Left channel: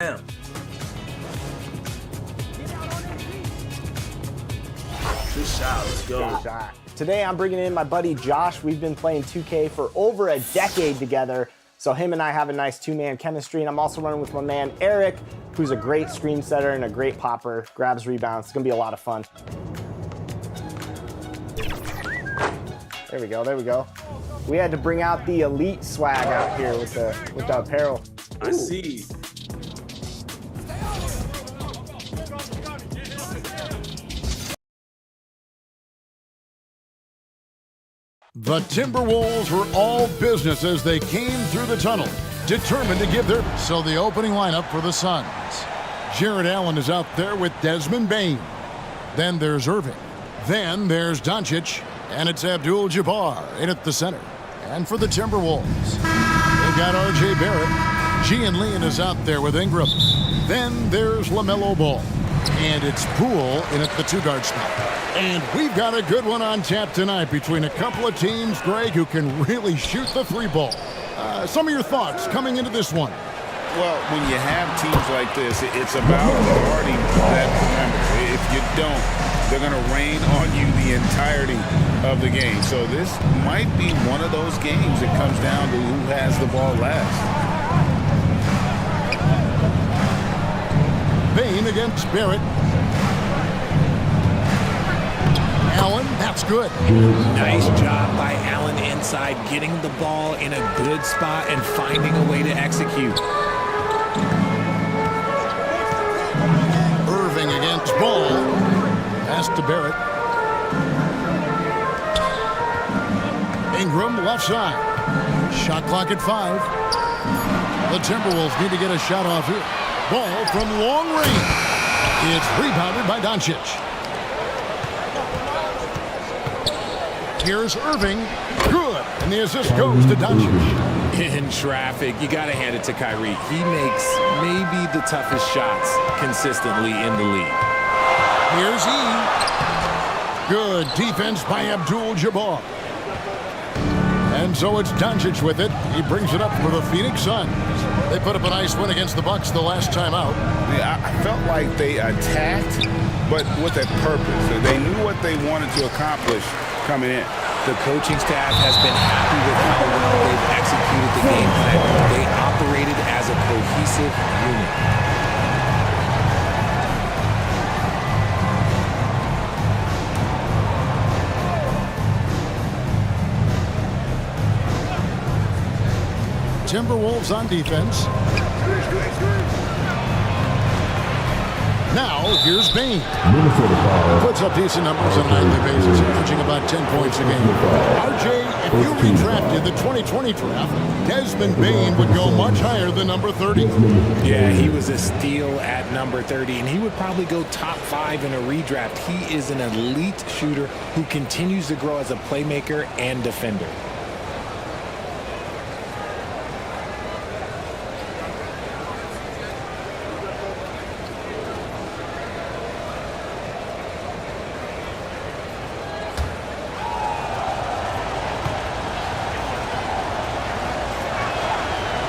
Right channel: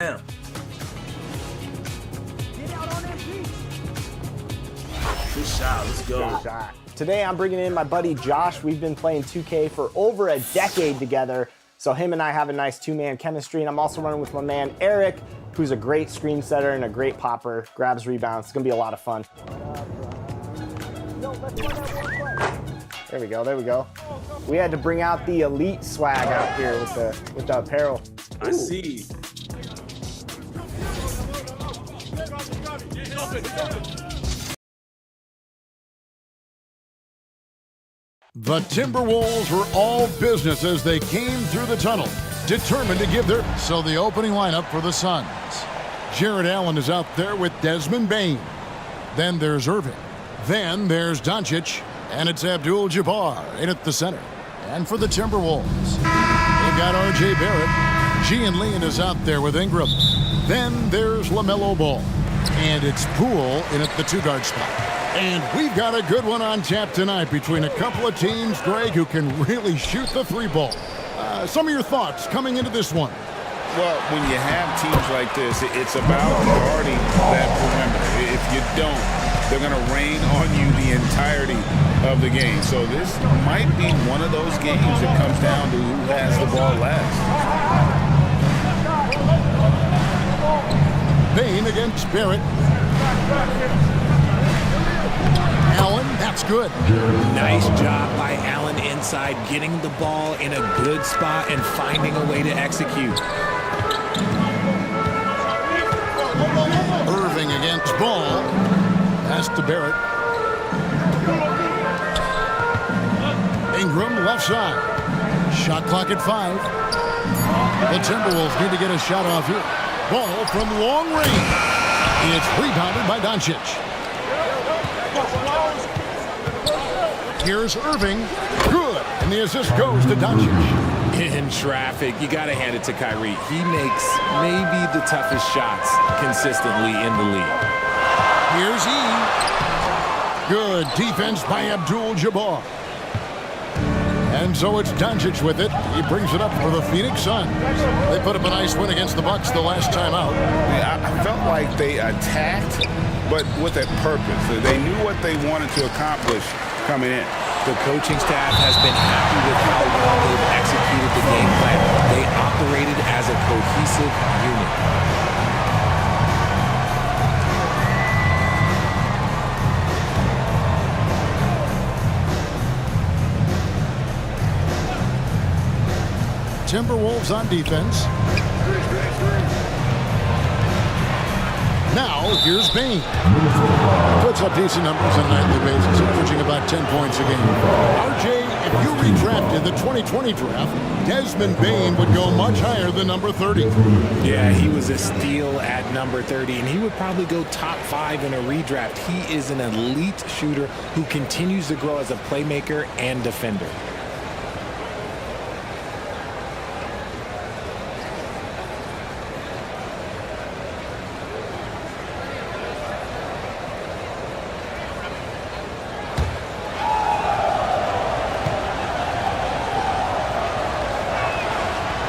Damn. Good shot. Let's go. Good shot. Today I'm bringing in my buddy Josh. We've been playing 2K for over a decade together, so him and I have a nice two-man chemistry, and I'm also running with my man Eric, who's a great screen setter and a great popper, grabs rebounds. It's gonna be a lot of fun. There we go, there we go. We had to bring out the elite swag out here with the apparel. I see. The Timberwolves were all business as they came through the tunnel, determined to give their... So the opening lineup for the Suns. Jared Allen is out there with Desmond Bane. Then there's Irving. Then there's Doncic. And it's Abdul-Jabbar in at the center. And for the Timberwolves, they've got R.J. Barrett. Gian Leon is out there with Ingram. Then there's LaMelo Ball. And it's Poole in at the two-guard spot. And we've got a good one on tap tonight between a couple of teams, Greg, who can really shoot the three ball. Some of your thoughts coming into this one. Well, when you have teams like this, it's about guarding that perimeter. If you don't, they're going to rain on you the entirety of the game. So this might be one of those games that comes down to who has the ball last. Bain against Barrett. Allen, that's good. Nice job by Allen inside, getting the ball in a good spot and finding a way to execute. Irving against Ball. Pass to Barrett. Ingram left side. Shot clock at 5. The Timberwolves need to get a shot off here. Ball from long range. It's rebounded by Doncic. Here's Irving. Good. And the assist goes to Doncic. In traffic, you got to hand it to Kyrie. He makes maybe the toughest shots consistently in the league. Here's E. Good defense by Abdul-Jabbar. And so it's Doncic with it. He brings it up for the Phoenix Suns. They put up a nice win against the Bucks the last time out. Yeah, I felt like they attacked, but with a purpose. They knew what they wanted to accomplish coming in. The coaching staff has been happy with how well they've executed the game plan. They operated as a cohesive unit. Timberwolves on defense. Now, here's Bain. Puts up decent numbers on a nightly basis, averaging about 10 points a game. RJ, if you redrafted the 2020 draft, Desmond Bain would go much higher than number 30. Yeah, he was a steal at number 30, and he would probably go top 5 in a redraft. He is an elite shooter who continues to grow as a playmaker and defender.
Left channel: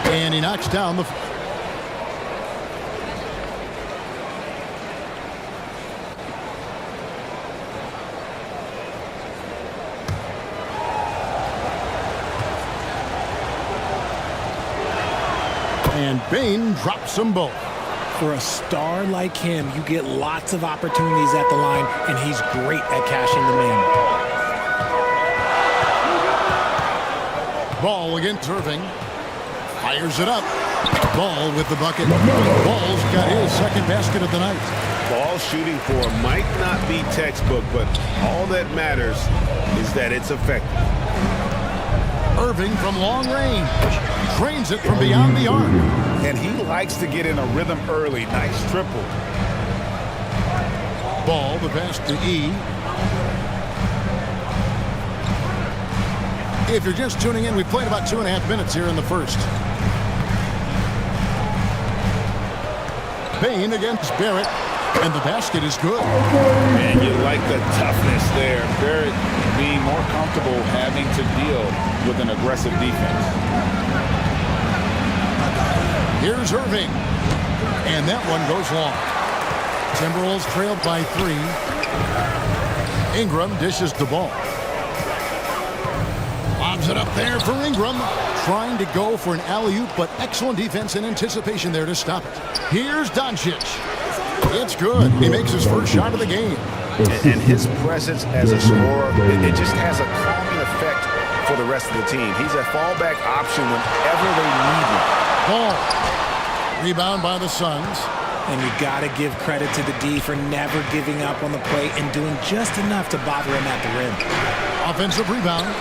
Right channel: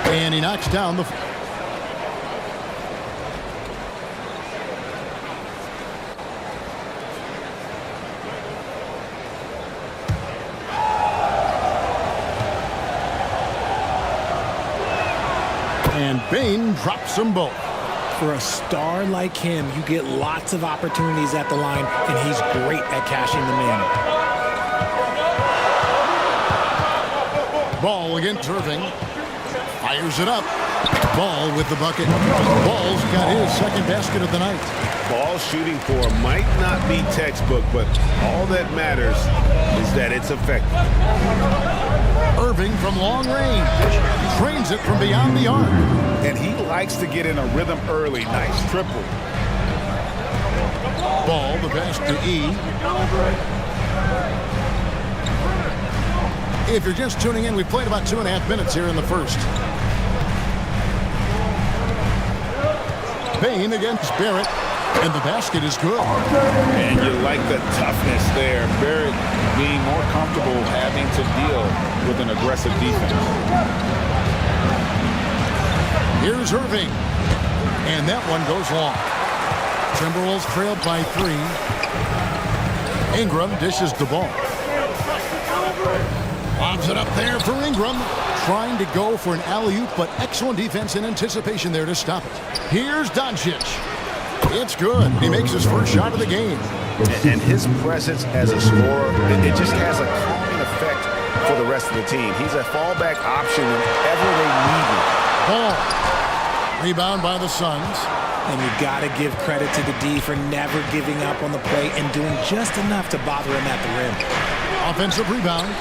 And he knocks down the... And Bain drops them both. For a star like him, you get lots of opportunities at the line, and he's great at cashing them in. Ball against Irving. Fires it up. Ball with the bucket. Ball's got his second basket of the night. Ball shooting for might not be textbook, but all that matters is that it's effective. Irving from long range. Trains it from beyond the arc. And he likes to get in a rhythm early. Nice triple. Ball, the pass to E. If you're just tuning in, we've played about 2.5 minutes here in the first. Bain against Barrett, and the basket is good. And you like the toughness there. Barrett being more comfortable having to deal with an aggressive defense. Here's Irving, and that one goes long. Timberwolves trailed by 3. Ingram dishes the ball. Lobs it up there for Ingram. Trying to go for an alley-oop, but excellent defense and anticipation there to stop it. Here's Doncic. It's good. He makes his first shot of the game. And his presence as a scorer, it just has a calming effect for the rest of the team. He's a fallback option whenever they need him. Ball. Rebound by the Suns. And you got to give credit to the D for never giving up on the play and doing just enough to bother him at the rim. Offensive rebound.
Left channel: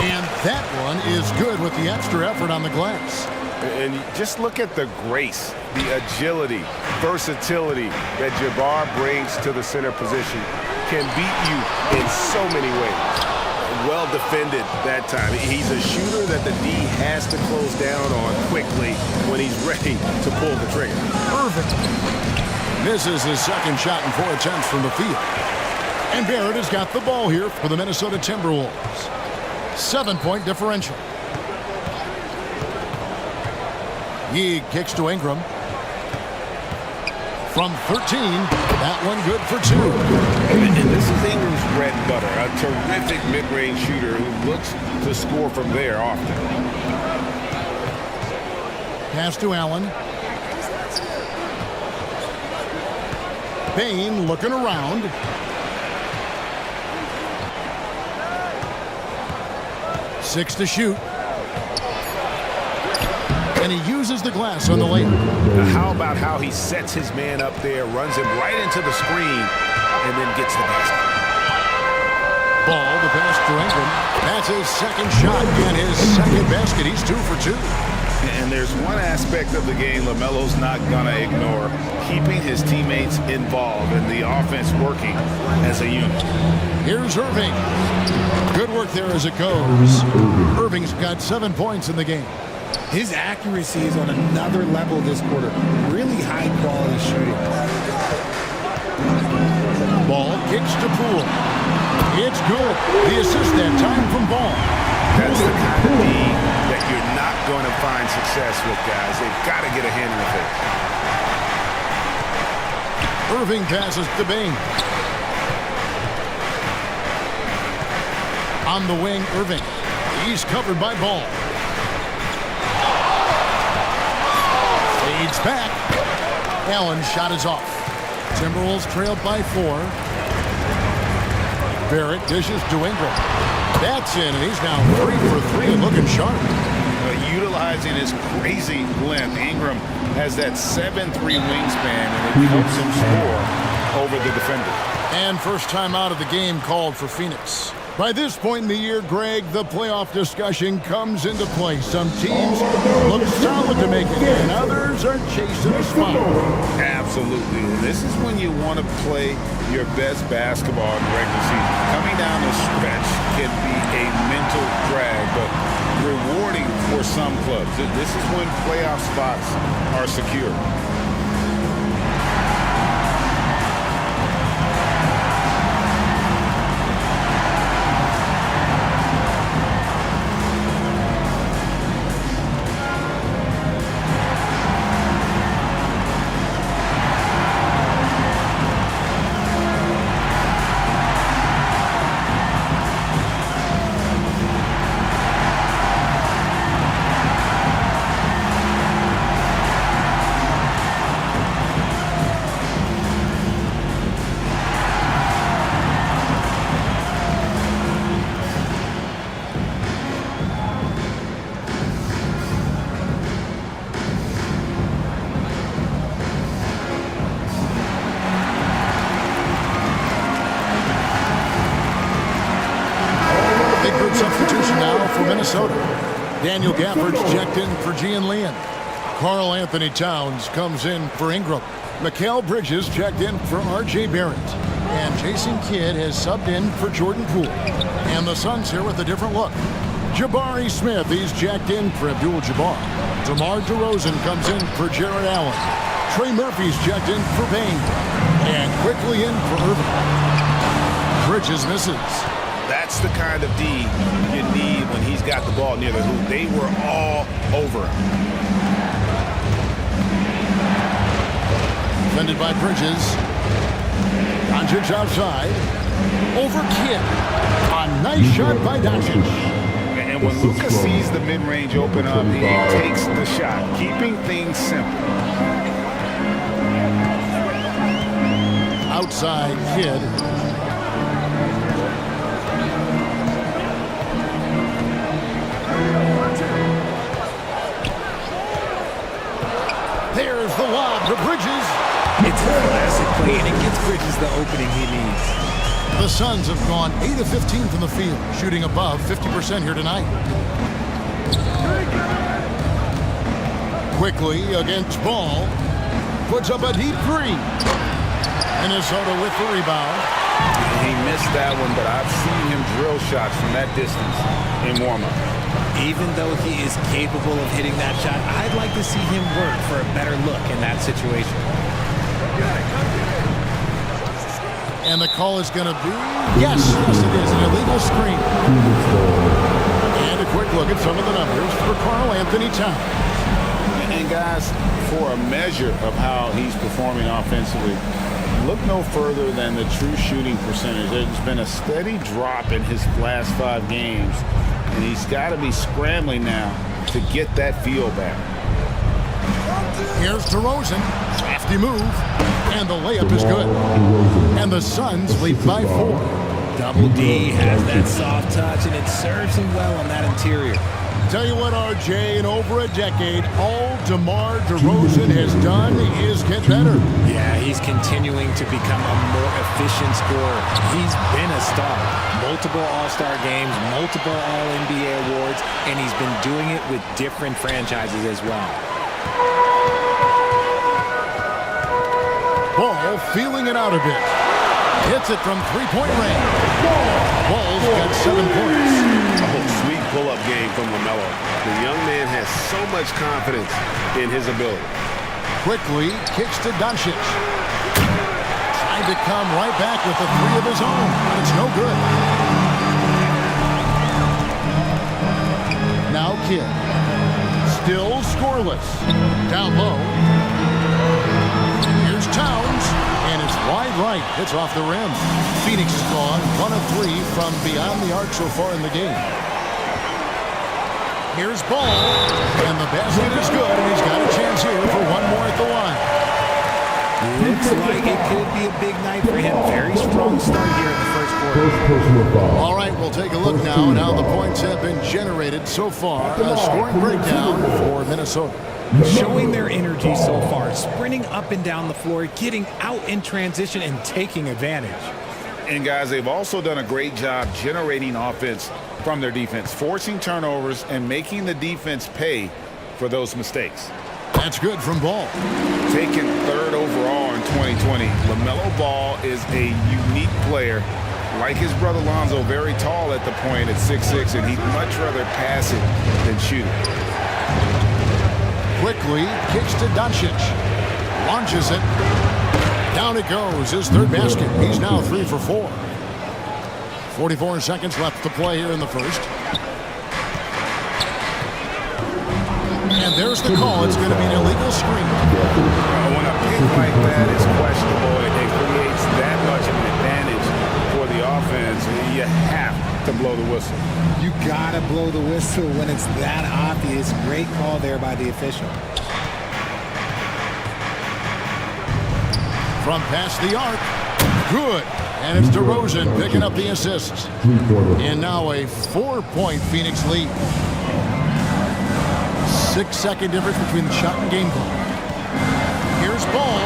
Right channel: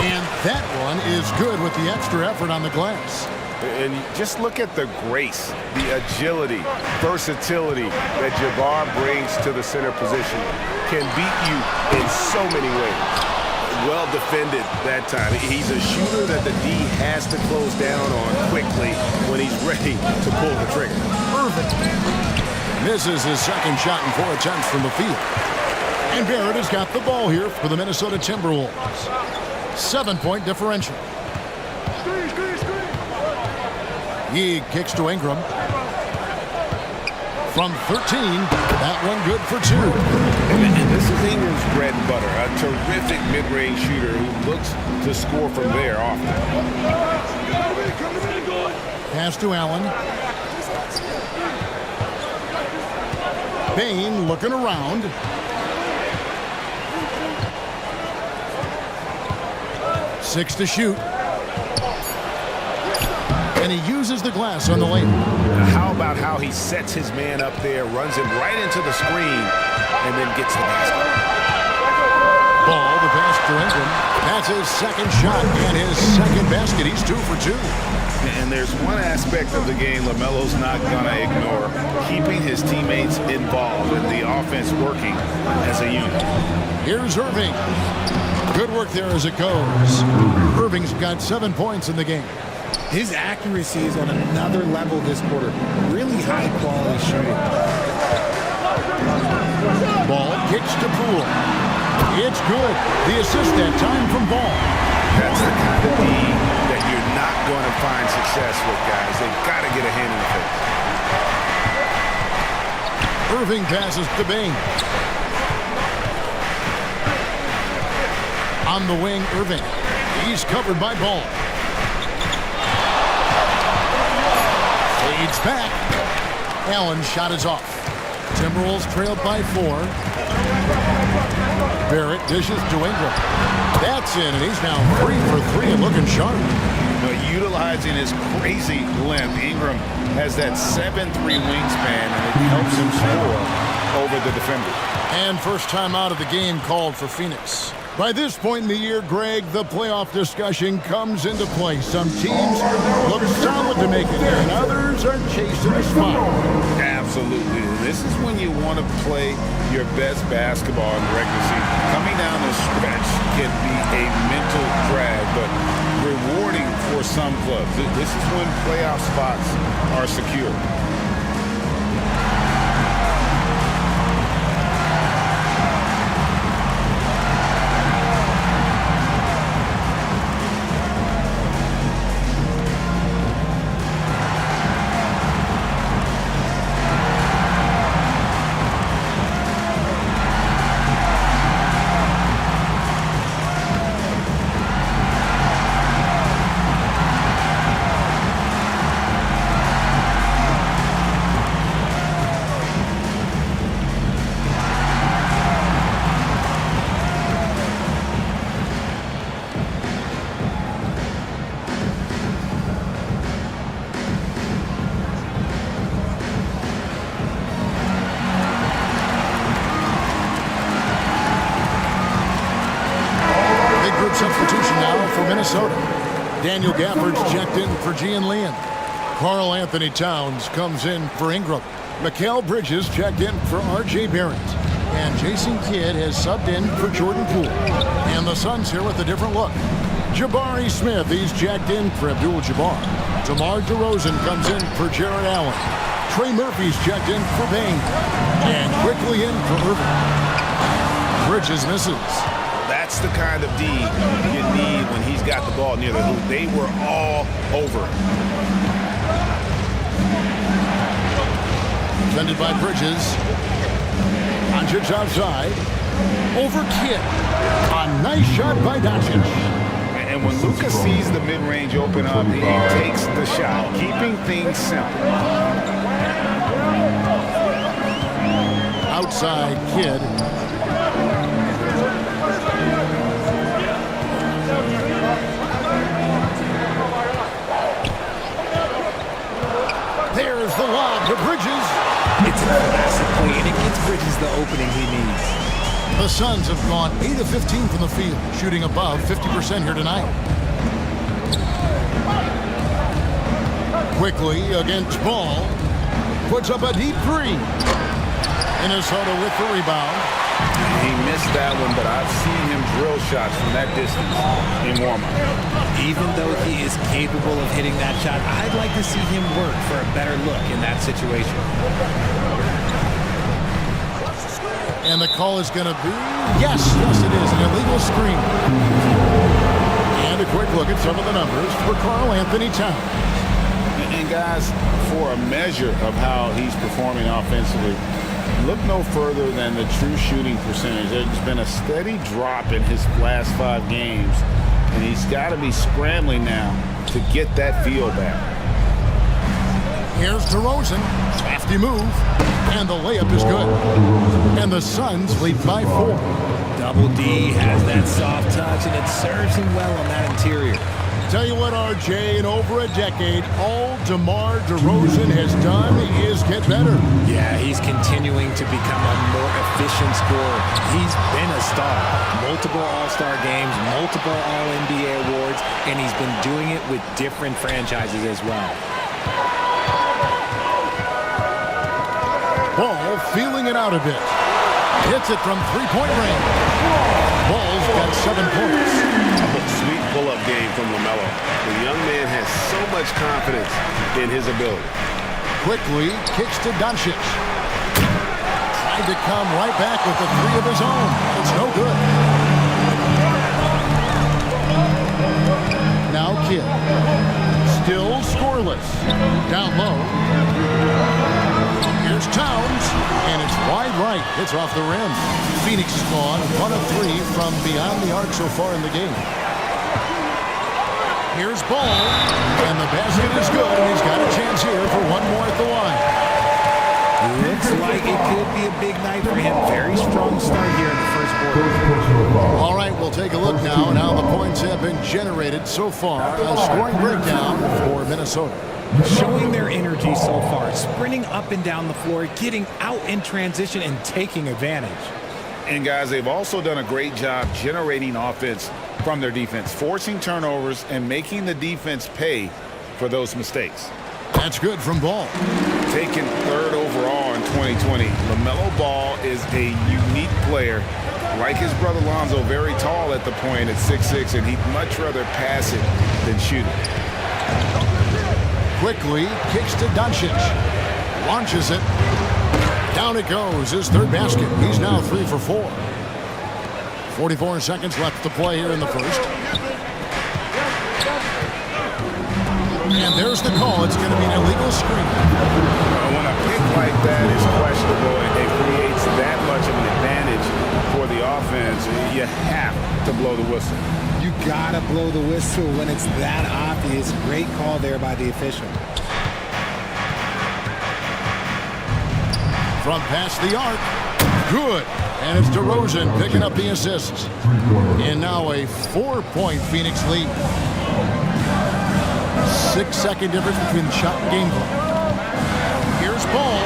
And that one is good with the extra effort on the glass. And just look at the grace, the agility, versatility that Jabbar brings to the center position. Can beat you in so many ways. Well defended that time. He's a shooter that the D has to close down on quickly when he's ready to pull the trigger. Irving misses his second shot in 4 attempts from the field. And Barrett has got the ball here for the Minnesota Timberwolves. 7-point differential. He kicks to Ingram. From 13, that one good for 2. And this is Ingram's bread and butter, a terrific mid-range shooter who looks to score from there often. Pass to Allen. Bain looking around. Six to shoot. And he uses the glass on the layup. Now, how about how he sets his man up there, runs him right into the screen, and then gets the basket. Ball, the pass to Ingram. That's his second shot and his second basket. He's 2 for 2. And there's one aspect of the game LaMelo's not going to ignore, keeping his teammates involved and the offense working as a unit. Here's Irving. Good work there as it goes. Irving's got 7 points in the game. His accuracy is on another level this quarter. Really high-quality shooting. Ball kicks to Poole. It's good. The assist that time from Ball. That's the kind of D that you're not going to find success with, guys. They've got to get a hand in the face. Irving passes to Bain. On the wing, Irving. He's covered by Ball. Fades back. Allen's shot is off. Timberwolves trailed by 4. Barrett dishes to Ingram. That's in, and he's now 3 for 3 and looking sharp. Utilizing his crazy length, Ingram has that 7'3" wingspan, and it helps him score over the defender. And first time out of the game called for Phoenix. By this point in the year, Greg, the playoff discussion comes into play. Some teams look solid to make it, and others are chasing a spot. Absolutely. And this is when you want to play your best basketball in the regular season. Coming down the stretch can be a mental drag, but rewarding for some clubs. This is when playoff spots are secure. Group substitution now for Minnesota. Daniel Gafford's checked in for Gian Leon. Karl Anthony Towns comes in for Ingram. Mikal Bridges checked in for R.J. Barrett. And Jason Kidd has subbed in for Jordan Poole. And the Suns here with a different look. Jabari Smith, he's checked in for Abdul-Jabbar. DeMar DeRozan comes in for Jared Allen. Trey Murphy's checked in for Bain. And quickly in for Irving. Bridges misses. That's the kind of D you need when he's got the ball near the hoop. They were all over him. Defended by Bridges. Doncic outside. Over Kidd. A nice shot by Doncic. And when Luka sees the mid-range open up, he takes the shot, keeping things simple. Outside Kidd. There's the lob to Bridges. It's a classic play, and it gets Bridges the opening he needs. The Suns have gone 8 of 15 from the field, shooting above 50% here tonight. Quickly against Ball. Puts up a deep 3. Minnesota with the rebound. He missed that one, but I've seen him drill shots from that distance in warm-up. Even though he is capable of hitting that shot, I'd like to see him work for a better look in that situation. And the call is going to be, yes, it is, an illegal screen. And a quick look at some of the numbers for Karl Anthony Towns. And guys, for a measure of how he's performing offensively, look no further than the true shooting percentage. There's been a steady drop in his last 5 games, and he's got to be scrambling now to get that feel back. Here's DeRozan. Crafty move. And the layup is good. And the Suns lead by 4. Double D has that soft touch, and it serves him well on that interior. Tell you what, RJ, in over a decade, all DeMar DeRozan has done is get better. Yeah, he's continuing to become a more efficient scorer. He's been a star. Multiple All-Star games, multiple All-NBA awards, and he's been doing it with different franchises as well. Ball feeling it out a bit. Hits it from three-point range. Ball's got 7 points. Oh, sweet pull-up game from LaMelo. The young man has so much confidence in his ability. Quickly kicks to Doncic. Tried to come right back with a 3 of his own, but it's no good. Now Kidd. Still scoreless. Down low. Here's Towns, and it's wide right. Hits off the rim. Phoenix is gone 1 of 3 from beyond the arc so far in the game. Here's Ball, and the basket is good, and he's got a chance here for one more at the line. Looks like it could be a big night for him. Very strong start here in the first quarter. All right, we'll take a look now at how the points have been generated so far. A scoring breakdown for Minnesota. Showing their energy so far, sprinting up and down the floor, getting out in transition, and taking advantage. And guys, they've also done a great job generating offense from their defense, forcing turnovers and making the defense pay for those mistakes. That's good from Ball. Taken 3rd overall in 2020, LaMelo Ball is a unique player. Like his brother Lonzo, very tall at the point at 6'6", and he'd much rather pass it than shoot it. Quickly kicks to Doncic. Launches it. Down it goes. His 3rd basket. He's now 3 for 4. 44 seconds left to play here in the first. And there's the call. It's going to be an illegal screen. When a pick like that is questionable and creates that much of an advantage for the offense, you have to blow the whistle. You gotta blow the whistle when it's that obvious. Great call there by the official. From past the arc. Good. And it's DeRozan picking up the assists. And now a 4-point Phoenix lead. 6-second difference between the shot and game clock. Here's Ball.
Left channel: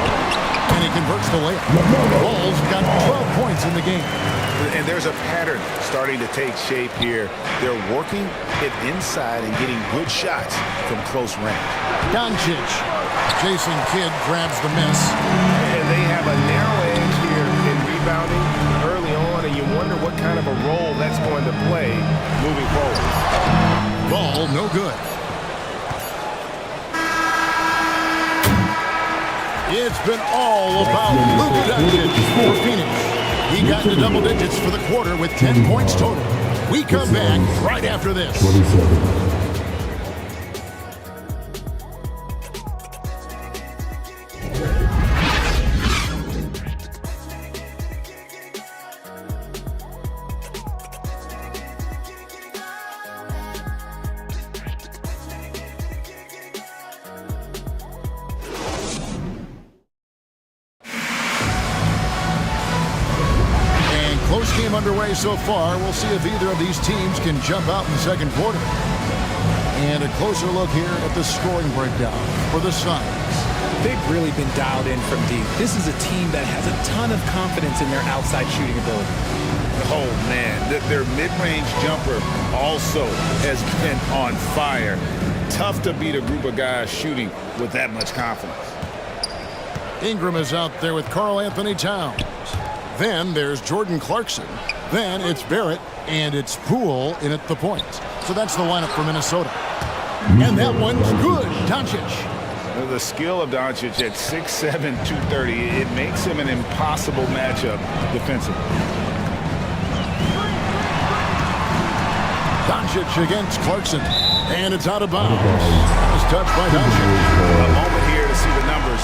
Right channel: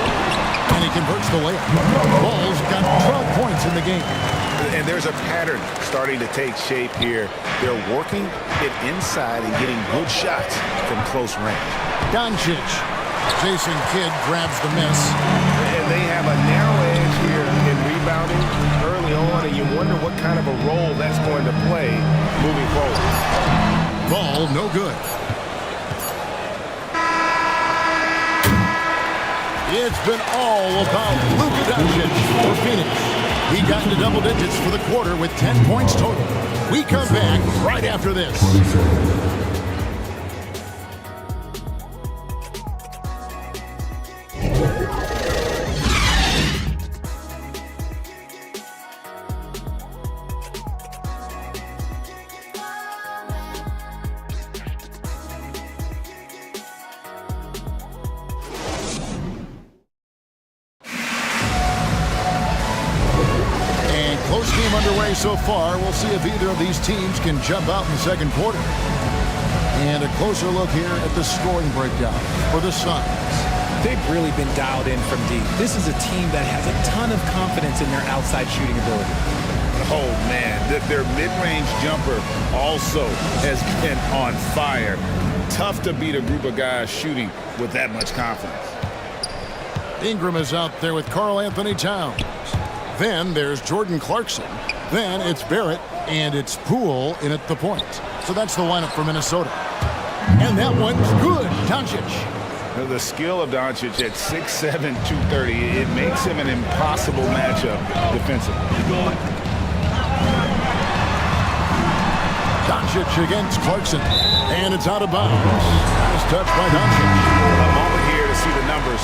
And he converts the layup. Ball's got 12 points in the game. And there's a pattern starting to take shape here. They're working it inside and getting good shots from close range. Doncic. Jason Kidd grabs the miss. And they have a narrow edge here in rebounding early on, and you wonder what kind of a role that's going to play moving forward. Ball no good. It's been all about Luka Doncic for Phoenix. He got into double digits for the quarter with 10 points total. We come back right after this. Close game underway so far. We'll see if either of these teams can jump out in the second quarter. And a closer look here at the scoring breakdown for the Suns. They've really been dialed in from deep. This is a team that has a ton of confidence in their outside shooting ability. Oh, man, their mid-range jumper also has been on fire. Tough to beat a group of guys shooting with that much confidence. Ingram is out there with Karl Anthony Towns. Then there's Jordan Clarkson. Then it's Barrett, and it's Poole in at the point. So that's the lineup for Minnesota. And that one's good. Doncic. The skill of Doncic at 6'7", 230, it makes him an impossible matchup defensively. Doncic against Clarkson. And it's out of bounds. Nice touch by Doncic. A moment here to see the numbers.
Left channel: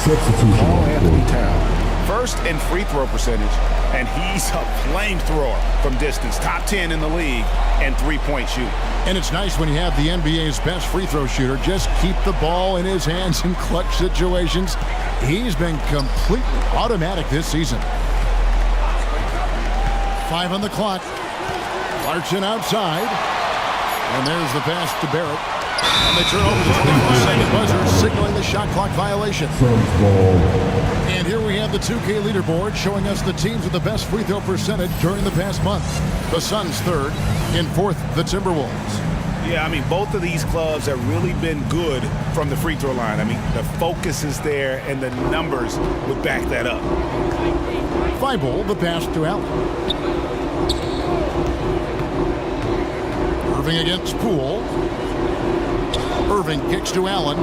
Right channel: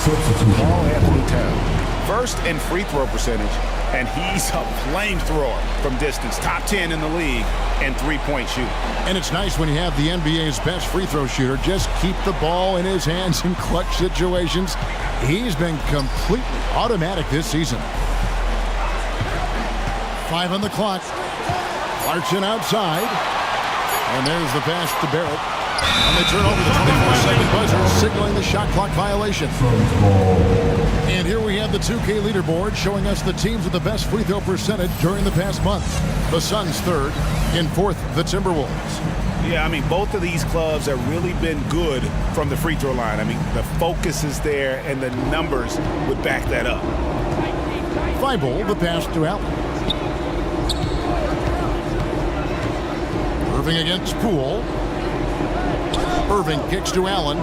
Karl Anthony Towns. First in free throw percentage, and he's a flamethrower from distance. Top 10 in the league in three-point shooting. And it's nice when you have the NBA's best free throw shooter just keep the ball in his hands in clutch situations. He's been completely automatic this season. 5 on the clock. Clarkson outside. And there's the pass to Barrett. And they turn over the 24-second buzzer, signaling the shot clock violation. And here we have the 2K leaderboard showing us the teams with the best free throw percentage during the past month. The Suns third, in fourth, the Timberwolves. Yeah, I mean, both of these clubs have really been good from the free throw line. I mean, the focus is there, and the numbers would back that up. Thibault, the pass to Allen. Irving against Poole. Irving kicks to Allen.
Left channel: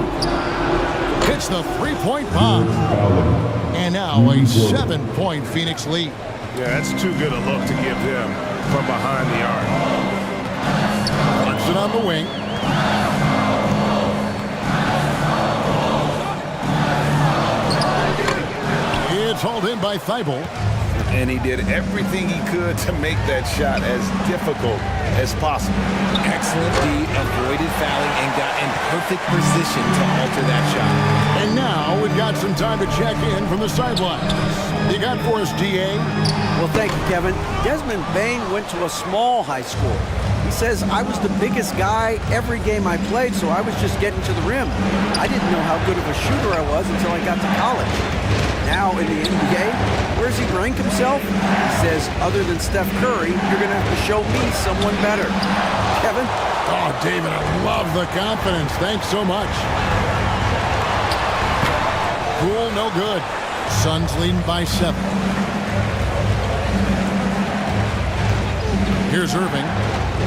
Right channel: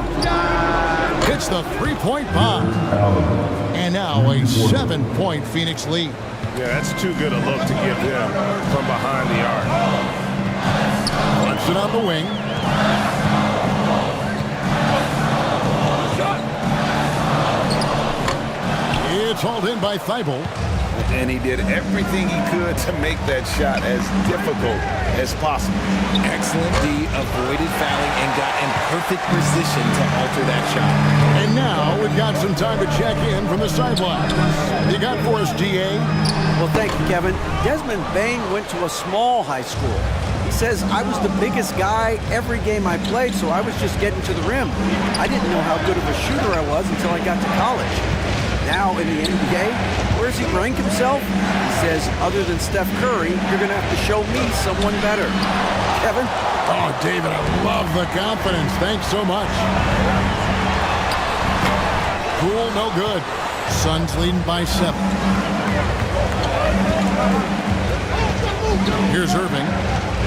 Hits the three-point bomb. And now a 7-point Phoenix lead. Yeah, that's too good a look to give them from behind the arc. Clarkson on the wing. It's hauled in by Thibault. And he did everything he could to make that shot as difficult as possible. Excellent D, avoided fouling and got in perfect position to alter that shot. And now we've got some time to check in from the sidelines. You got for us, DA? Well, thank you, Kevin. Desmond Bain went to a small high school. He says, I was the biggest guy every game I played, so I was just getting to the rim. I didn't know how good of a shooter I was until I got to college. Now in the NBA, where does he rank himself? He says, other than Steph Curry, you're going to have to show me someone better. Kevin? Oh, David, I love the confidence. Thanks so much. Poole, no good. Suns leading by 7. Here's Irving.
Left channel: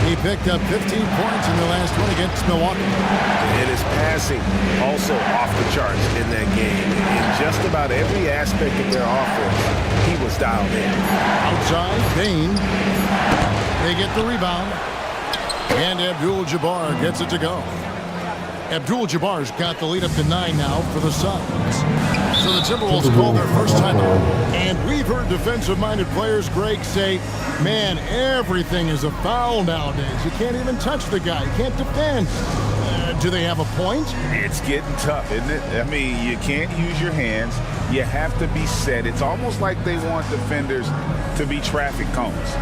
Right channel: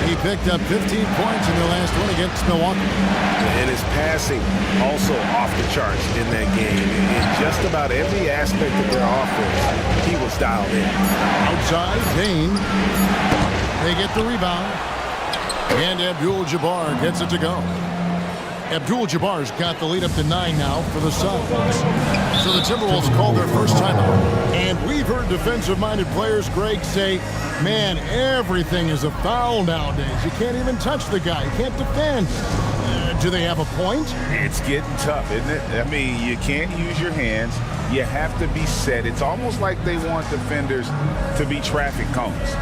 He picked up 15 points in the last one against Milwaukee. And his passing also off the charts in that game. In just about every aspect of their offense, he was dialed in. Outside, Bain. They get the rebound. And Abdul-Jabbar gets it to go. Abdul-Jabbar's got the lead up to 9 now for the Suns. So the Timberwolves called their first timeout. And we've heard defensive-minded players, Greg, say, man, everything is a foul nowadays. You can't even touch the guy. You can't defend. Do they have a point? It's getting tough, isn't it? I mean, you can't use your hands. You have to be set. It's almost like they want defenders to be traffic cones.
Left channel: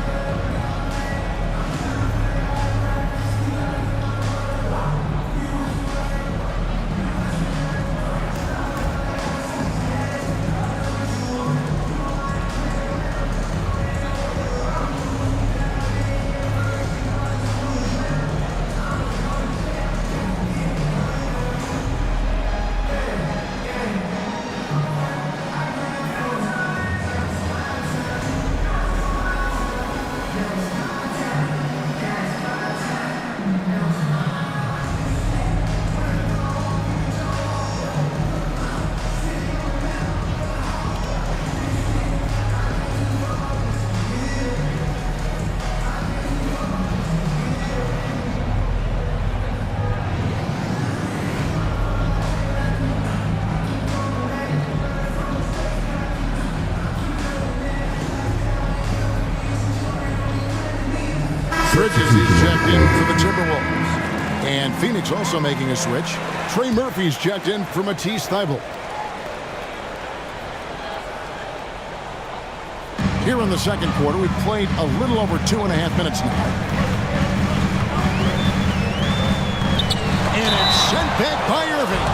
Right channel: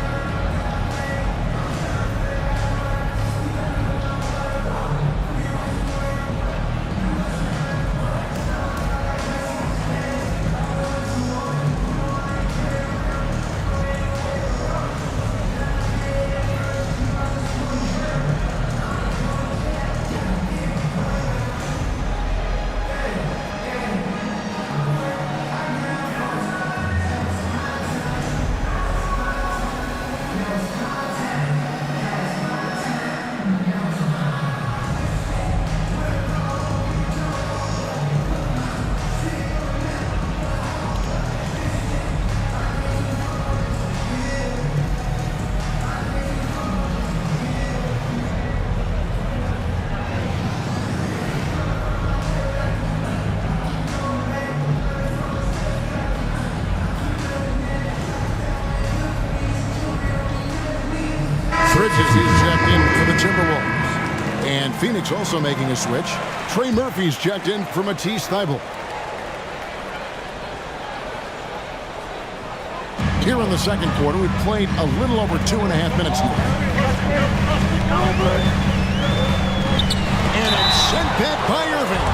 Bridges, he's checked in for the Timberwolves. And Phoenix also making a switch. Trey Murphy's checked in for Matisse Thybulle. Here in the second quarter, we've played a little over 2.5 minutes now. And it's sent back by Irving.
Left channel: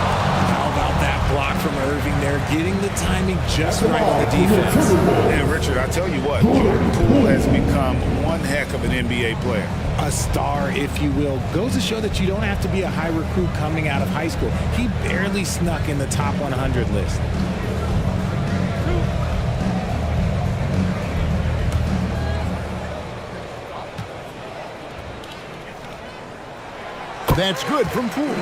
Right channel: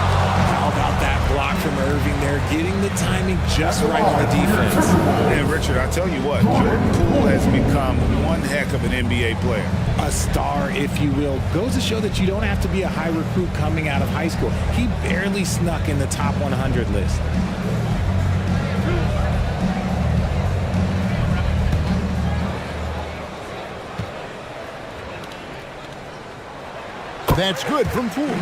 How about that block from Irving there, getting the timing just right on the defense. And Richard, I tell you what, Jordan Poole has become one heck of an NBA player. A star, if you will. Goes to show that you don't have to be a high recruit coming out of high school. He barely snuck in the top 100 list. That's good from Poole.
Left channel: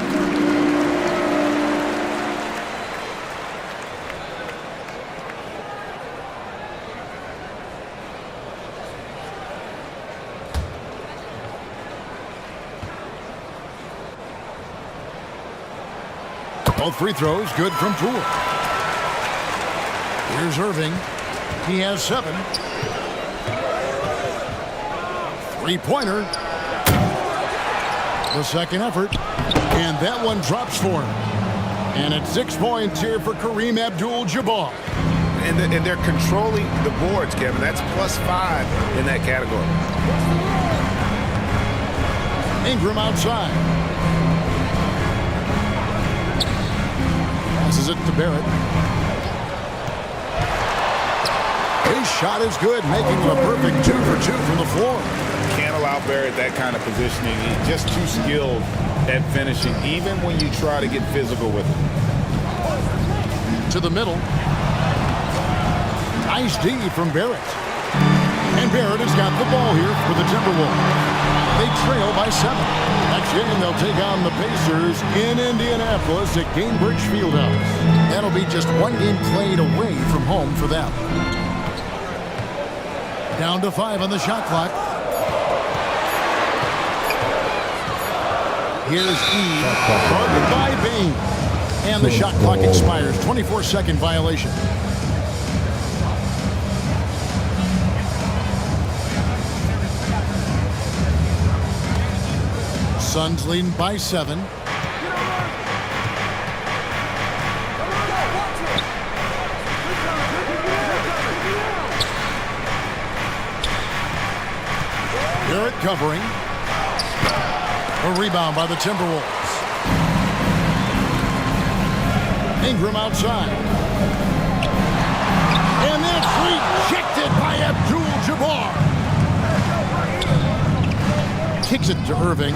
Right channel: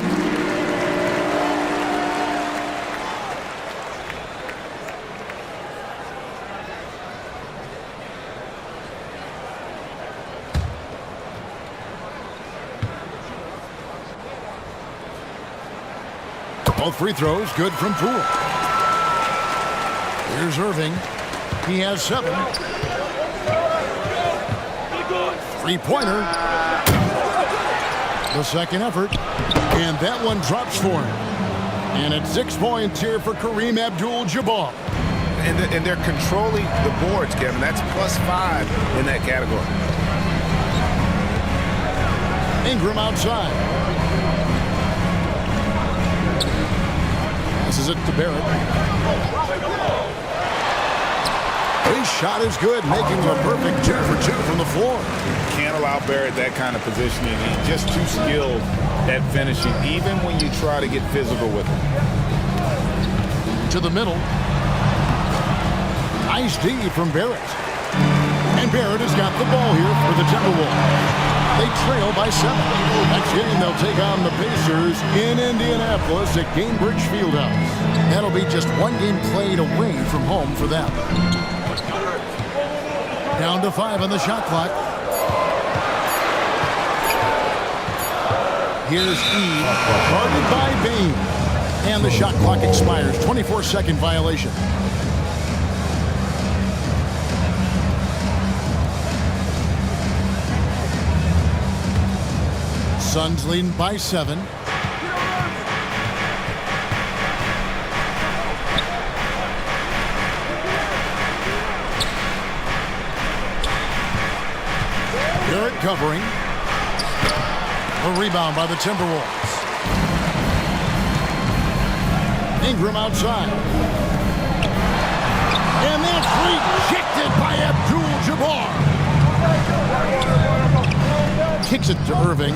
Both free throws good from Poole. Here's Irving. He has 7. Three-pointer. The second effort. And that one drops for him. And it's 6 points here for Kareem Abdul-Jabbar. And they're controlling the boards, Kevin. That's +5 in that category. Ingram outside. Passes it to Barrett. His shot is good, making it a perfect 2 for 2 from the floor. Can't allow Barrett that kind of positioning. He's just too skilled at finishing, even when you try to get physical with him. To the middle. Nice D from Barrett. And Barrett has got the ball here for the Timberwolves. They trail by 7. Next game, they'll take on the Pacers in Indianapolis at Gainbridge Fieldhouse. That'll be just 1 game played away from home for them. Down to 5 on the shot clock. Here's E, guarded by Bain. And the shot clock expires. 24-second violation. Suns leading by 7. Barrett covering. A rebound by the Timberwolves. Ingram outside. And that's rejected by Abdul-Jabbar. Kicks it to Irving.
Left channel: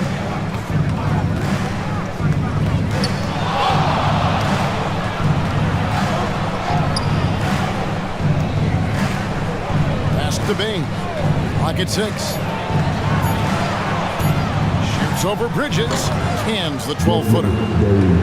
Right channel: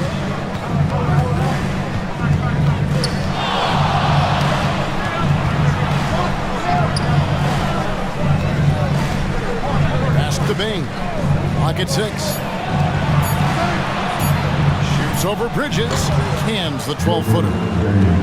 Pass to Bain. Clock at 6. Shoots over Bridges. Cans the 12-footer.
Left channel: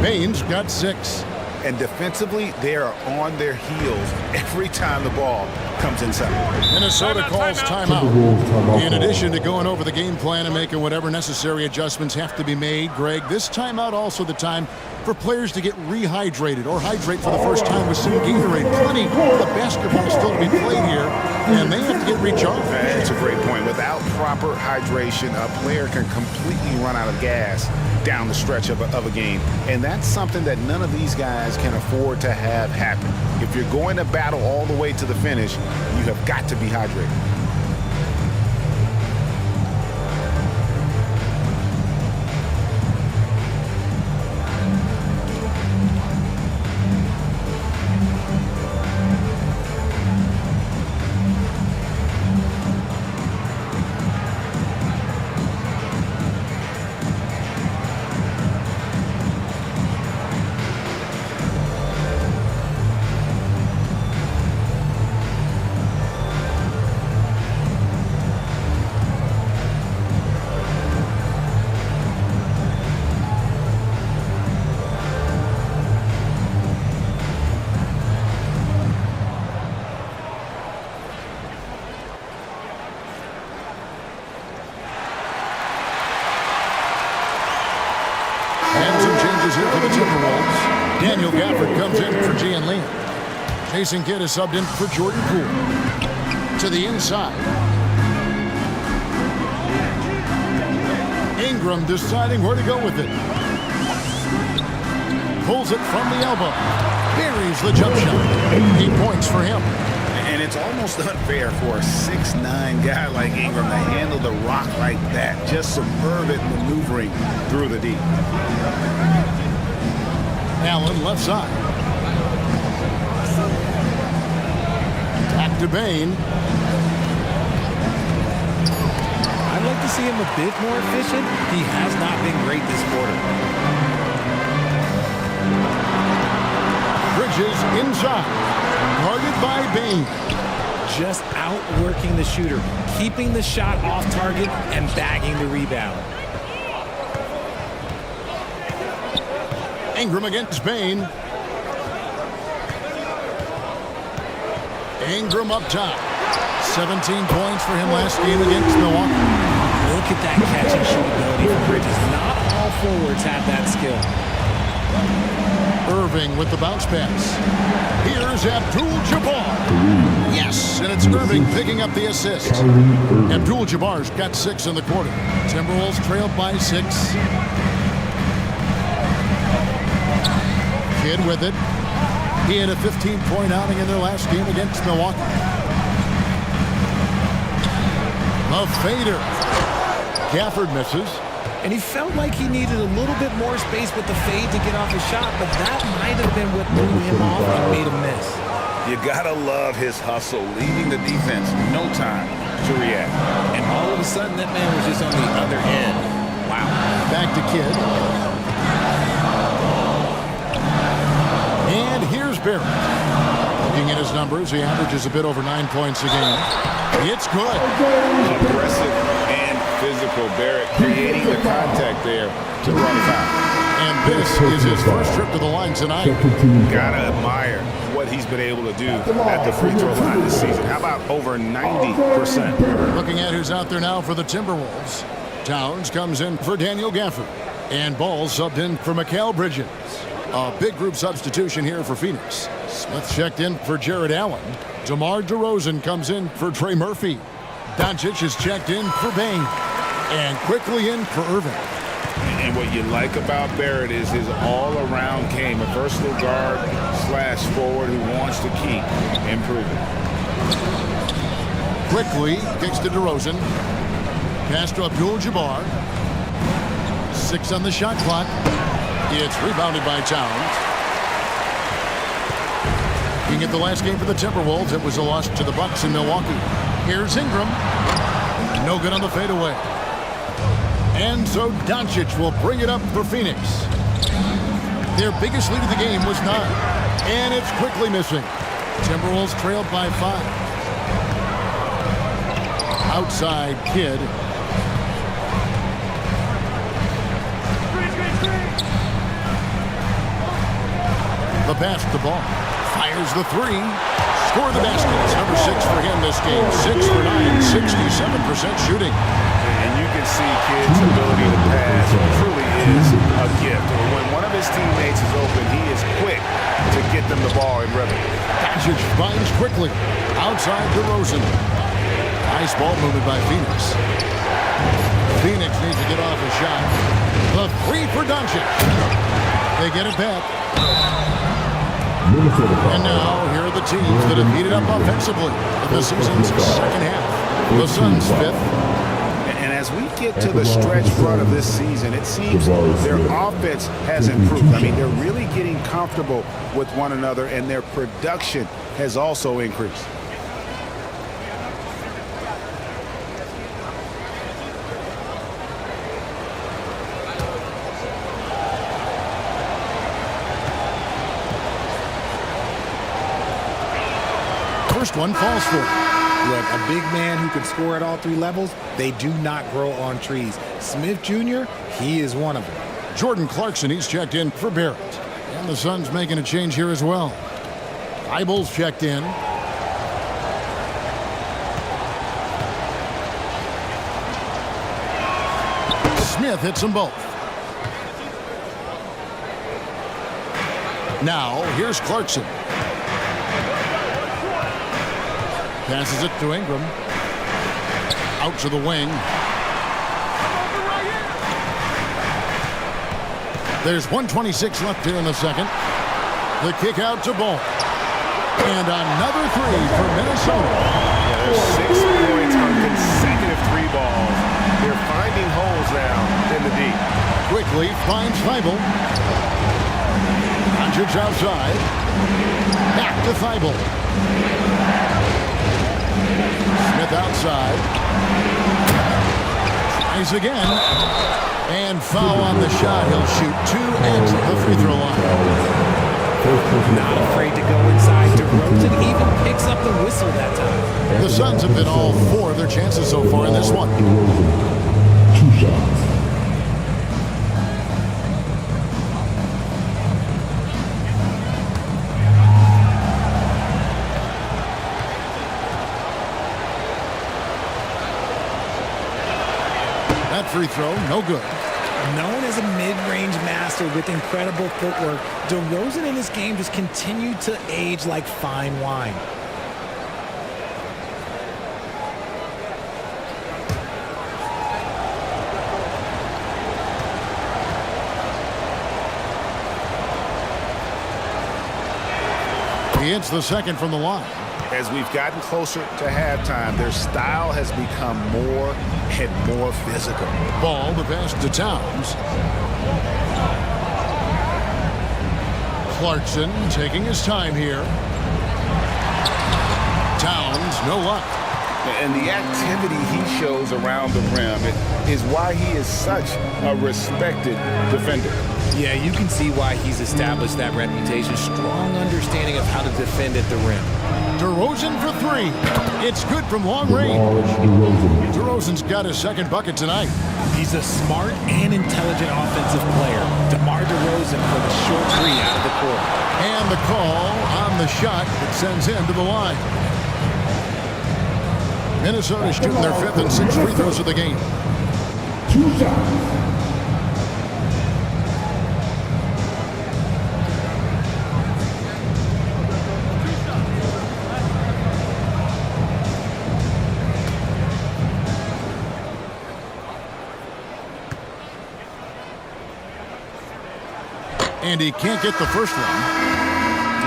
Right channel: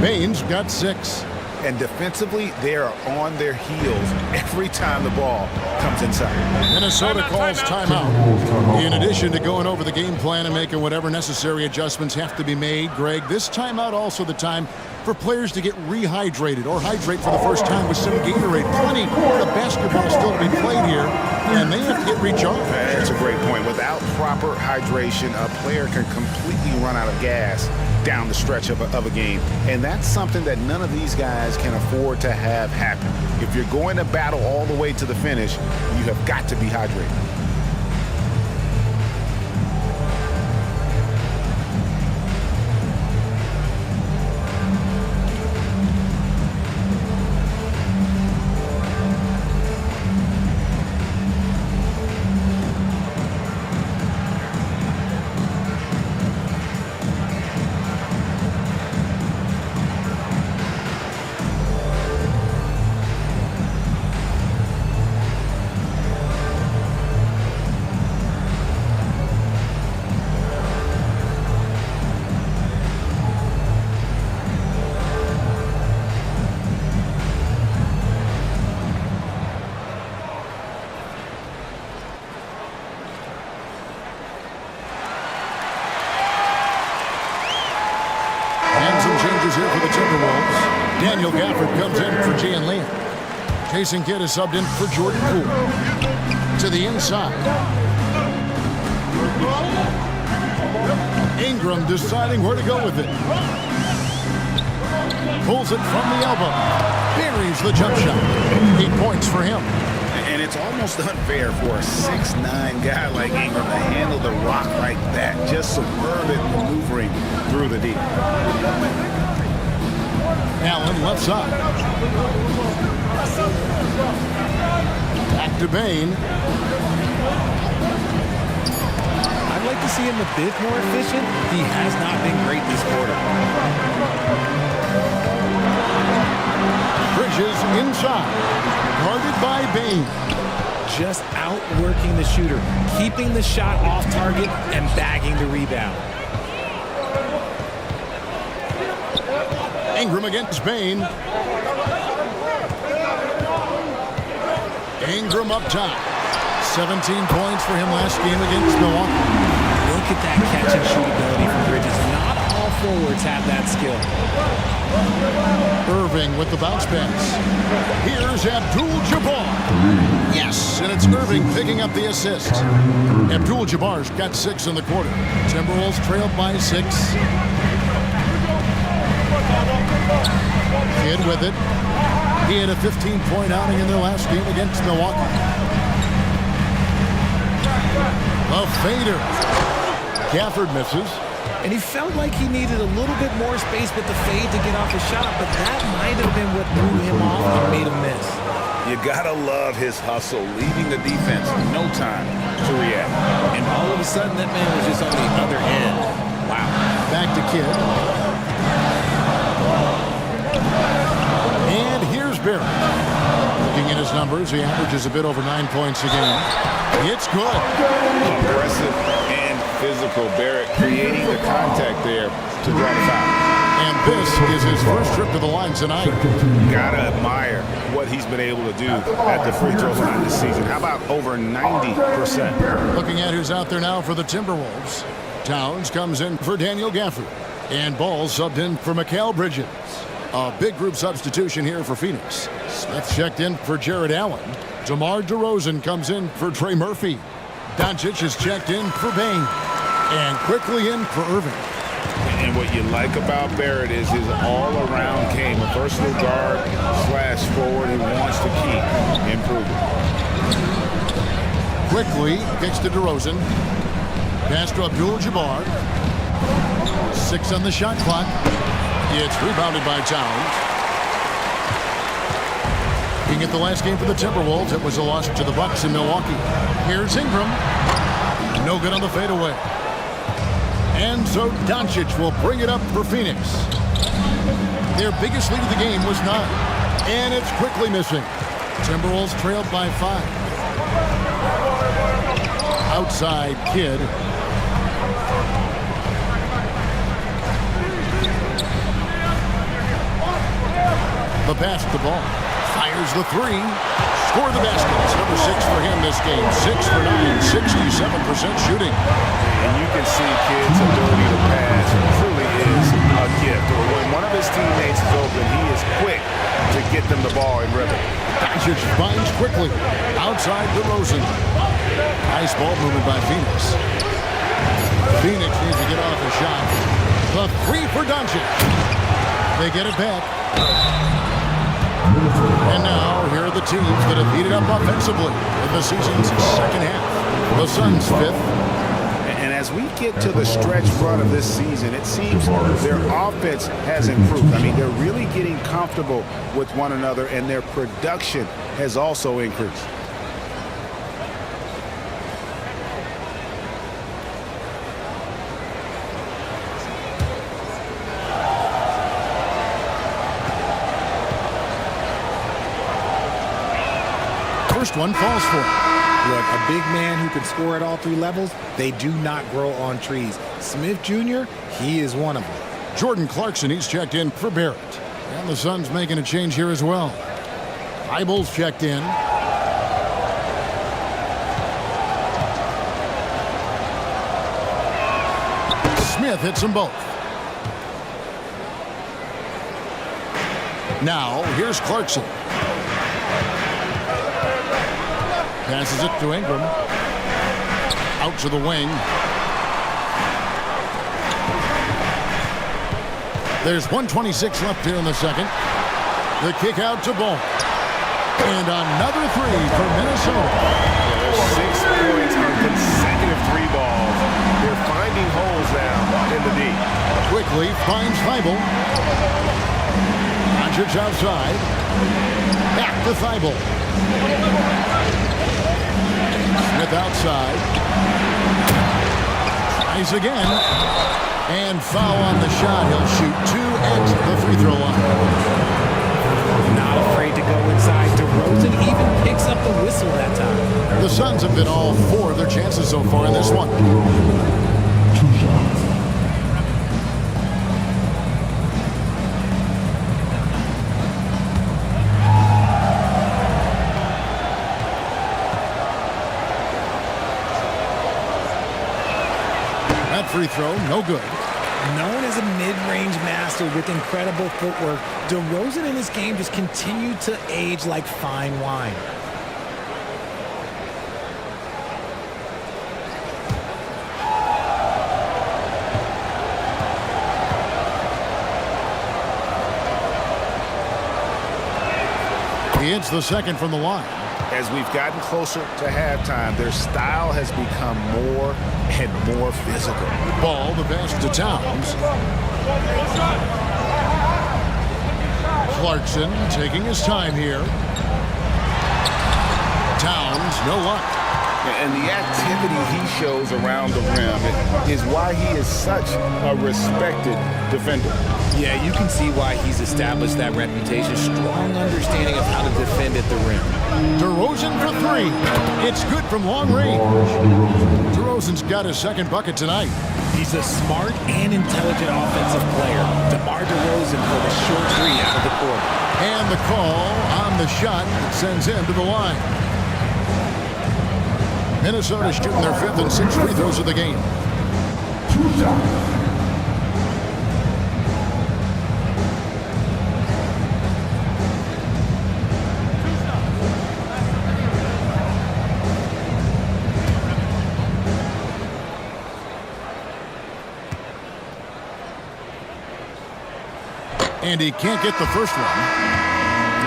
Bain's got 6. And defensively, they are on their heels every time the ball comes inside. Minnesota calls timeout. In addition to going over the game plan and making whatever necessary adjustments have to be made, Greg, this timeout also the time for players to get rehydrated or hydrate for the first time with some Gatorade. Plenty of basketball still to be played here, and they have to get recharged. That's a great point. Without proper hydration, a player can completely run out of gas down the stretch of a game. And that's something that none of these guys can afford to have happen. If you're going to battle all the way to the finish, you have got to be hydrated. And some changes here for the Timberwolves. Daniel Gafford comes in for Gian Lian. Jason Kidd is subbed in for Jordan Poole. To the inside. Ingram deciding where to go with it. Pulls it from the elbow. Buries the jump shot. 8 points for him. And it's almost unfair for a 6'9" guy like Ingram to handle the rock like that. Just superb at maneuvering through the D. Allen left side. Back to Bain. I'd like to see him a bit more efficient. He has not been great this quarter. Bridges inside. Guarded by Bain. Just outworking the shooter, keeping the shot off target and bagging the rebound. Ingram against Bain. Ingram up top. 17 points for him last game against Milwaukee. Look at that catch and shoot ability from Bridges. Not all forwards have that skill. Irving with the bounce pass. Here's Abdul-Jabbar. Yes, and it's Irving picking up the assist. Abdul-Jabbar's got 6 in the quarter. Timberwolves trailed by 6. Kidd with it. He had a 15-point outing in their last game against Milwaukee. The fader. Gafford misses. And he felt like he needed a little bit more space with the fade to get off a shot, but that might have been what threw him off and made him miss. You gotta love his hustle, leaving the defense no time to react. And all of a sudden, that man was just on the other end. Wow. Back to Kidd. And here's Barrett. Looking at his numbers, he averages a bit over 9 points a game. It's good. Aggressive and physical. Barrett creating the contact there to draw the foul. And this is his first trip to the line tonight. Gotta admire what he's been able to do at the free throw line this season. How about over 90%? Looking at who's out there now for the Timberwolves. Towns comes in for Daniel Gafford. And Ball subbed in for Mikal Bridges. A big group substitution here for Phoenix. Smith checked in for Jared Allen. DeMar DeRozan comes in for Trey Murphy. Doncic is checked in for Bane. And quickly in for Irving. And what you like about Barrett is his all-around game. A versatile guard / forward who wants to keep improving. Quickly kicks to DeRozan. Pass to Abdul-Jabbar. 6 on the shot clock. It's rebounded by Towns. Looking at the last game for the Timberwolves, it was a loss to the Bucks in Milwaukee. Here's Ingram. No good on the fadeaway. And so Doncic will bring it up for Phoenix. Their biggest lead of the game was 9. And it's quickly missing. Timberwolves trailed by 5. Outside Kidd. The pass to Ball. Fires the 3. Score the basket. It's number 6 for him this game. 6 for 9, 67% shooting. And you can see Kidd's ability to pass truly is a gift. When one of his teammates is open, he is quick to get them the ball in rhythm. Doncic finds quickly. Outside DeRozan. Nice ball movement by Phoenix. Phoenix needs to get off a shot. The 3 for Doncic. They get it back. And now, here are the teams that have heated up offensively in the season's second half. The Suns 5th. And as we get to the stretch run of this season, it seems their offense has improved. I mean, they're really getting comfortable with one another, and their production has also increased. First one falls for him. Look, a big man who can score at all 3 levels, they do not grow on trees. Smith Jr., he is one of them. Jordan Clarkson, he's checked in for Barrett. And the Suns making a change here as well. Eibel's checked in. Smith hits them both. Now, here's Clarkson. Passes it to Ingram. Out to the wing. There's 1:26 left here in the second. The kick out to Ball. And another 3 for Minnesota. Yeah, there's 6 points on consecutive 3 balls. They're finding holes now in the D. Quickly finds Thibault. Doncic outside. Back to Thibault. Smith outside. Tries again. And foul on the shot. He'll shoot 2 at the free throw line. Not afraid to go inside. DeRozan even picks up the whistle that time. The Suns have been all 4 of their chances so far in this one. 2 shots. That free throw, no good. Known as a mid-range master with incredible footwork, DeRozan in his game just continued to age like fine wine. He hits the second from the line. As we've gotten closer to halftime, their style has become more and more physical. Ball, the pass to Towns. Clarkson taking his time here. Towns, no luck. And the activity he shows around the rim is why he is such a respected defender. Yeah, you can see why he's established that reputation. Strong understanding of how to defend at the rim. DeRozan for three. It's good from long range. DeRozan. DeRozan's got his second bucket tonight. He's a smart and intelligent offensive player. DeMar DeRozan for the short three out of the court. And the call on the shot that sends him to the line. Minnesota shooting their fifth and sixth free throws of the game. 2 shots. And he can't get the first one.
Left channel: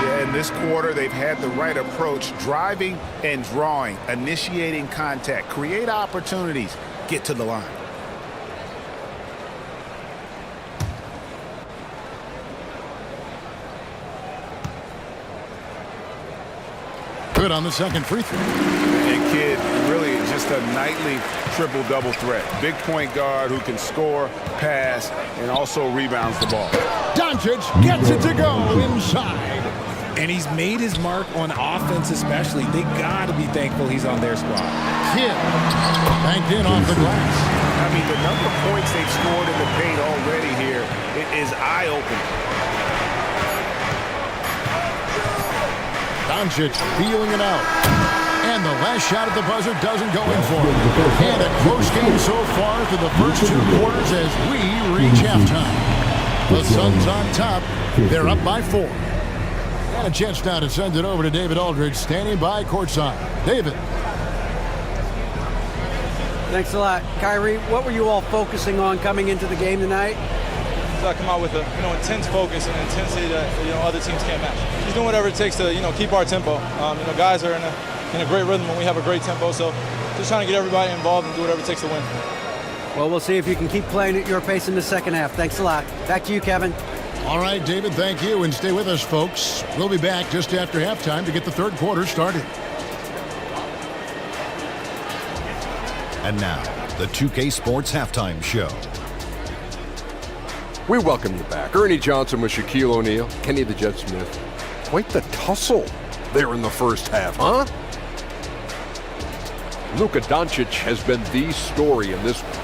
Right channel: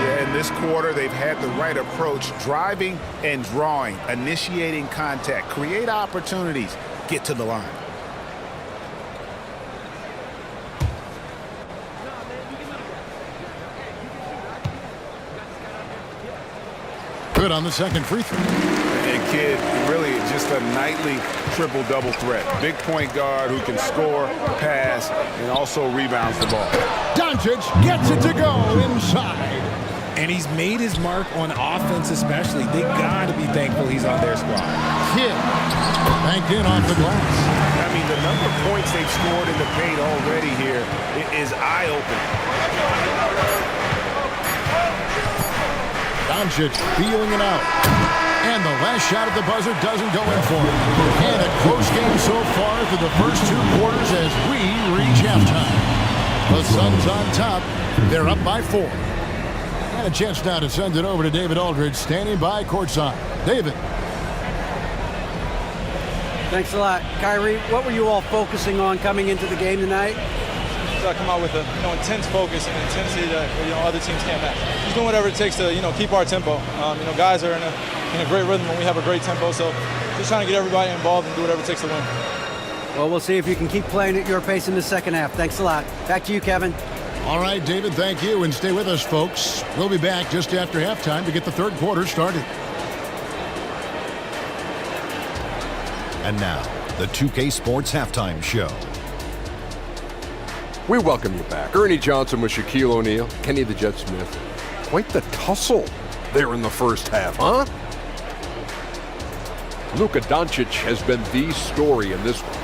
Yeah, in this quarter, they've had the right approach, driving and drawing, initiating contact, create opportunities, get to the line. Good on the second free throw. And kid, really just a nightly triple-double threat. Big point guard who can score, pass, and also rebounds the ball. Doncic gets it to go inside. And he's made his mark on offense especially. They got to be thankful he's on their squad. Kidd banked in off the glass. I mean, the number of points they've scored in the paint already here is eye-opening. Doncic feeling it out. And the last shot at the buzzer doesn't go in for him. And a close game so far through the first 2 quarters as we reach halftime. The Suns on top. They're up by 4. And a chance now to send it over to David Aldridge, standing by courtside. David. Thanks a lot. Kyrie, what were you all focusing on coming into the game tonight? So I come out with a intense focus and intensity that other teams can't match. Just doing whatever it takes to keep our tempo. Guys are in a great rhythm and we have a great tempo. So just trying to get everybody involved and do whatever it takes to win. Well, we'll see if you can keep playing at your pace in the second half. Thanks a lot. Back to you, Kevin. All right, David, thank you. And stay with us, folks. We'll be back just after halftime to get the third quarter started. And now, the 2K Sports Halftime Show. We welcome you back. Ernie Johnson with Shaquille O'Neal, Kenny the Jet Smith. Quite the tussle there in the first half, huh? Luka Doncic has been the story in this one.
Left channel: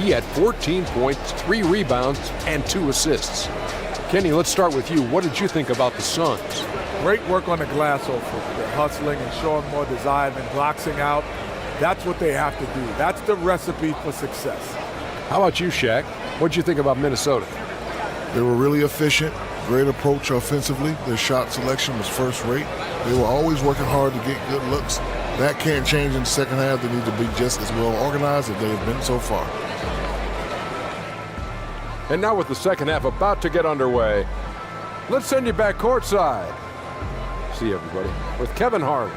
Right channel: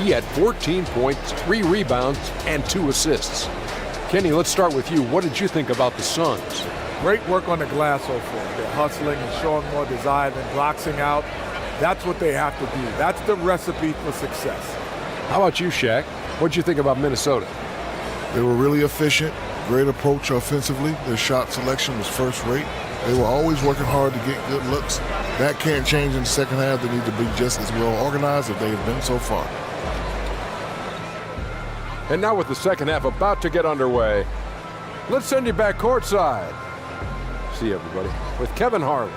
He had 14 points, 3 rebounds, and 2 assists. Kenny, let's start with you. What did you think about the Suns? Great work on the glass so far. They're hustling and showing more desire than boxing out. That's what they have to do. That's the recipe for success. How about you, Shaq? What did you think about Minnesota? They were really efficient, great approach offensively. Their shot selection was first rate. They were always working hard to get good looks. That can't change in the second half. They need to be just as well organized as they have been so far. And now with the second half about to get underway, let's send you back courtside. See everybody with Kevin Harlan.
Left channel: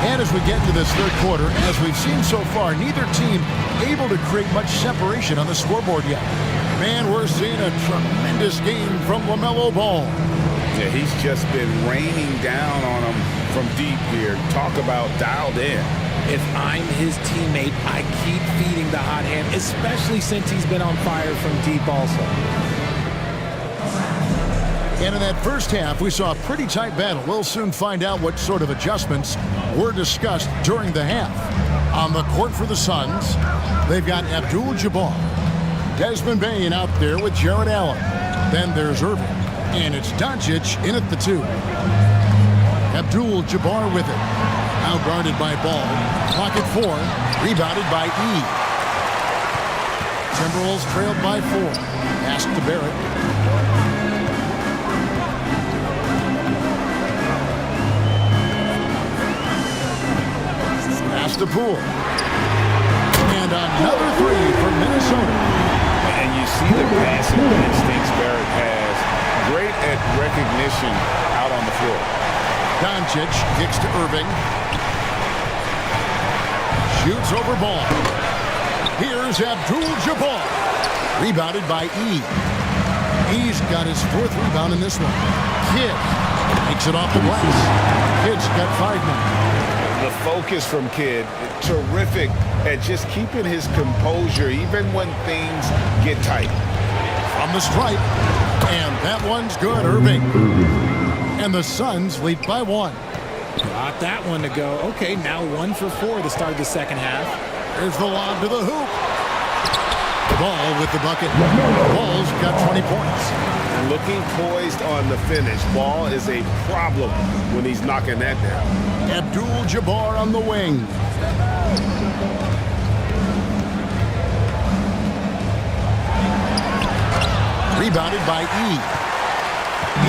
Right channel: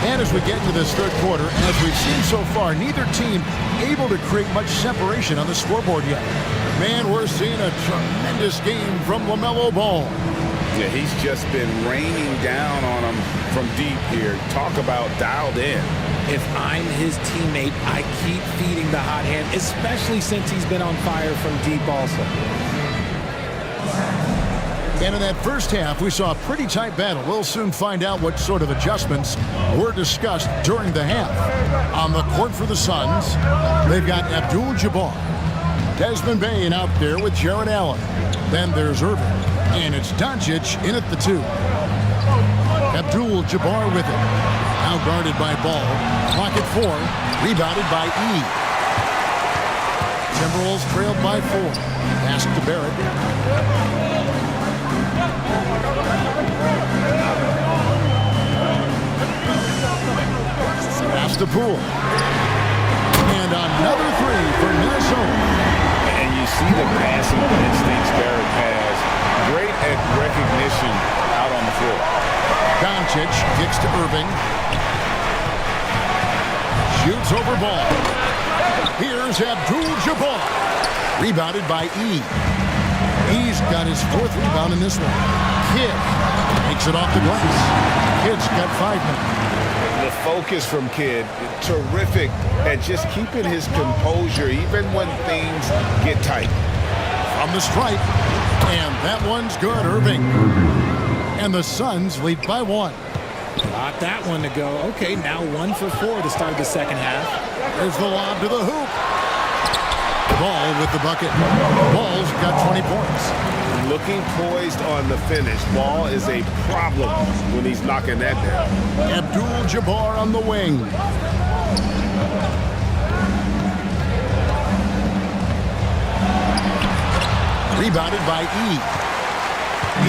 And as we get into this third quarter, as we've seen so far, neither team able to create much separation on the scoreboard yet. Man, we're seeing a tremendous game from LaMelo Ball. Yeah, he's just been raining down on them from deep here. Talk about dialed in. If I'm his teammate, I keep feeding the hot hand, especially since he's been on fire from deep also. And in that first half, we saw a pretty tight battle. We'll soon find out what sort of adjustments were discussed during the half. On the court for the Suns, they've got Abdul-Jabbar, Desmond Bane out there with Jared Allen, Then there's Irving. And it's Doncic in at the 2. Abdul-Jabbar with it. Now guarded by Ball. Clock at 4. Rebounded by E. Timberwolves trailed by 4. Pass to Barrett. Pass to Poole. And another 3 for Minnesota. And you see the passing instincts Barrett has. Great at recognition out on the floor. Doncic kicks to Irving. Shoots over Ball. Here's Abdul-Jabbar. Rebounded by E. E's got his 4th rebound in this one. Kidd takes it off the glass. Kidd's got 5 now. The focus from Kidd, terrific at just keeping his composure even when things get tight. From the stripe. And that one's good, Irving. And the Suns lead by 1. Got that one to go. Okay, now 1 for 4 to start the second half. There's the lob to the hoop. Ball with the bucket. Ball's got 20 points. Looking poised on the finish. Ball is a problem when he's knocking that down. Abdul-Jabbar on the wing. Rebounded by E.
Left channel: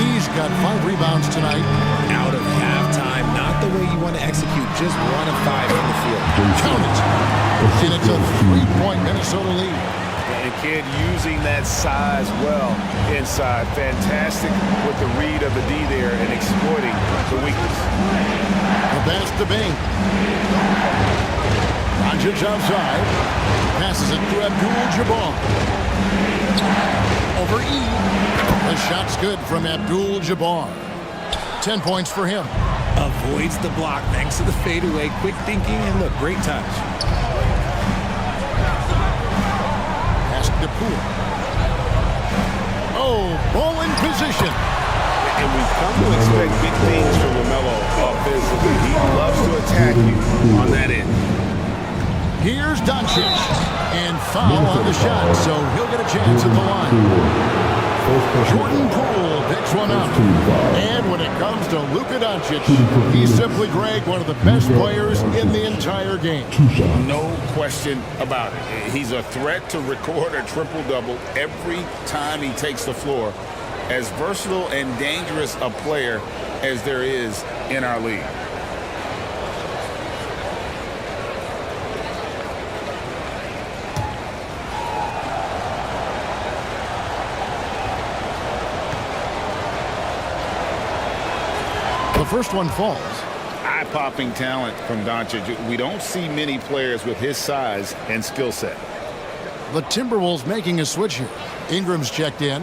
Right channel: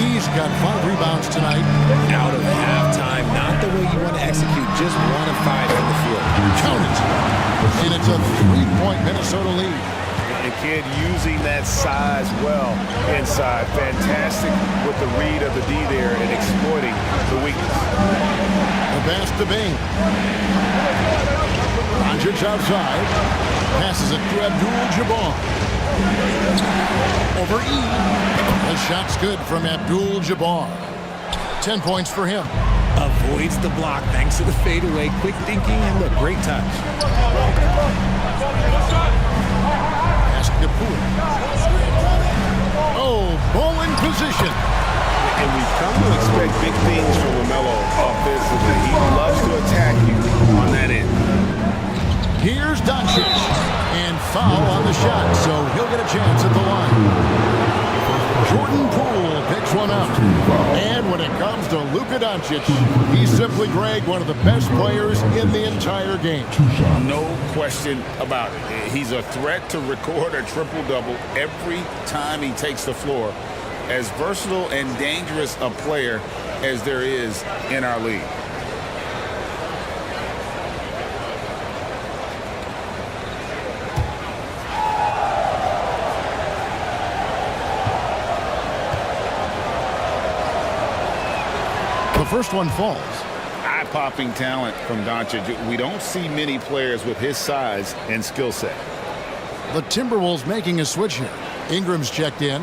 E's got 5 rebounds tonight. Out of halftime, not the way you want to execute, just 1 of 5 from the field. Count it. And it's a 3-point Minnesota lead. And Kidd using that size well inside. Fantastic with the read of the D there and exploiting the weakness. The pass to Bing. Doncic outside. Passes it to Abdul-Jabbar. Over E. The shot's good from Abdul-Jabbar. 10 points for him. Avoids the block thanks to the fadeaway. Quick thinking, and look, great touch. Pass to Poole. Oh, ball in position. And we've come to expect big things from LaMelo offensively. He loves to attack you on that end. Here's Doncic. And foul on the shot, so he'll get a chance at the line. Jordan Poole picks one up. And when it comes to Luka Doncic, he's simply, Greg, one of the best players in the entire game. No question about it. He's a threat to record a triple-double every time he takes the floor. As versatile and dangerous a player as there is in our league. The first one falls. Eye-popping talent from Doncic. We don't see many players with his size and skill set. The Timberwolves making a switch here. Ingram's checked in.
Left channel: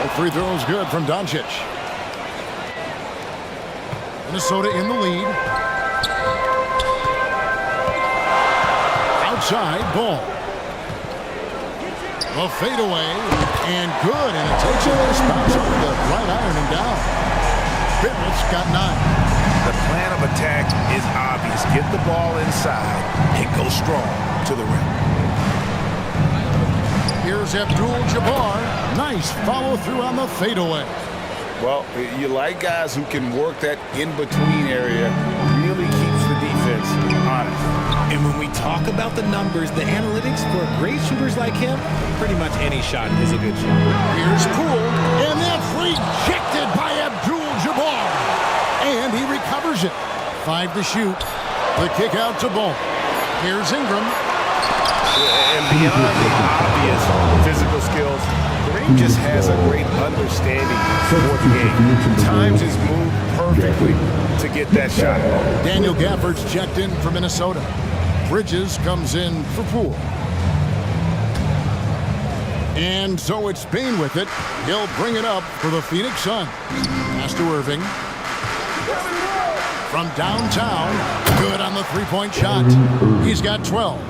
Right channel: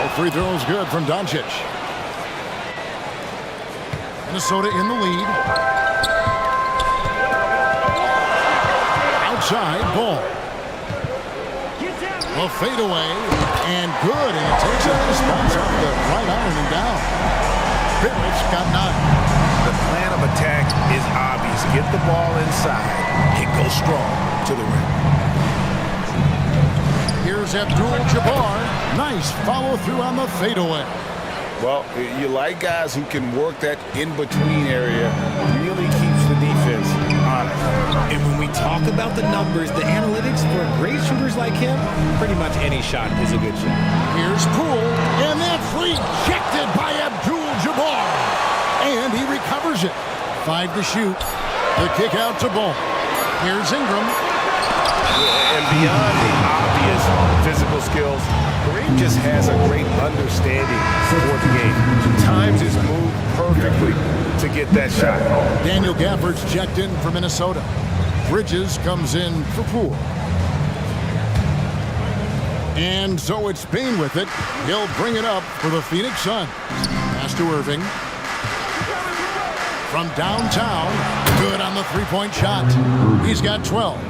All 3 throws good from Doncic. Minnesota in the lead. Outside Ball. A fadeaway and good, and it takes a nice bounce off the right iron and down. Barrett's got 9. The plan of attack is obvious. Get the ball inside and go strong to the rim. Here's Abdul-Jabbar. Nice follow through on the fadeaway. Well, you like guys who can work that in-between area, really keeps the defense honest. And when we talk about the numbers, the analytics for great shooters like him, pretty much any shot is a good shot. Here's Poole, and that's rejected by Abdul-Jabbar. And he recovers it. 5 to shoot. The kick out to Ball. Here's Ingram. And beyond the obvious physical skills, Kareem just has a great understanding for the game. Times his move perfectly to get that shot. Daniel Gafford's checked in for Minnesota. Bridges comes in for Poole. And so it's Payne with it. He'll bring it up for the Phoenix Suns. Pass to Irving. From downtown, good on the 3-point shot. He's got 12.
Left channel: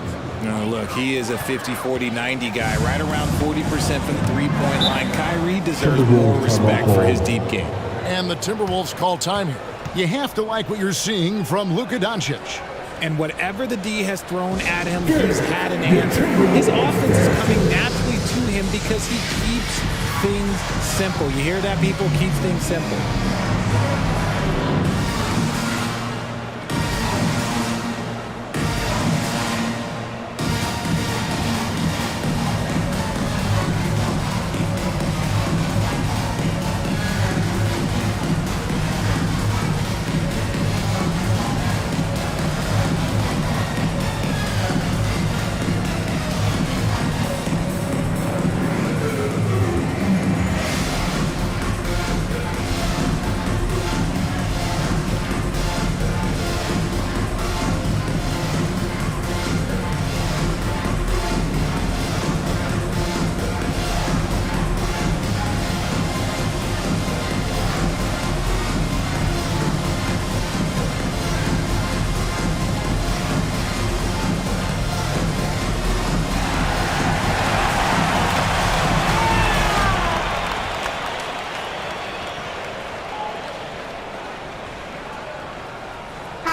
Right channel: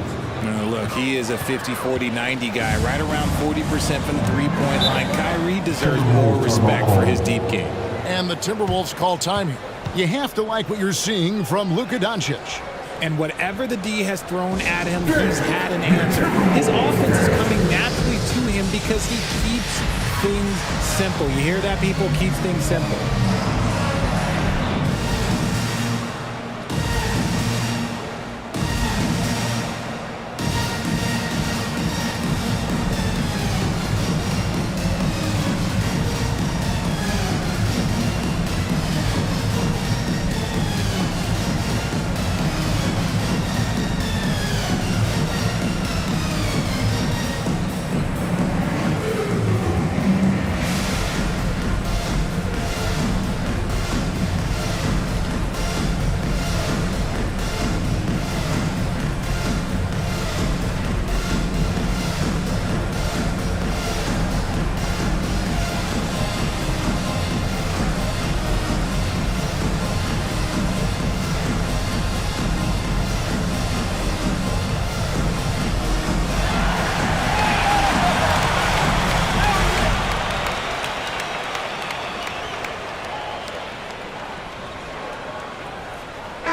No, look, he is a 50-40-90 guy, right around 40% from the 3-point line. Kyrie deserves more respect for his deep game. And the Timberwolves call time here. You have to like what you're seeing from Luka Doncic. And whatever the D has thrown at him, he's had an answer. His offense is coming naturally to him because he keeps things simple. You hear that, people? Keeps things simple.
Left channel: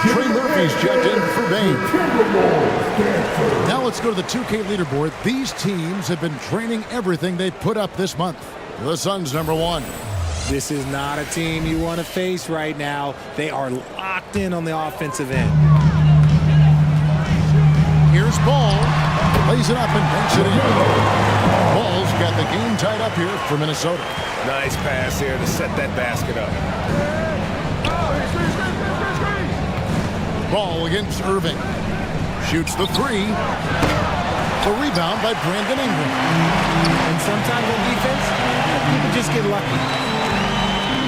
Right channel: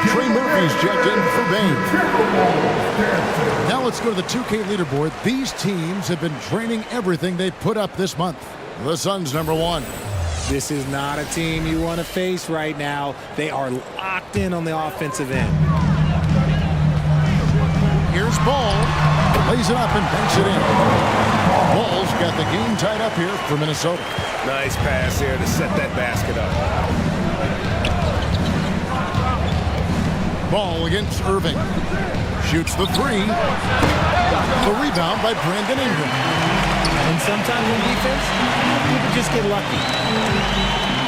Trey Murphy's checked in for Bane. Now let's go to the 2K leaderboard. These teams have been training everything they put up this month. The Suns #1. This is not a team you want to face right now. They are locked in on the offensive end. Here's Ball. Lays it up and banks it in. Ball's got the game tied up here for Minnesota. Nice pass there to set that basket up. Ball against Irving. Shoots the three. The rebound by Brandon Ingram. And sometimes on defense, people just get lucky.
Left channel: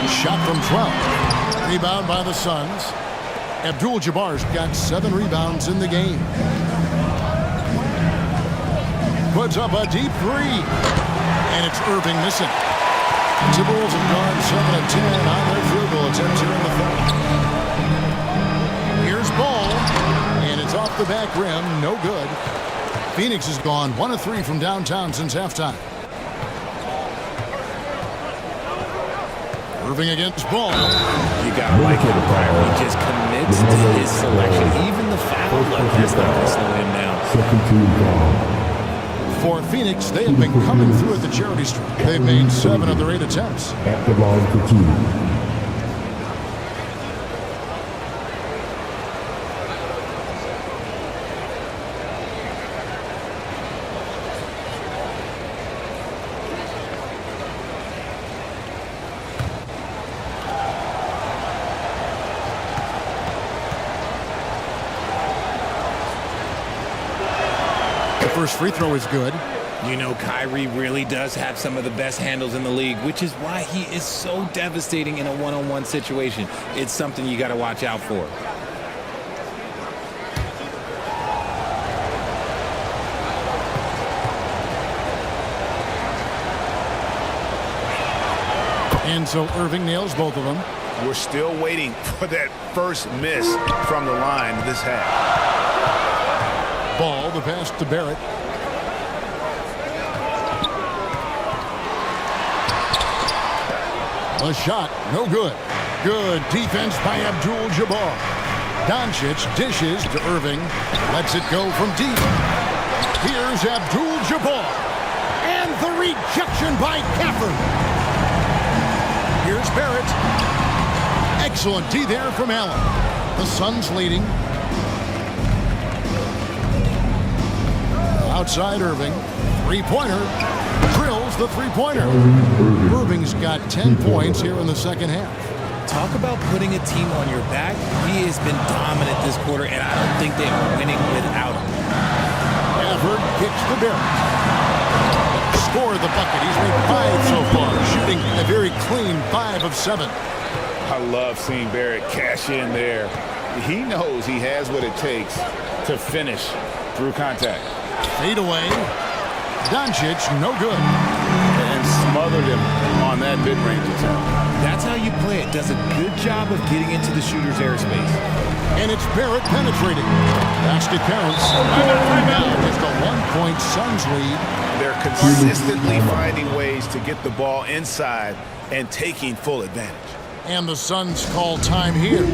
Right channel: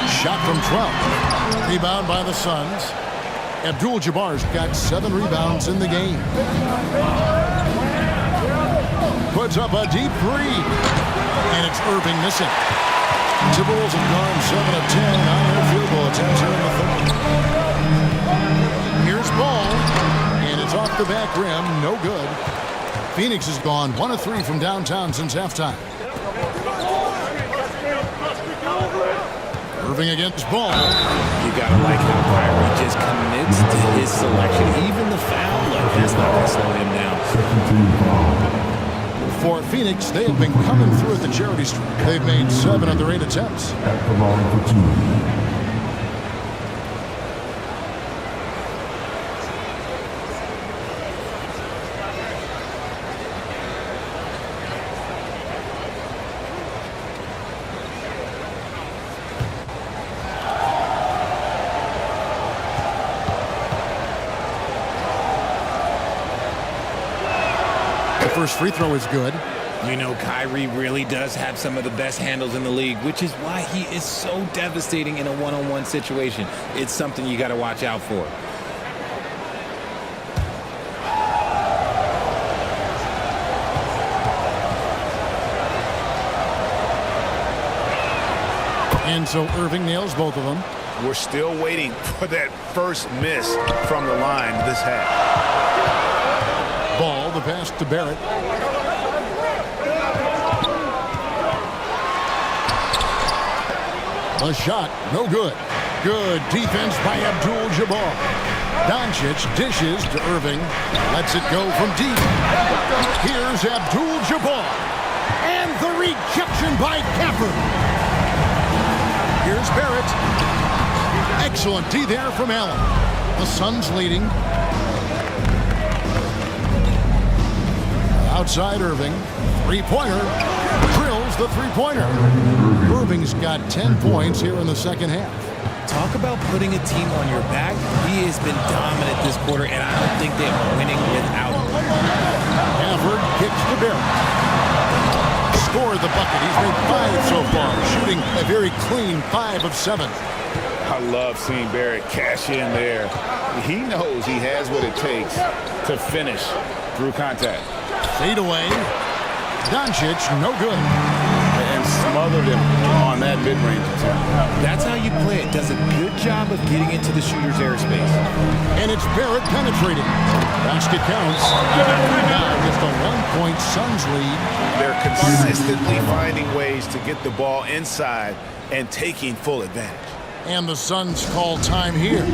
Shot from 12. Rebound by the Suns. Abdul-Jabbar's got 7 rebounds in the game. Puts up a deep three. And it's Irving missing. The Timberwolves have gone 7 of 10 on their field goal attempts here in the third. Here's Ball, and it's off the back rim, no good. Phoenix has gone 1 of 3 from downtown since halftime. Irving against Ball. You gotta like how Kyrie just commits to his selection. Even the foul look, that's not gonna slow him down. Second team foul. For Phoenix, they have been coming through at the charity stripe. They've made 7 of their 8 attempts. At the line for 2. First free throw is good. You know, Kyrie really does have some of the best handles in the league, which is why he is so devastating in a one-on-one situation. It's something you got to watch out for. And so Irving nails both of them. We're still waiting for that first miss from the line this half. Ball, the pass to Barrett. The shot, no good. Good defense by Abdul-Jabbar. Doncic dishes to Irving. Lets it go from deep. Here's Abdul-Jabbar. And the rejection by Gafford. Here's Barrett. Excellent D there from Allen. The Suns leading. Outside Irving. Three-pointer. Drills the three-pointer. Irving's got 10 points here in the second half. Talk about putting a team on your back. He has been dominant this quarter, and I don't think they are winning without him. Gafford kicks to Barrett. Scored the bucket. He's made 5 so far, shooting a very clean 5 of 7. I love seeing Barrett cash in there. He knows he has what it takes to finish through contact. Fade away. Doncic, no good. And smothered him on that mid-range attempt. That's how you play it. Does a good job of getting into the shooter's airspace. And it's Barrett penetrating. Basket counts. Now just a 1-point Suns lead. They're consistently finding ways to get the ball inside and taking full advantage. And the Suns call time here.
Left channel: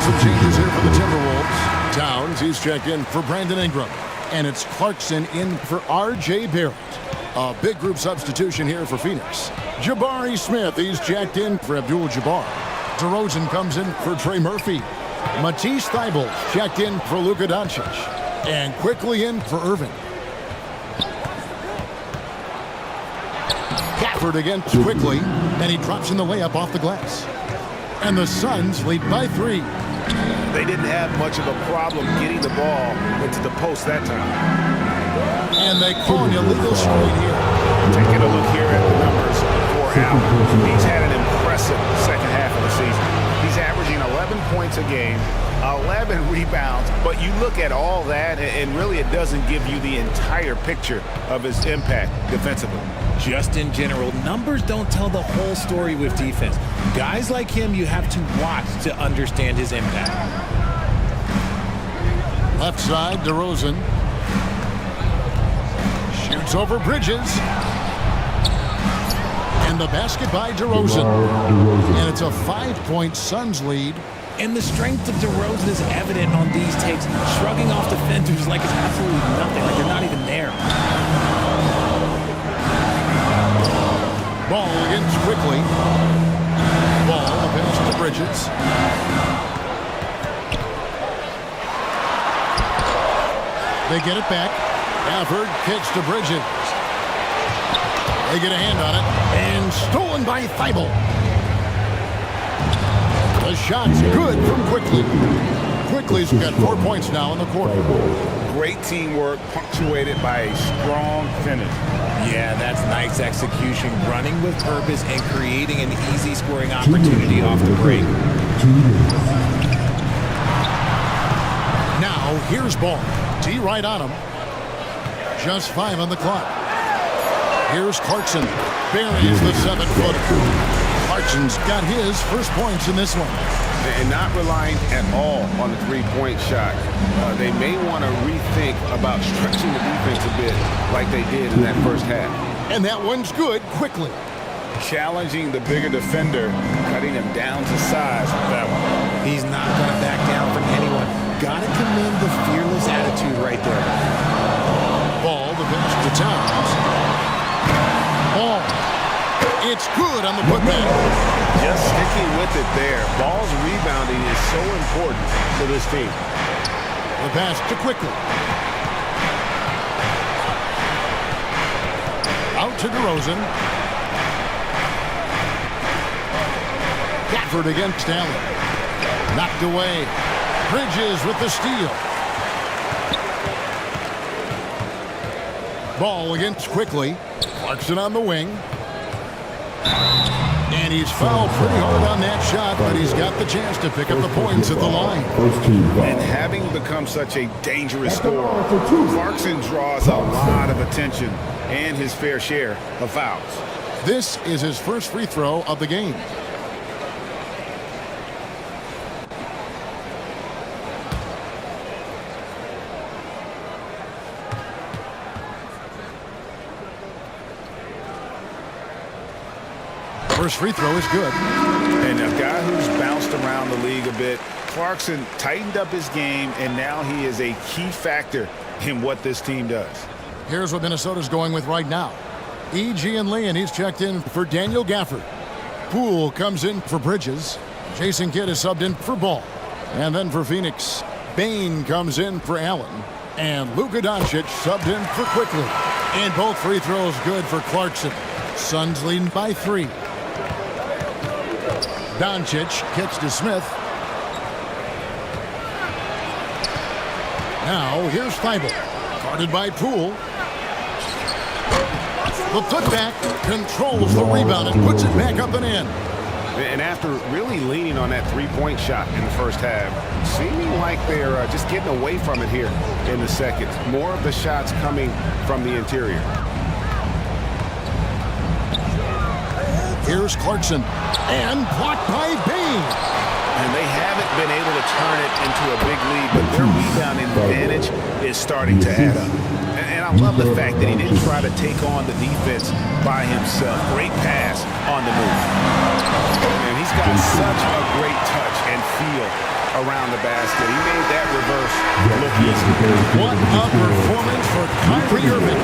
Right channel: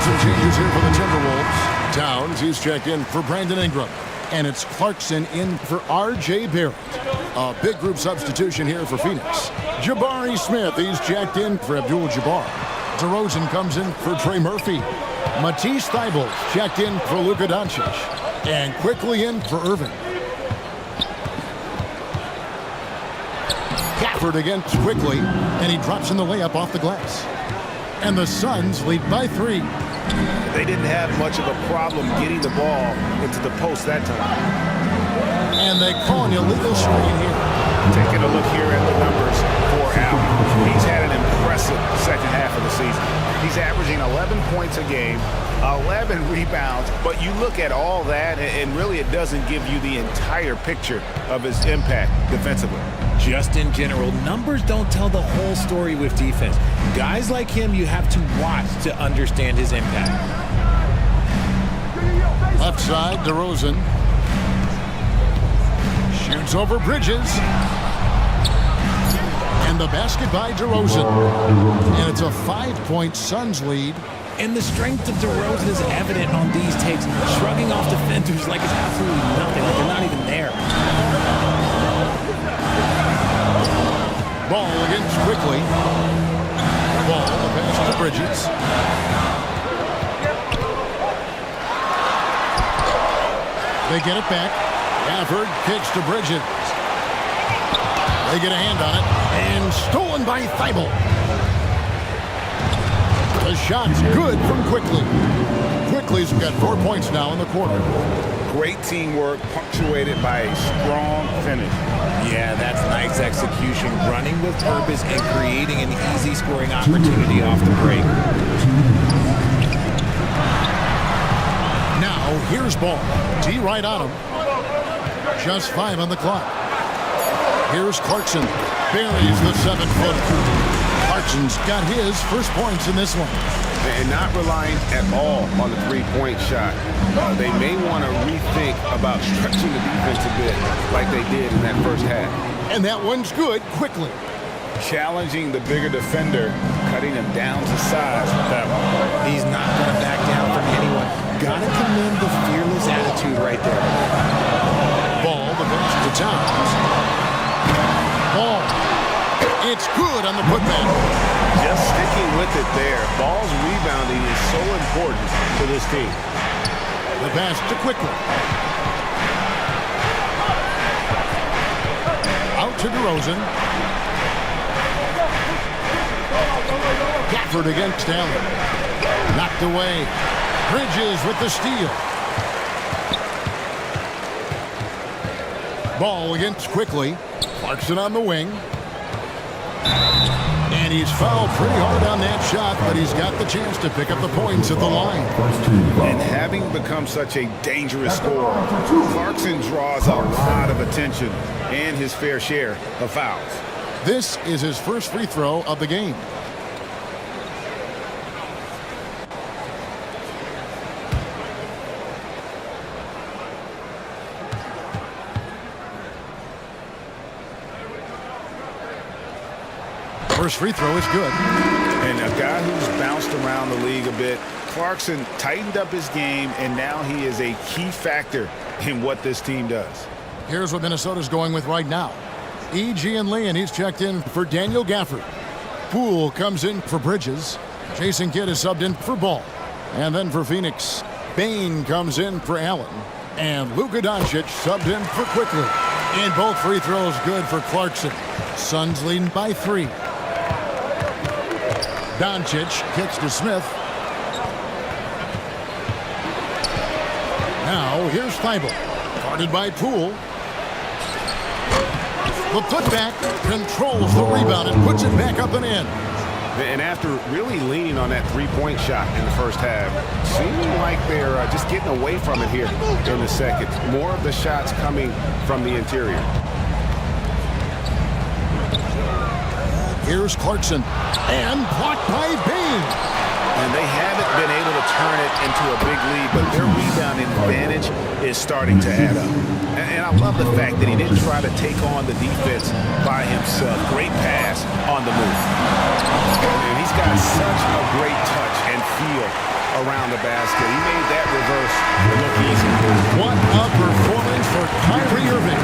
Some changes here for the Timberwolves. Towns, he's checked in for Brandon Ingram. And it's Clarkson in for R.J. Barrett. A big group substitution here for Phoenix. Jabari Smith, he's checked in for Abdul-Jabbar. DeRozan comes in for Trey Murphy. Matisse Thybulle checked in for Luka Doncic. And quickly in for Irving. Gafford against quickly, and he drops in the layup off the glass. And the Suns lead by 3. They didn't have much of a problem getting the ball into the post that time. And they call an illegal screen here. Taking a look here at the numbers for Allen. He's had an impressive second half of the season. He's averaging 11 points a game, 11 rebounds, but you look at all that, and really it doesn't give you the entire picture of his impact defensively. Just in general, numbers don't tell the whole story with defense. Guys like him, you have to watch to understand his impact. Left side, DeRozan. Shoots over Bridges. And the basket by DeRozan. And it's a 5-point Suns lead. And the strength of DeRozan is evident on these takes, shrugging off defenders like it's absolutely nothing, like they're not even there. Ball against quickly. Ball, the pass to Bridges. They get it back. Gafford kicks to Bridges. They get a hand on it. And stolen by Thybulle. The shot's good from Quickly. Quickly's got 4 points now in the quarter. Great teamwork punctuated by a strong finish. Yeah, that's nice execution, running with purpose and creating an easy scoring opportunity off the break. Now, here's Ball. T right on him. Just 5 on the clock. Here's Clarkson. Buries the 7-footer. Clarkson's got his first points in this one. And not relying at all on the three-point shot. They may want to rethink about stretching the defense a bit like they did in that first half. And that one's good quickly. Challenging the bigger defender, cutting him down to size with that one. He's not going to back down from anyone. Got to commend the fearless attitude right there. Ball, the pass to Towns. Ball. It's good on the putback. Just sticking with it there. Ball's rebounding is so important to this team. The pass to Quickly. Out to DeRozan. Gafford against Allen. Knocked away. Bridges with the steal. Ball against Quickly. Clarkson on the wing. And he's fouled pretty hard on that shot, but he's got the chance to pick up the points at the line. And having become such a dangerous scorer, Clarkson draws a lot of attention and his fair share of fouls. This is his first free throw of the game. First free throw is good. And a guy who's bounced around the league a bit, Clarkson tightened up his game, and now he is a key factor in what this team does. Here's what Minnesota's going with right now. E.G. and Lee, and he's checked in for Daniel Gafford. Poole comes in for Bridges. Jason Kidd is subbed in for Ball. And then for Phoenix, Bane comes in for Allen. And Luka Doncic subbed in for Quickly. And both free throws good for Clarkson. Suns leading by 3. Doncic kicks to Smith. Now here's Thibault. Guarded by Poole. The putback controls the rebound and puts it back up and in. And after really leaning on that three-point shot in the first half, seeming like they're just getting away from it here in the second. More of the shots coming from the interior. Here's Clarkson. And blocked by Bane. And they haven't been able to turn it into a big lead, but their rebounding advantage is starting to add up. And I love the fact that he didn't try to take on the defense by himself. Great pass on the move. And he's got such a great touch and feel around the basket. He made that reverse look easy. What a performance for Kyrie Irving.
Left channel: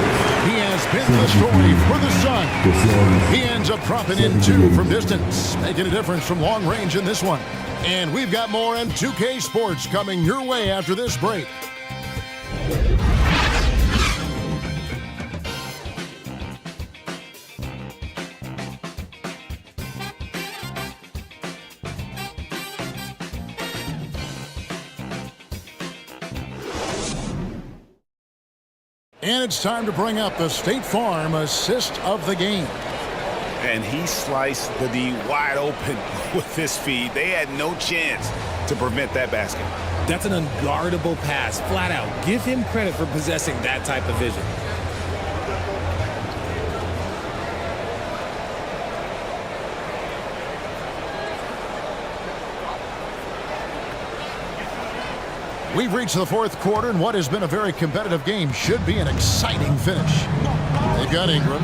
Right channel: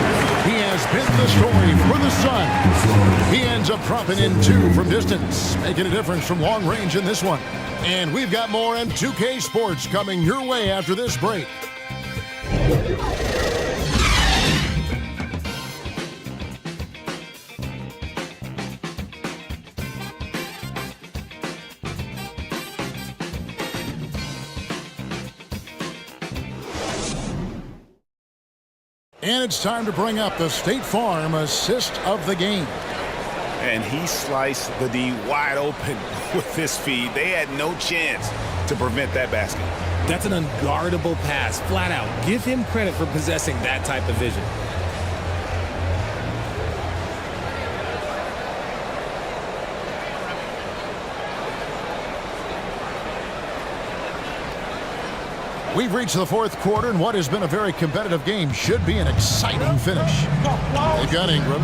He has been the story for the Suns. He ends up dropping in 2 from distance, making a difference from long range in this one. And we've got more M2K Sports coming your way after this break. And it's time to bring up the State Farm assist of the game. And he sliced the D wide open with this feed. They had no chance to prevent that basket. That's an unguardable pass, flat out. Give him credit for possessing that type of vision. We've reached the fourth quarter, and what has been a very competitive game should be an exciting finish. They've got Ingram.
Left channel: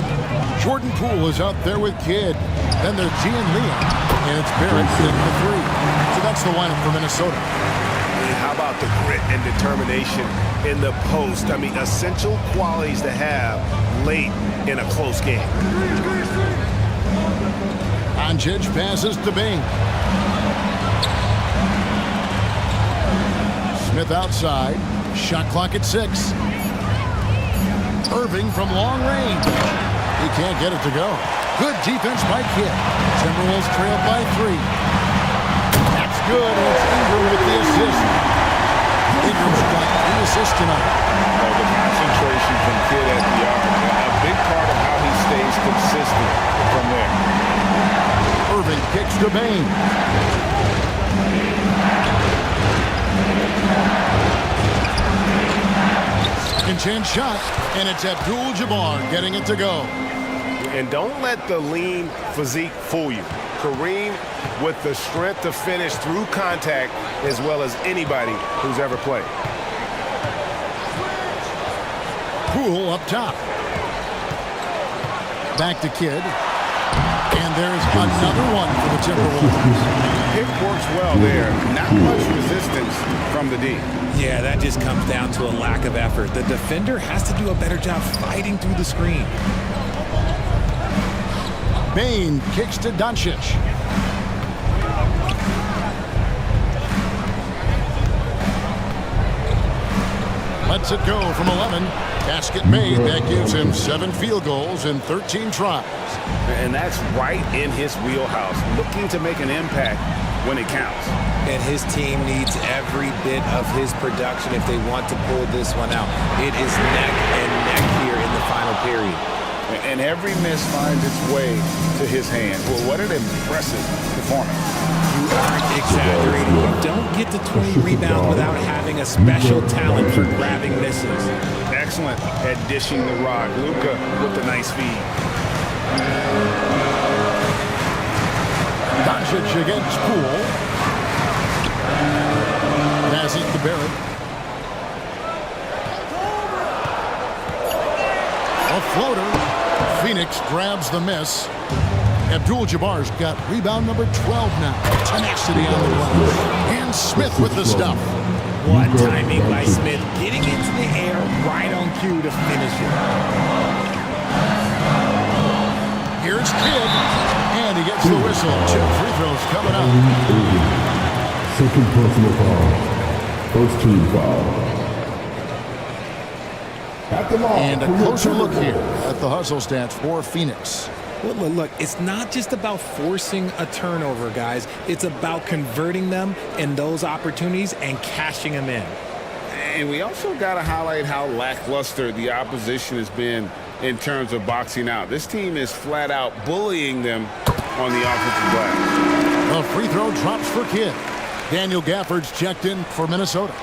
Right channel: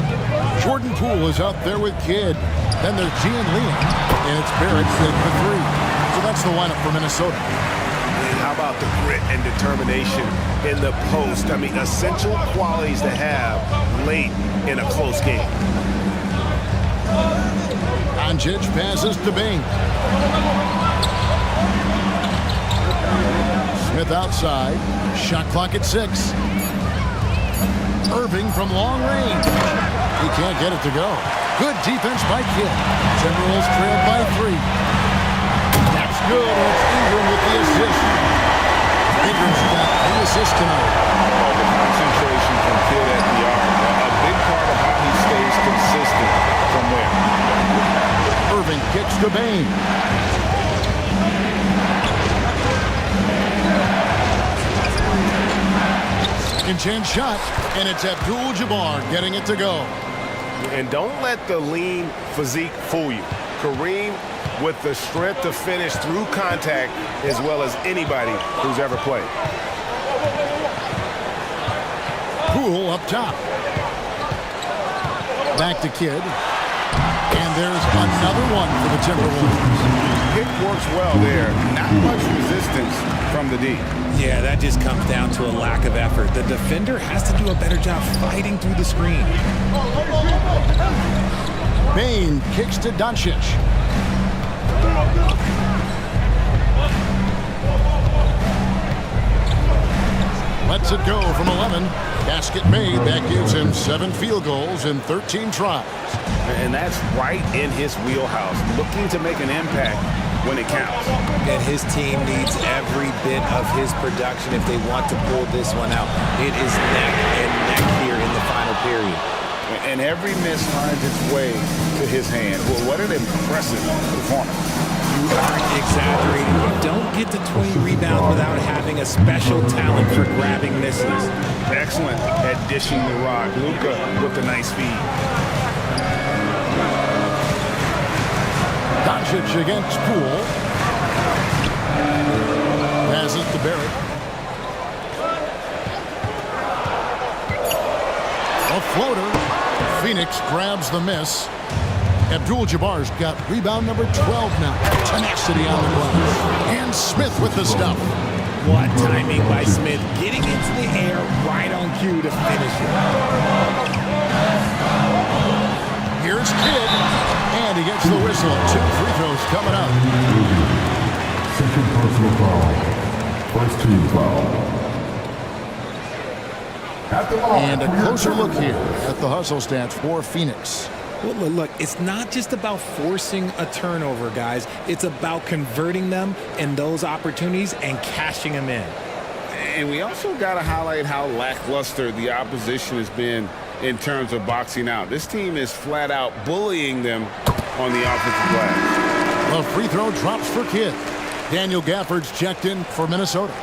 Jordan Poole is out there with Kidd. Then there's Gian Leon, and it's Barrett at the 3. So that's the lineup for Minnesota. And how about the grit and determination in the post? I mean, essential qualities to have late in a close game. Doncic passes to Bane. Smith outside. Shot clock at 6. Irving from long range. He can't get it to go. Good defense by Kidd. Timberwolves trailed by 3. That's good, and it's Ingram with the assist. Ingram's got 3 assists tonight. Oh, the concentration from Kidd at the arc, a big part of how he stays consistent from there. Irving kicks to Bane. Second chance shot, and it's Abdul-Jabbar getting it to go. And don't let the lean physique fool you. Kareem with the strength to finish through contact as well as anybody who's ever played. Poole up top. Back to Kidd. And there's another one for the Timberwolves. Pick works well there. Not much resistance from the D. Yeah, that just comes down to a lack of effort. The defender has to do a better job fighting through the screen. Bane kicks to Doncic. Lets it go from 11. Basket made. That gives him 7 field goals in 13 tries. And that's right in his wheelhouse, looking to make an impact when it counts. And his team needs every bit of his production if they want to pull this one out. It is neck and neck here in the final period. And every miss finds its way to his hand. Well, what an impressive performance. You aren't exaggerating. You don't get to 20 rebounds without having a special talent for grabbing misses. Excellent at dishing the rock. Luka with the nice feed. Doncic against Poole. Passes to Barrett. A floater. Phoenix grabs the miss. Abdul-Jabbar's got rebound number 12 now. Tenacity on the glass. And Smith with the stuff. What timing by Smith, getting into the air right on cue to finish it. Here's Kidd, and he gets the whistle. 2 free throws coming up. Second personal foul. First team foul. And a closer look here at the hustle stats for Phoenix. Well, look, it's not just about forcing a turnover, guys. It's about converting them in those opportunities and cashing them in. And we also got to highlight how lackluster the opposition has been in terms of boxing out. This team is flat out bullying them on the offensive glass. The free throw drops for Kidd. Daniel Gafford's checked in for Minnesota.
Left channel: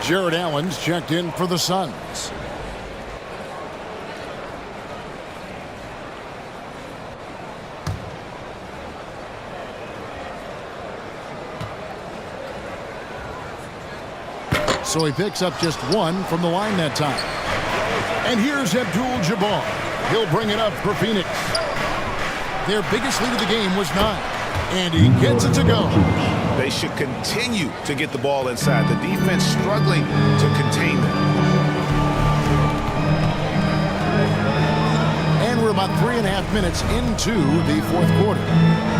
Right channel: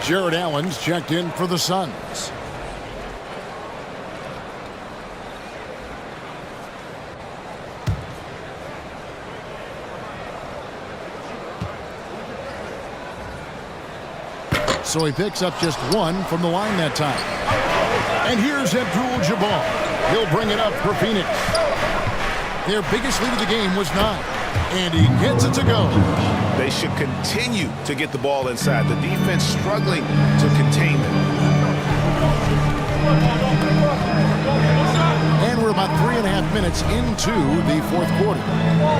Jared Allen's checked in for the Suns. So he picks up just 1 from the line that time. And here's Abdul-Jabbar. He'll bring it up for Phoenix. Their biggest lead of the game was 9. And he gets it to go. They should continue to get the ball inside. The defense struggling to contain them. And we're about 3.5 minutes into the fourth quarter.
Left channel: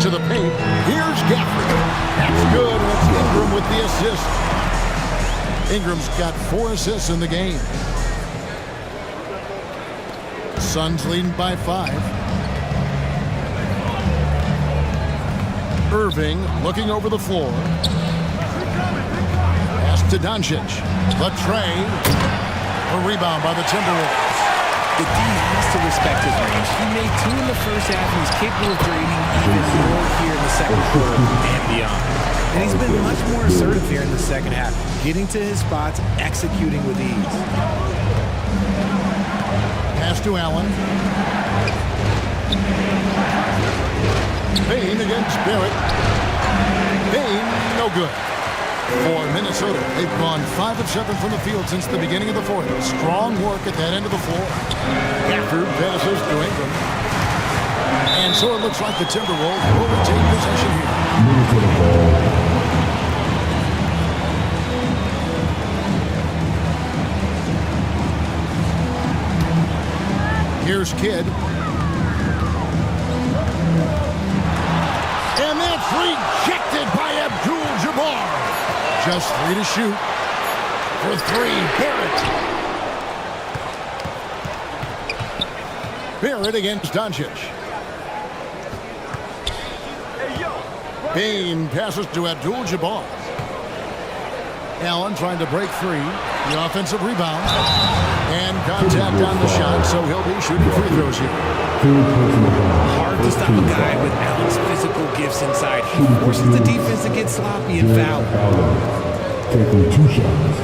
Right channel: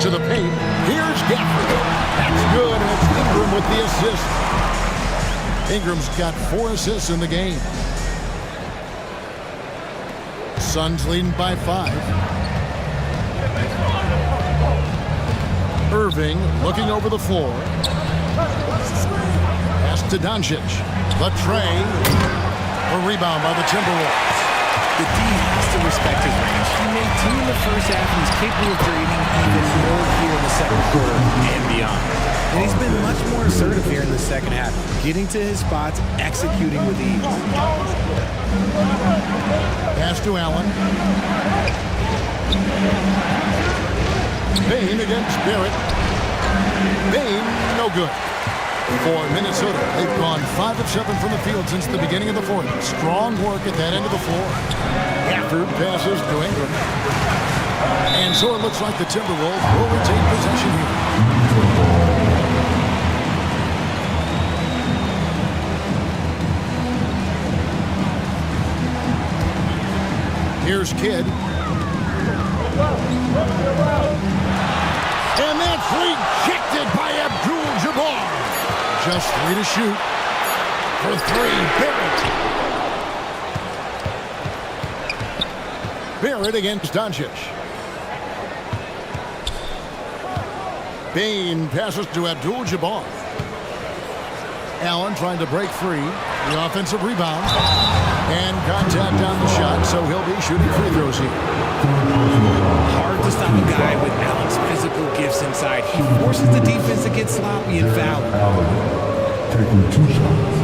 To the paint, here's Gafford. That's good, and it's Ingram with the assist. Ingram's got 4 assists in the game. Suns leading by 5. Irving looking over the floor. Pass to Doncic. The tray. A rebound by the Timberwolves. The D has to respect his range. He made 2 in the first half, and he's capable of draining even more here in the second quarter and beyond. And he's been much more assertive here in the second half, getting to his spots, executing with ease. Pass to Allen. Bane against Barrett. Bane, no good. For Minnesota, they've gone 5 of 7 from the field since the beginning of the fourth. Strong work at that end of the floor. Gafford passes to Ingram. And so it looks like the Timberwolves will retain possession here. Here's Kidd. And that's rejected by Abdul-Jabbar. Just 3 to shoot. For 3, Barrett. Barrett against Doncic. Bane passes to Abdul-Jabbar. Allen trying to break free. The offensive rebound. And contact on the shot, so he'll be shooting free throws here. Hard to stop a guy with Allen's physical gifts inside. He forces the defense to get sloppy and foul. Allen taking 2 shots.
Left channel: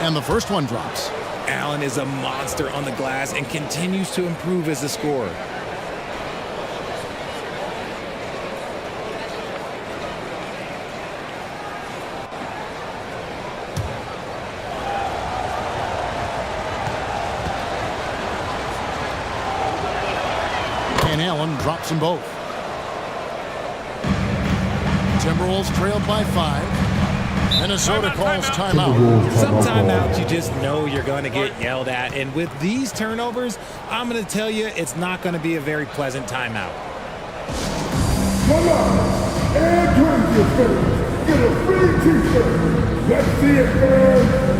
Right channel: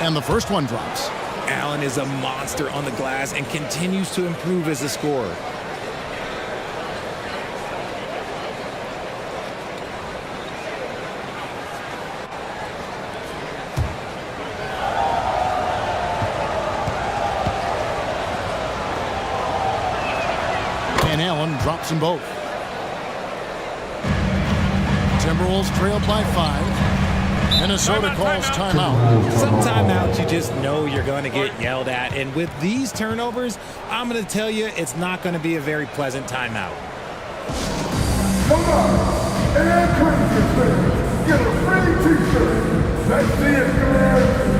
And the first one drops. Allen is a monster on the glass and continues to improve as a scorer. And Allen drops them both. Timberwolves trailed by 5. Minnesota calls timeout. Some timeouts you just know you're going to get yelled at. And with these turnovers, I'm going to tell you it's not going to be a very pleasant timeout. Come on, and Corinthians fans, get a free t-shirt. Let's see it, fans.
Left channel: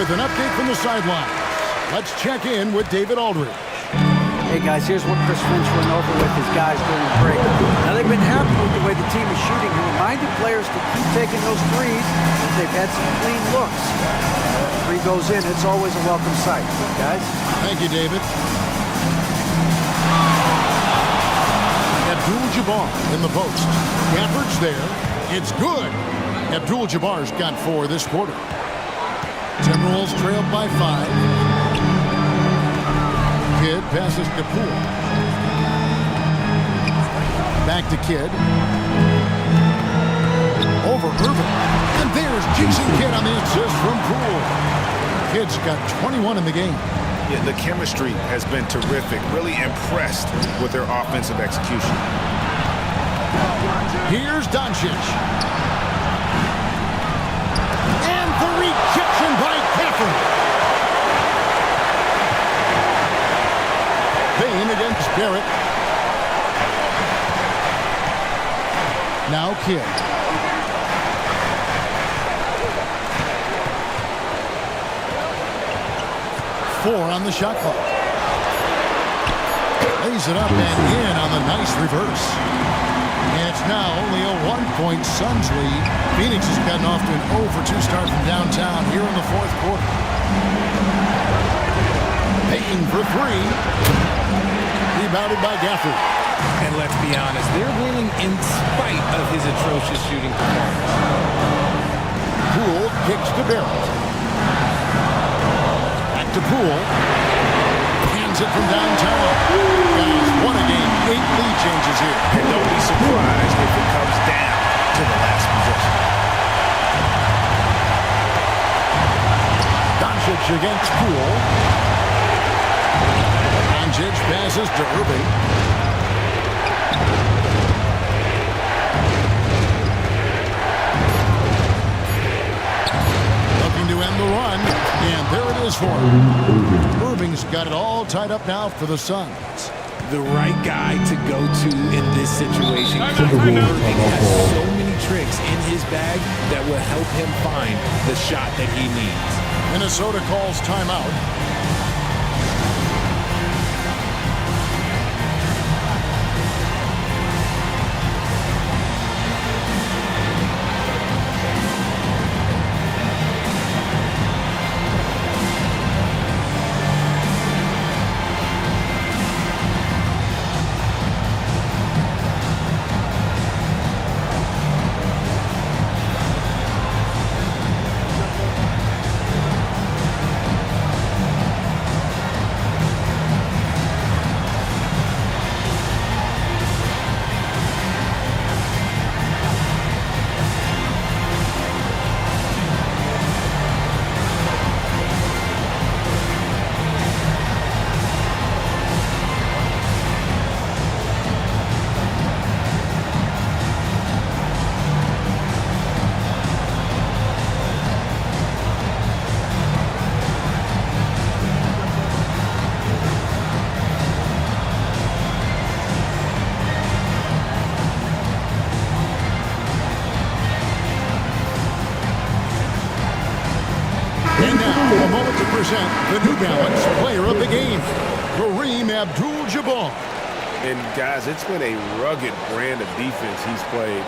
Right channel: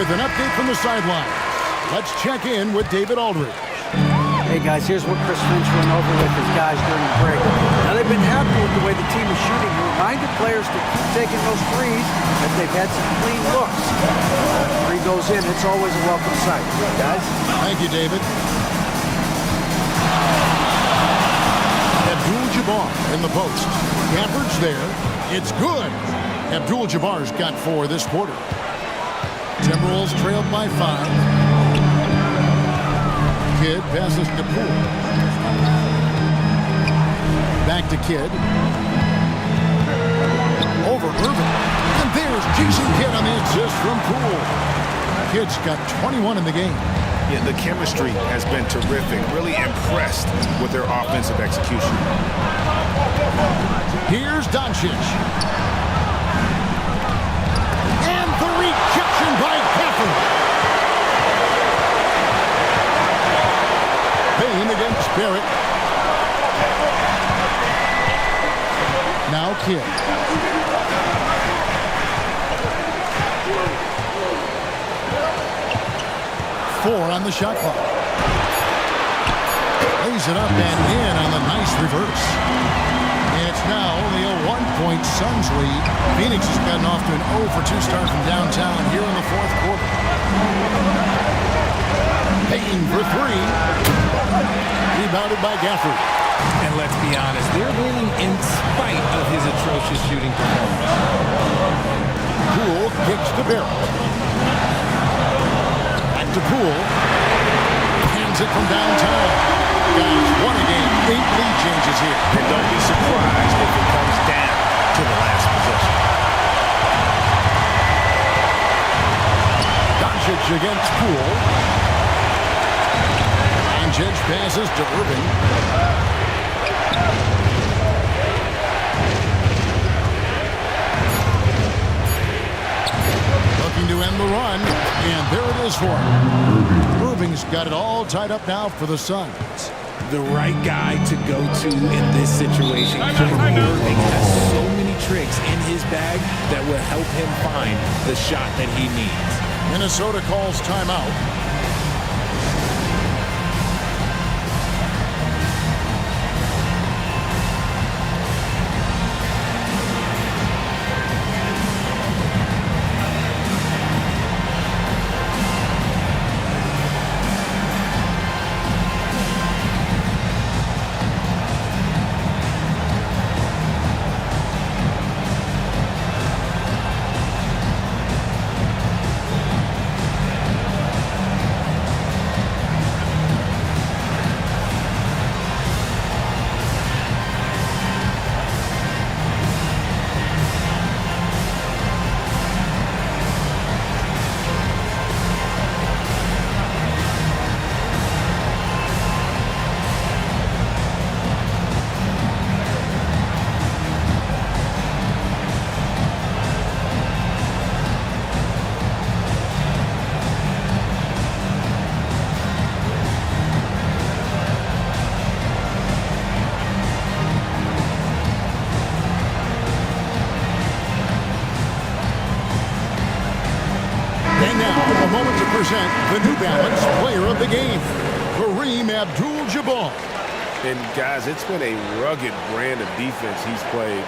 with an update from the sidelines. Let's check in with David Aldridge. Hey guys, here's what Chris Finch went over with his guys during the break. Now they've been happy with the way the team is shooting. He reminded players to keep taking those threes, that they've had some clean looks. Three goes in, it's always a welcome sight. Guys? Thank you, David. Abdul-Jabbar in the post. Gafford's there. It's good. Abdul-Jabbar's got 4 this quarter. Timberwolves trailed by 5. Kidd passes to Poole. Back to Kidd. Over Irving. And there's Jason Kidd on the assist from Poole. Kidd's got 21 in the game. Yeah, the chemistry has been terrific. Really impressed with their offensive execution. Here's Doncic. And the rejection by Gafford. Payne against Barrett. Now Kidd. Four on the shot clock. Lays it up and in on the nice reverse. And it's now only a 1-point Suns lead. Phoenix has gotten off to an 0-for-2 start from downtown here in the fourth quarter. Payne for 3. Rebounded by Gafford. And let's be honest, they're winning in spite of his atrocious shooting performance. Poole kicks to Barrett. Back to Poole. Hands it from downtown. Guys, what a game. 8 lead changes here. And don't be surprised if it comes down to the last possession. Doncic against Poole. Doncic passes to Irving. Looking to end the run, and there it is for him. Irving's got it all tied up now for the Suns. The right guy to go to in this situation. Kyrie Irving has so many tricks in his bag that will help him find the shot that he needs. Minnesota calls timeout. And now, a moment to present the New Balance Player of the Game, Kareem Abdul-Jabbar. And guys, it's been a rugged brand of defense he's played.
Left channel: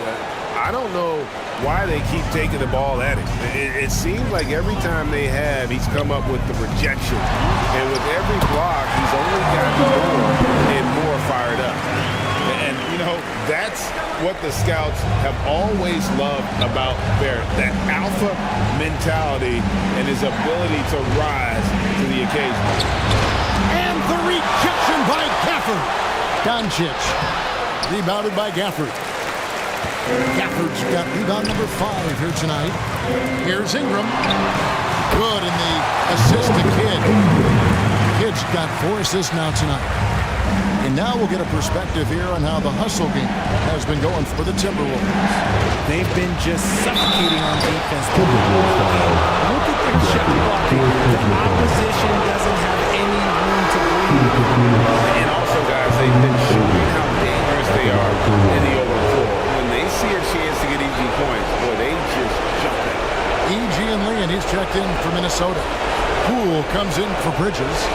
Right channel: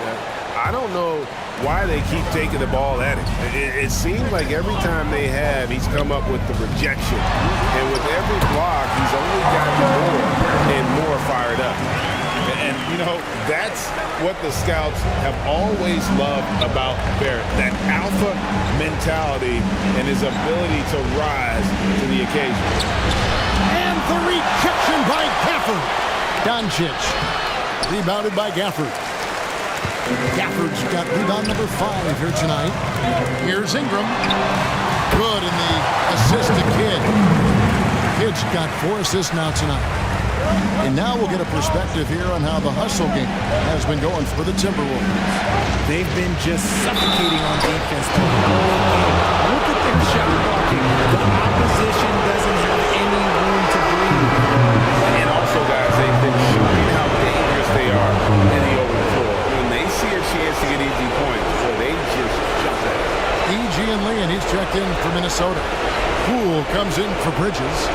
I don't know why they keep taking the ball at him. It seems like every time they have, he's come up with the rejection. And with every block, he's only gotten more and more fired up. And, you know, that's what the scouts have always loved about Barrett, that alpha mentality and his ability to rise to the occasion. And the rejection by Gafford. Doncic, rebounded by Gafford. Gafford's got rebound number 5 here tonight. Here's Ingram. Good in the assist to Kidd. Kidd's got 4 assists now tonight. And now we'll get a perspective here on how the hustle game has been going for the Timberwolves. They've been just suffocating on defense the whole game. Look at their shot blocking. The opposition doesn't have any room to breathe. And also, guys, they've been showing how dangerous they are in the open floor. When they see a chance to get easy points, boy, they just jump at it. E.G. and Lee, and he's checked in for Minnesota. Poole comes in for Bridges.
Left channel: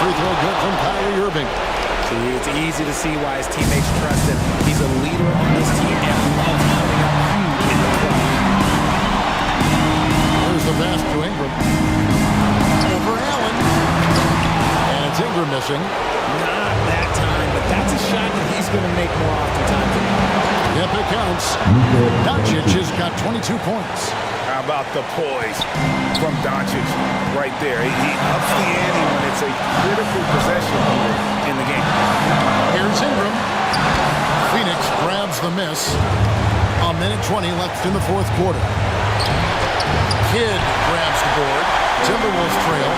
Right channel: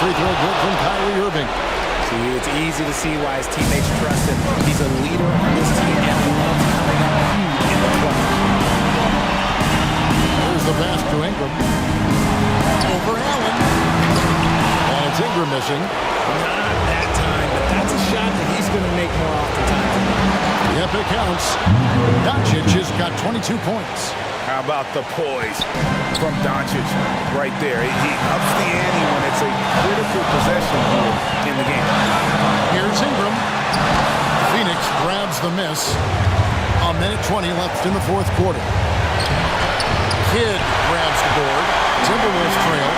Free throw good from Kyrie Irving. See, it's easy to see why his teammates trust him. He's a leader on this team and loves coming up huge in the clutch. There's the pass to Ingram. Over Allen. And it's Ingram missing. Not that time, but that's a shot that he's going to make more oftentimes than not. Yep, it counts. Doncic has got 22 points. How about the poise from Doncic right there? He ups the ante when it's a critical possession here in the game. Here's Ingram. Phoenix grabs the miss. A minute 20 left in the fourth quarter. Kidd grabs the board. Timberwolves trail.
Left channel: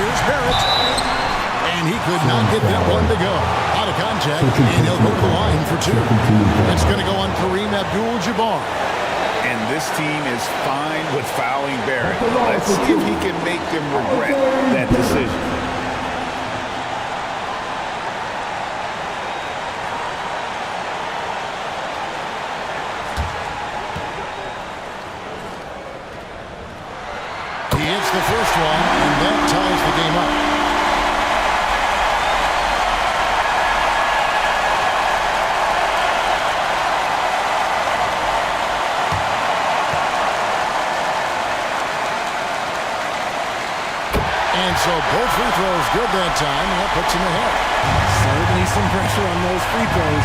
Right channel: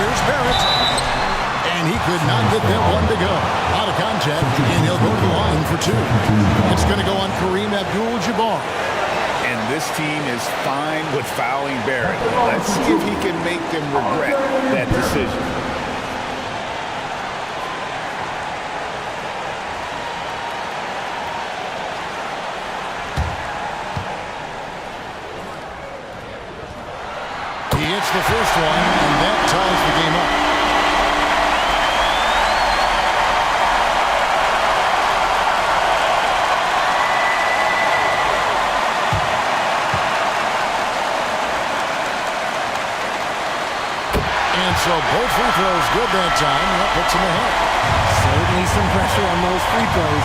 Here's Barrett. And he could not get that one to go. Out of contact, and he'll go to the line for two. It's going to go on Kareem Abdul-Jabbar. And this team is fine with fouling Barrett. Let's see if he can make them regret that decision. He hits the first one, and that ties the game up. And so both free throws good that time, and that puts him ahead. Certainly some pressure on those free throws.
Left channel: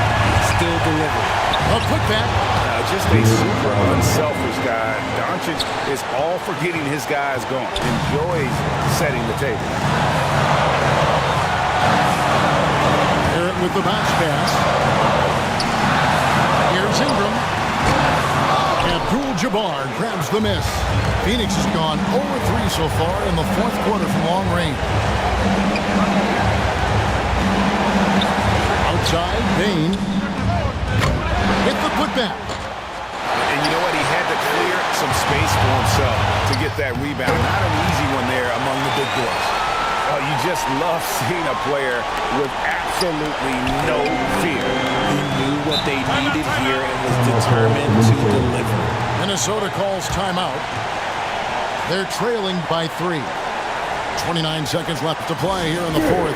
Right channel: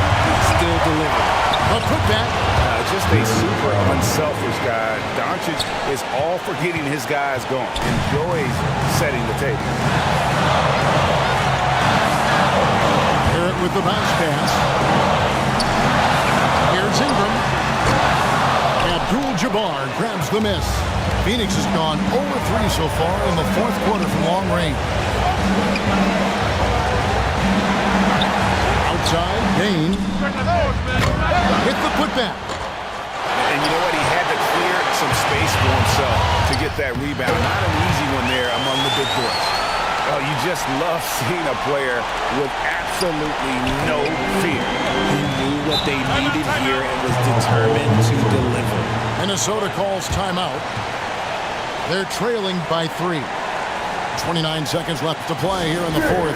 Still delivered. A putback. Just a super unselfish guy. Doncic is all for getting his guys going. Enjoys setting the table. Barrett with the bounce pass. Here's Ingram. Abdul-Jabbar grabs the miss. Phoenix has gone 0-3 so far in the fourth quarter from long range. Outside, Bain. Hit the putback. And you know what? He had to clear some space for himself to get that rebound. Not an easy one there among the big boys. Oh, you just love seeing a player with absolutely no fear. He knew what they needed here and was determined to deliver. Minnesota calls timeout. They're trailing by 3. 29 seconds left to play here in the fourth.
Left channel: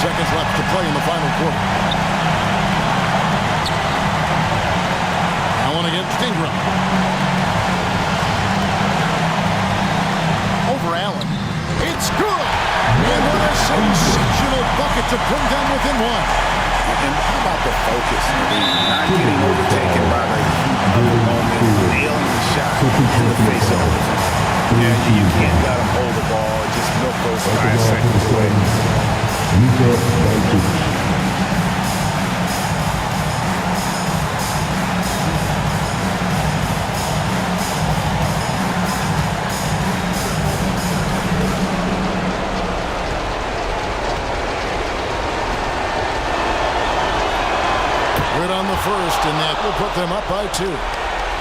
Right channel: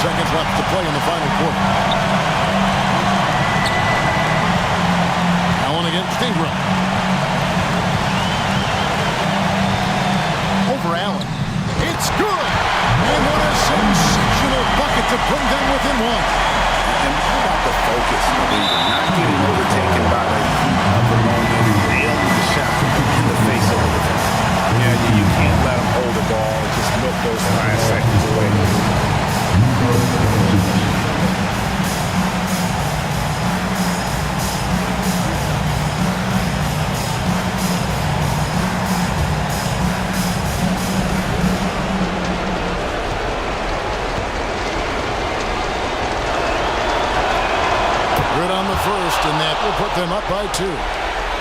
Seconds left to play in the final quarter. Allen against Ingram. Over Allen. It's good! And what a sensational bucket to bring them within one. And how about the focus? Not getting overtaken by the heat of the moment, nailing the shot in the face of the defense. Yeah, you can't let them hold the ball and just milk those last seconds away. Good on the first, and that will put them up by 2.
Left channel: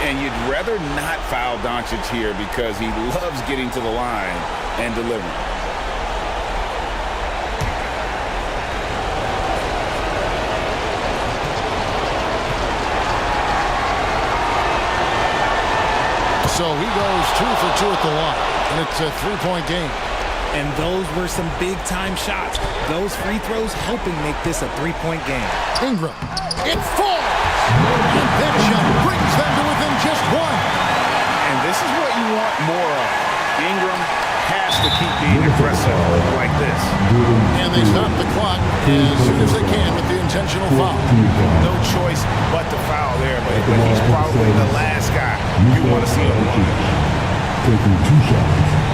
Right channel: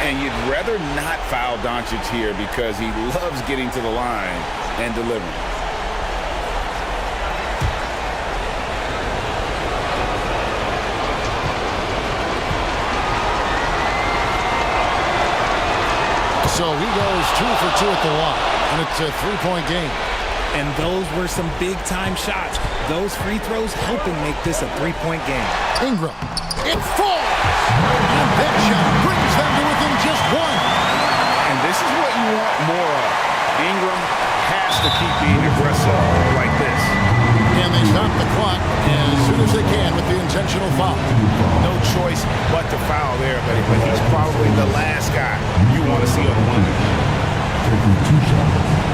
And you'd rather not foul Doncic here because he loves getting to the line and delivering. So he goes 2 for 2 at the line, and it's a three-point game. And those were some big-time shots. Those free throws helping make this a three-point game. Ingram, it falls! And that shot brings them to within just one. And this is what you want more of. Ingram has to keep being aggressive like this. And they stop the clock as soon as they can with the intentional foul. No choice but to foul there, but he's probably the last guy you want to see on the line. Taking 2 shots.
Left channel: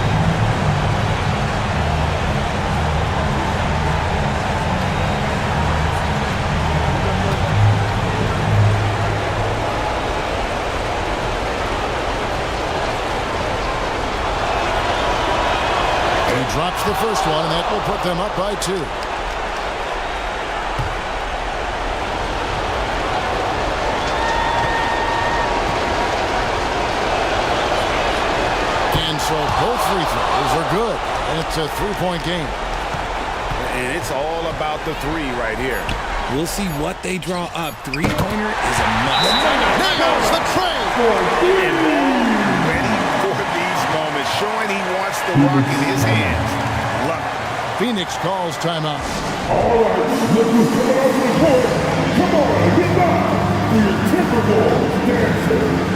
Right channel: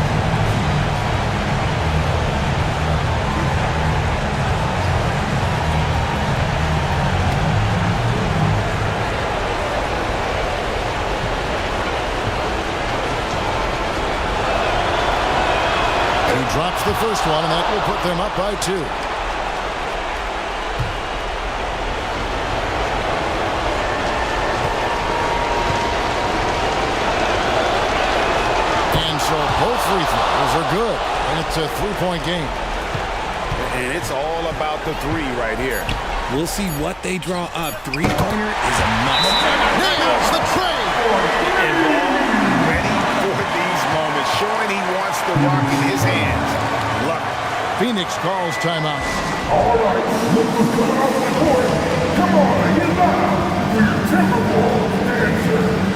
He drops the first one, and that will put them up by 2. And so both free throws are good, and it's a three-point game. And it's all about the three right here. We'll see what they draw up. Three-pointer is a must. Nails the trade. And ball ready for these moments, showing he wants the rock in his hands. Love it. Phoenix calls timeout. All right, look who's coming off the court. Come on, get loud for your Timberwolves dancer.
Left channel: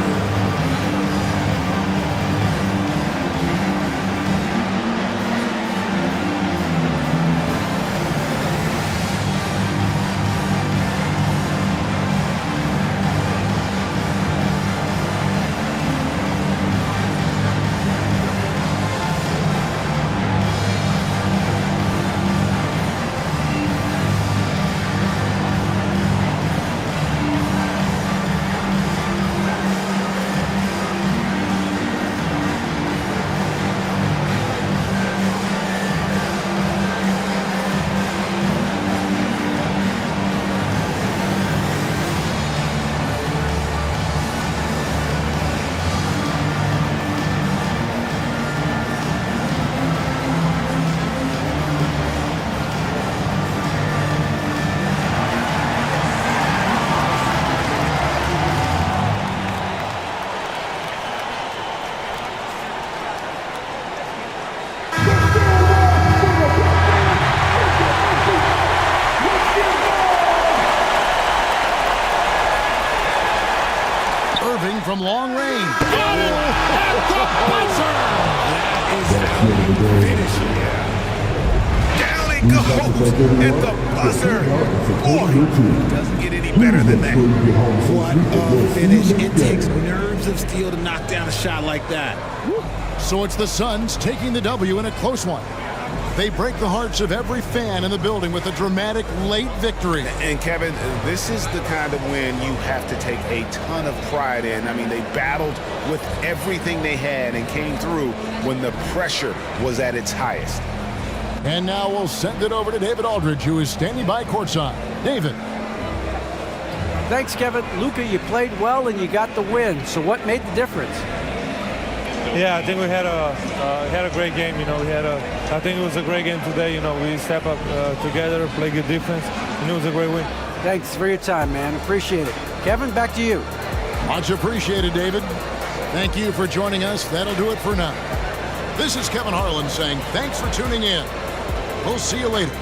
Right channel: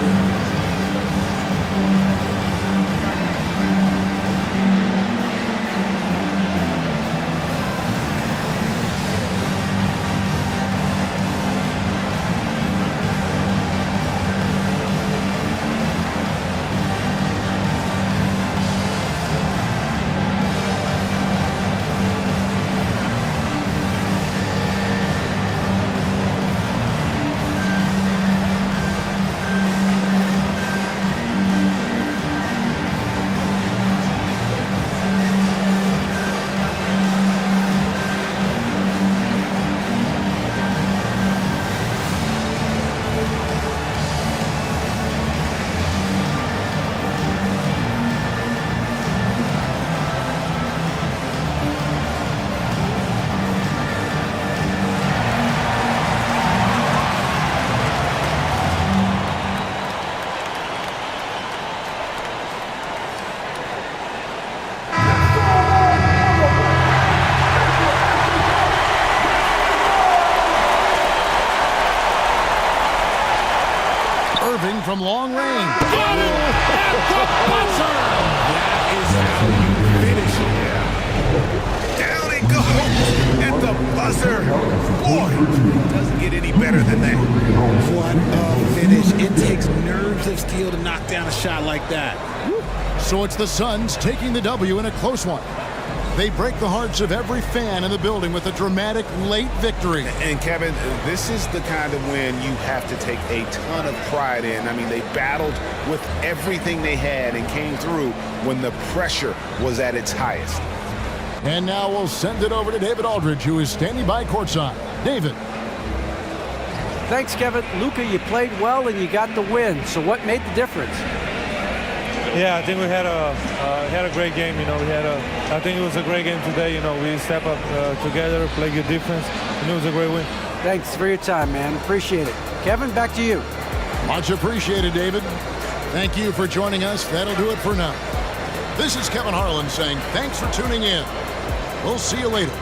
Irving from long range. Got it at the buzzer! That is how you finish it. Down it goes at the buzzer. Boy, it doesn't get any better than that. What a finish. It takes nerves of steel to knock down a shot like that. So it's the Suns taking the W in a close one. They break the hearts of every fan in the building with a dramatic late victory. And Kevin, this is the kind of win you have to take a ton of pride in. I mean, they battled with everything they had and came through when the pressure was at its highest. And now we'll send it over to David Aldridge, who is standing by courtside. David. Thanks, Kevin. Luka, you played well and you got the win. So what made the difference? Yeah, I think we had a great game. You know, I think it was a great game today. You know, we step up together, play good defense, and it was a great win. Thanks for your time, man. Appreciate it. Kevin, back to you. Much appreciated, David. Thank you for joining us. That'll do it for now. This is Kevin Harlan saying thanks for tuning in. We'll see you later.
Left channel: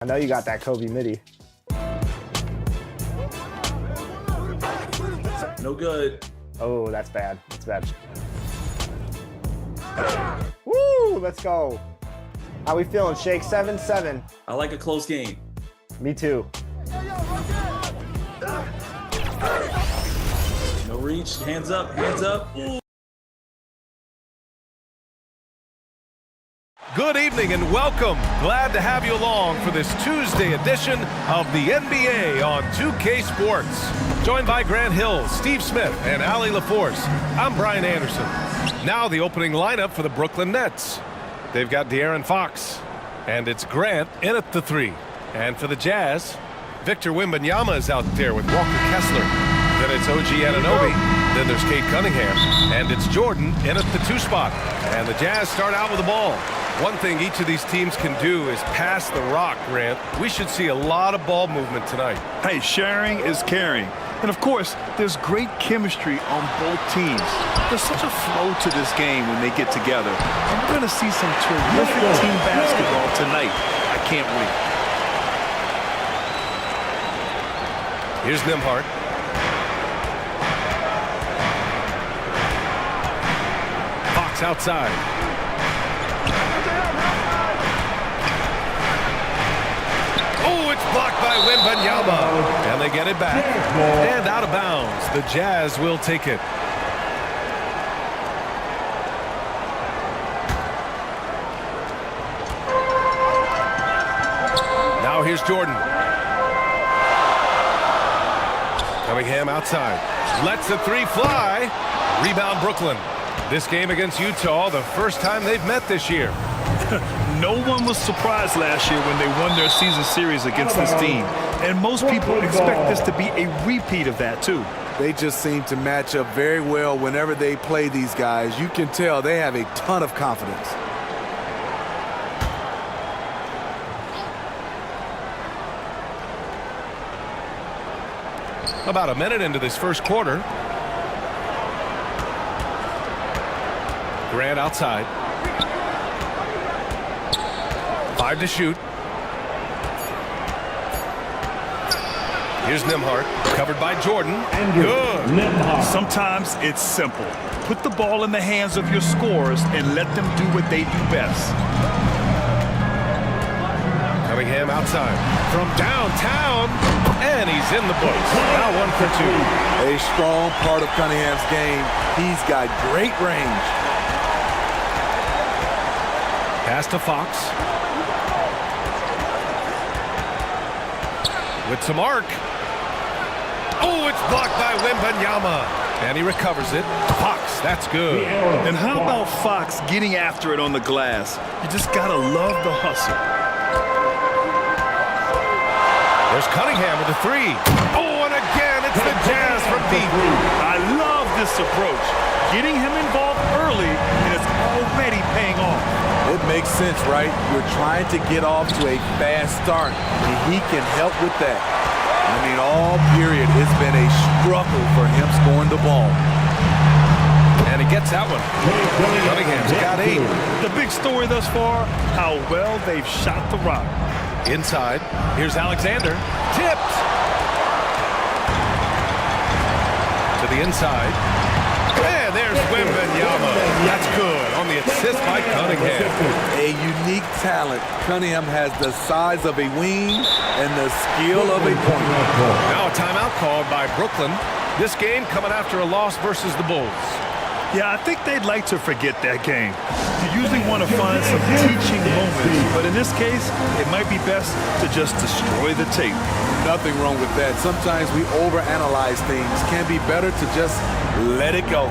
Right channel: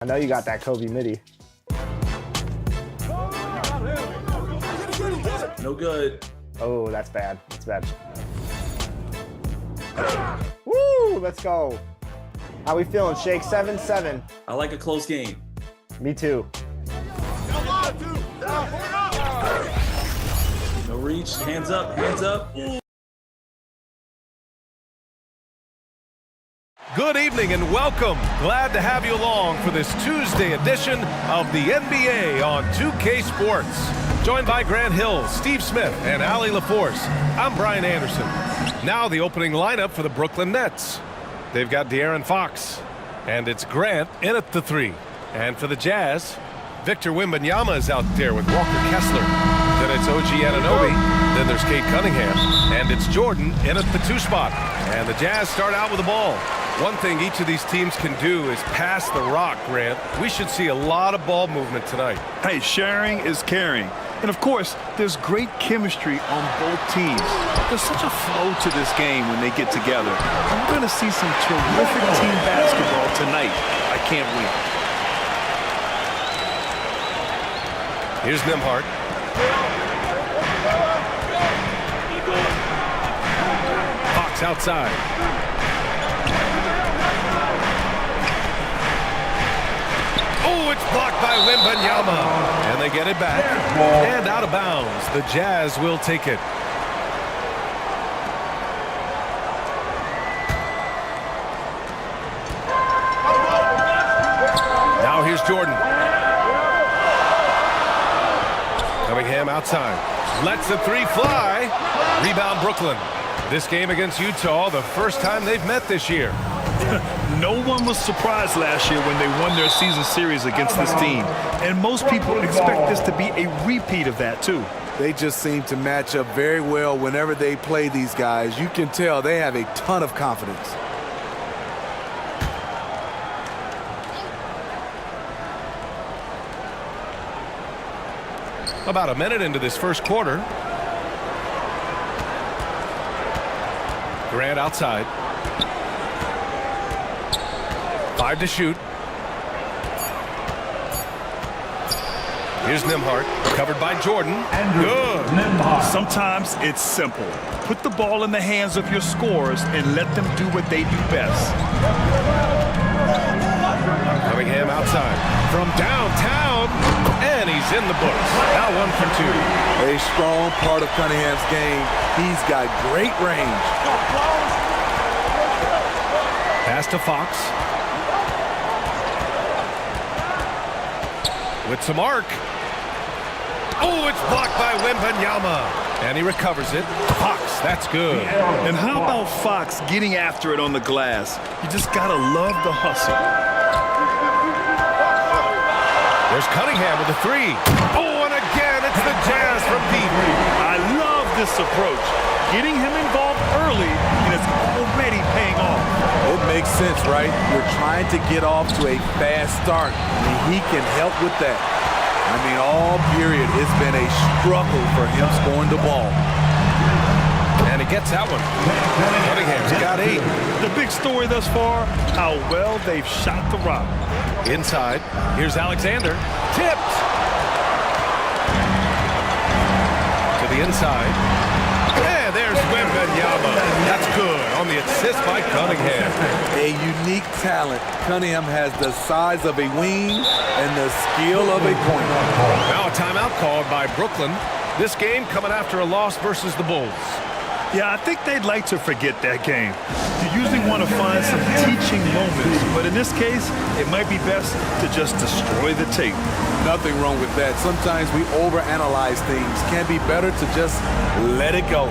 I know you got that Kobe midi. No good. Oh, that's bad. That's bad. Woo! Let's go. How we feeling, Shake? 7-7. I like a close game. Me too. No reach. Hands up. Hands up. Ooh. Good evening and welcome. Glad to have you along for this Tuesday edition of the NBA on 2K Sports. Joined by Grant Hill, Steve Smith, and Allie LaForce. I'm Brian Anderson. Now the opening lineup for the Brooklyn Nets. They've got De'Aaron Fox, and it's Grant in at the 3. And for the Jazz, Victor Wembanyama is out there with Walker Kessler. Then it's OG Anunoby. Then there's Kate Cunningham. And it's Jordan in at the 2 spot. And the Jazz start out with the ball. One thing each of these teams can do is pass the rock, Grant. We should see a lot of ball movement tonight. Hey, sharing is caring. And of course, there's great chemistry on both teams. There's such a flow to this game when they get together. And we're going to see some terrific team basketball tonight. I can't wait. Here's Nembhard. Fox outside. Oh, it's blocked by Wembanyama. And they get it back. And out of bounds. The Jazz will take it. Now here's Jordan. Cunningham outside. Lets the 3 fly. Rebound Brooklyn. This game against Utah, the first time they've met this year. No one was surprised last year when they won their season series against this team. And most people expect this to be a repeat of that, too. They just seem to match up very well whenever they play these guys. You can tell they have a ton of confidence. About a minute into this first quarter. Grant outside. 5 to shoot. Here's Nembhard, covered by Jordan. Good. Sometimes it's simple. Put the ball in the hands of your scorers and let them do what they do best. Cunningham outside from downtown, and he's in the books. Now 1 for 2. A strong part of Cunningham's game. He's got great range. Pass to Fox. With some arc. Oh, it's blocked by Wembanyama. And he recovers it. Fox, that's good. And how about Fox getting after it on the glass? You just gotta love the hustle. There's Cunningham with a 3. Oh, and again, it's the Jazz from deep. I love this approach. Getting him involved early, and it's already paying off. It makes sense, right? You're trying to get off to a fast start, and he can help with that. I mean, all period, it's been a struggle for him scoring the ball. And he gets that one. Cunningham's got 8. The big story thus far, how well they've shot the rock. Inside, here's Alexander. Tipped. To the inside. And there's Wembanyama. That's good on the assist by Cunningham. A unique talent. Cunningham has the size of a wing and the skill of a point. Now a timeout called by Brooklyn. This game coming after a loss versus the Bulls. Yeah, I think they'd like to forget that game. You usually want to find some teaching moments, but in this case, it might be best to just destroy the tape. Nothing wrong with that. Sometimes we overanalyze things. Can be better to just let it go.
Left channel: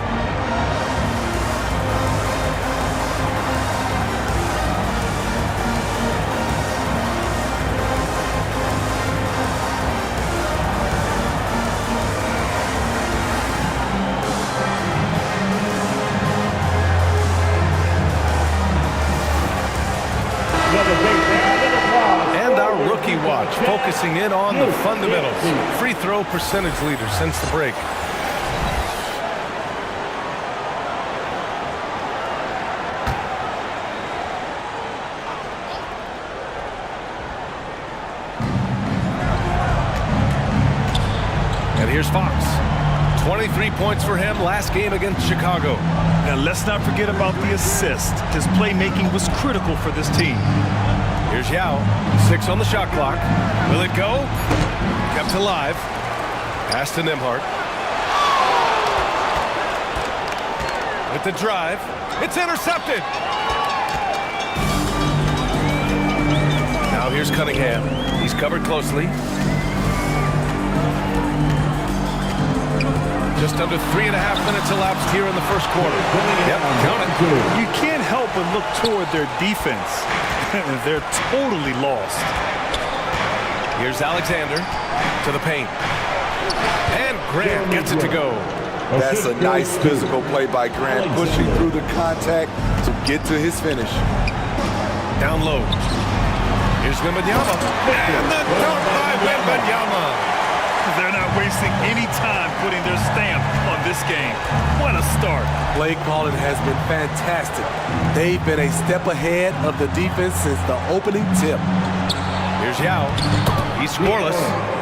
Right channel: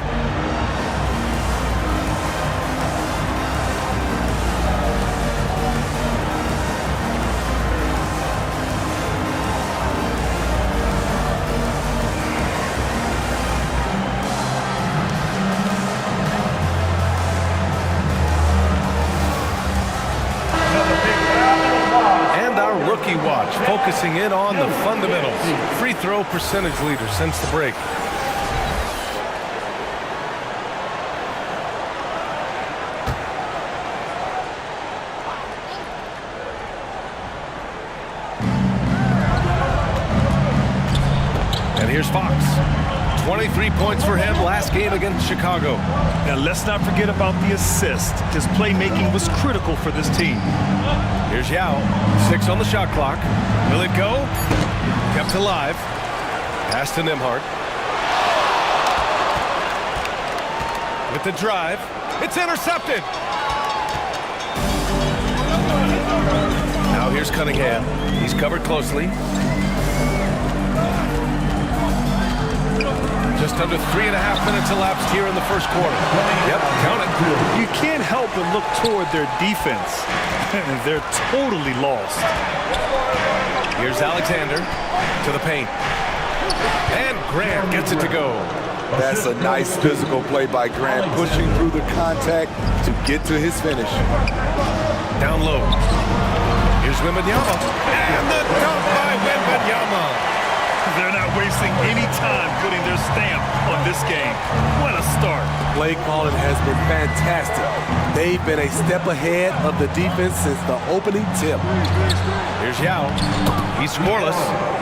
And our rookie watch, focusing in on the fundamentals. Free throw percentage leader since the break. And here's Fox. 23 points for him last game against Chicago. Now let's not forget about the assist. His playmaking was critical for this team. Here's Yao. 6 on the shot clock. Will it go? Kept alive. Pass to Nembhard. With the drive. It's intercepted. Now here's Cunningham. He's covered closely. Just under 3.5 minutes elapsed here in the first quarter. Yep, count it. You can't help but look toward their defense. They're totally lost. Here's Alexander to the paint. And Grant gets it to go. That's a nice physical play by Grant, pushing through the contact to get to his finish. Down low. Here's Wembanyama. And the dunk by Wembanyama. They're not wasting any time putting their stamp on this game. What a start. Play calling has been fantastic. They've been a step ahead of the defense since the opening tip. Here's Yao. He's scoreless.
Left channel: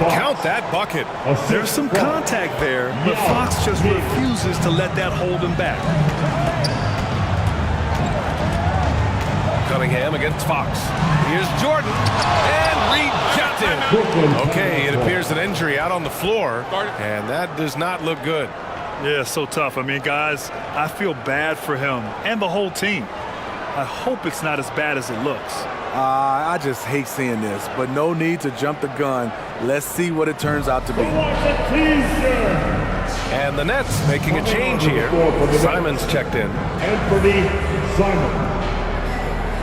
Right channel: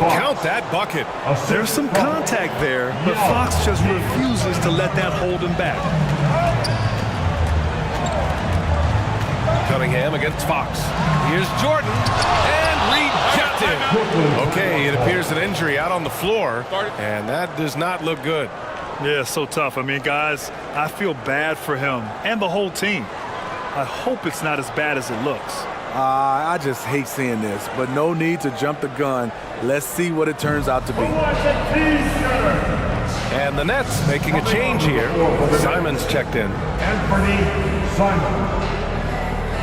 Count that bucket. There's some contact there, but Fox just refuses to let that hold him back. Cunningham against Fox. Here's Jordan. And rejected. Okay, it appears an injury out on the floor, and that does not look good. Yeah, so tough. I mean, guys, I feel bad for him and the whole team. I hope it's not as bad as it looks. I just hate seeing this, but no need to jump the gun. Let's see what it turns out to be. And the Nets making a change here. Simon's checked in. Anthony Simon.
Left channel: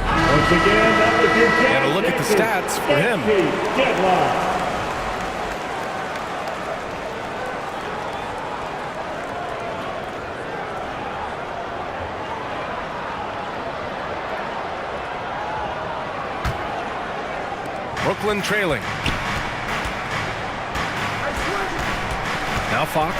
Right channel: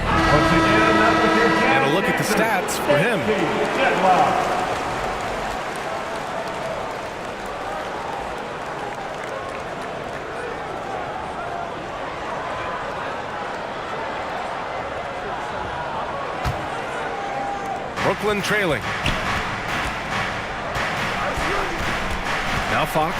Once again, that was your And a look at the stats for him. Brooklyn trailing. Now Fox,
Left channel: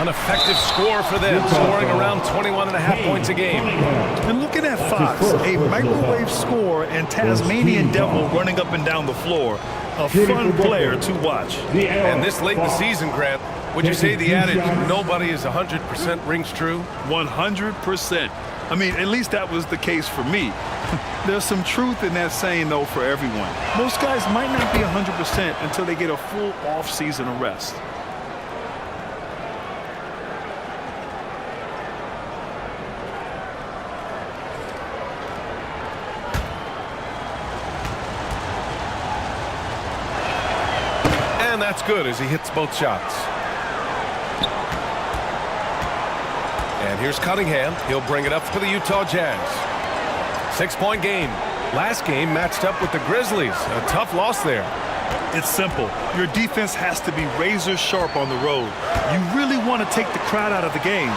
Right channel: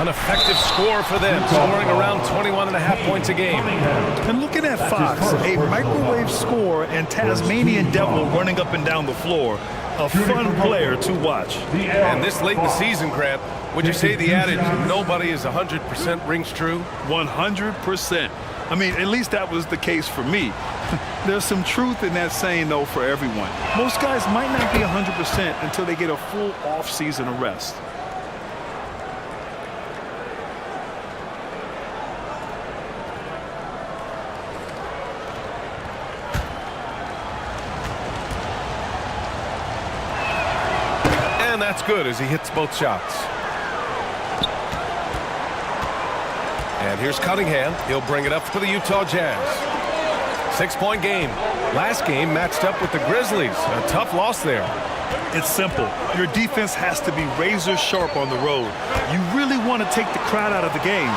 an effective score for them, scoring around 21.5 points a game. And looking at Fox, a microwave score and Tasmanian Devil running up and down the floor. A fun player to watch. And this late in the season, Grant, would you say the adage, nobody is 100% rings true? 100%. I mean, at least that was the case for me. There's some truth in that saying, though, for everyone. Most guys might not be 100% until they get a full off-season of rest. And that's good as he hits both shots. And here's Cunningham. He'll bring it up for the Utah Jazz. 6-point game. Last game matched up with the Grizzlies. A tough loss there. It's simple. Your defense has to be razor sharp on the road. You really want to take the crowd out of the game.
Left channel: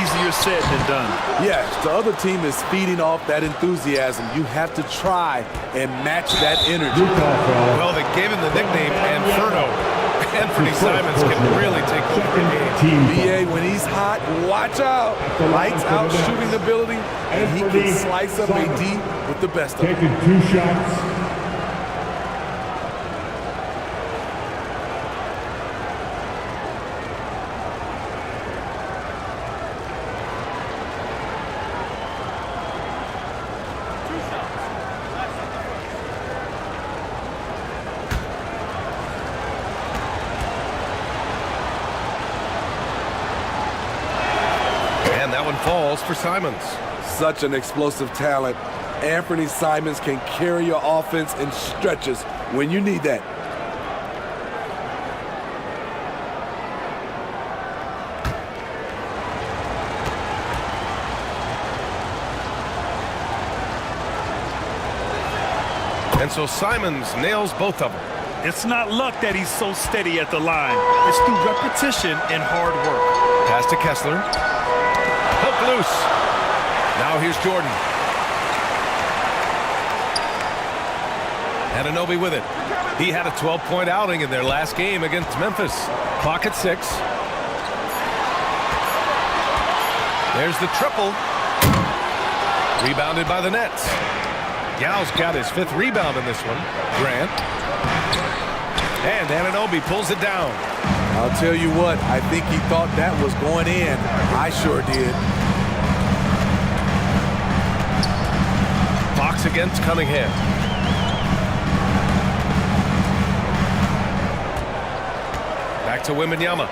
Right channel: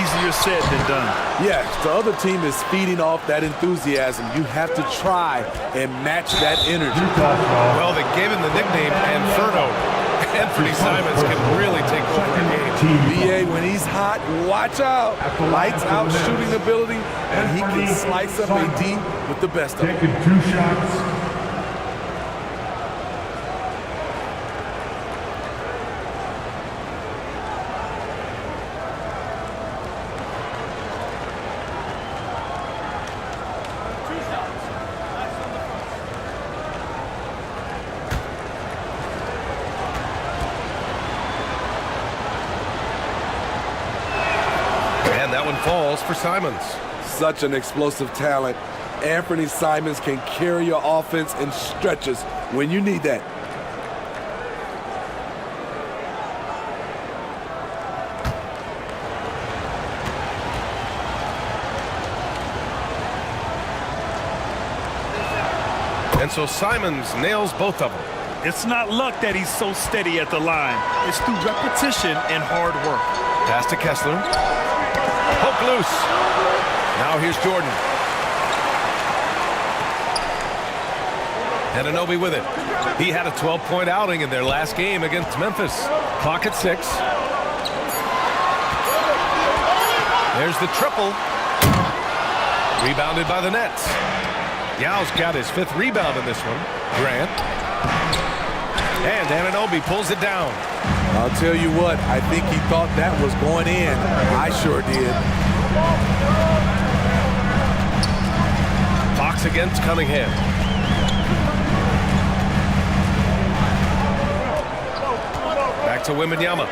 Easier said than done. Yes, the other team is feeding off that enthusiasm. You have to try and match that energy. Well, they gave him the nickname Inferno. Anthony Simons can really take over a game. BA, when he's hot, watch out. Lights out shooting ability, and he can slice up a D with the best of them. Taking 2 shots. And that one falls for Simons. Such an explosive talent. Anthony Simons can carry your offense in stretches when you need that. And so Simons nails both of them. It's not luck that he's so steady at the line. It's through repetition and hard work. Pass to Kessler. Hook loose. Now here's Jordan. Anunoby with it. He had a 12-point outing in their last game against Memphis. Clock at 6. There's the triple. Rebounded by the Nets. Yao's got his 5th rebound in this one. Grant. And Anunoby pulls it down. I'll tell you what, I think he thought that was going in. I sure did. Fox against Cunningham. Back to Wembanyama.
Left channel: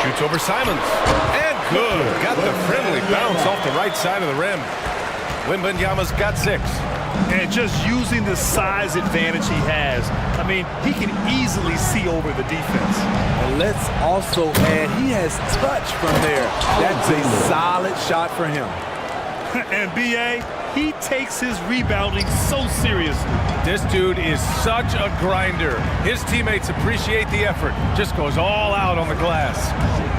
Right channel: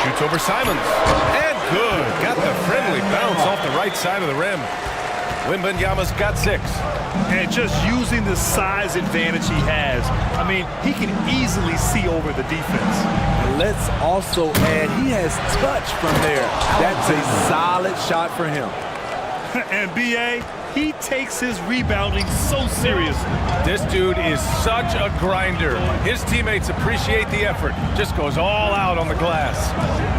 Shoots over Simons. And good. Got the friendly bounce off the right side of the rim. Wembanyama's got 6. And just using the size advantage he has, I mean, he can easily see over the defense. And let's also add, he has touch from there. That's a solid shot for him. And BA, he takes his rebounding so seriously. This dude is such a grinder. His teammates appreciate the effort. Just goes all out on the glass.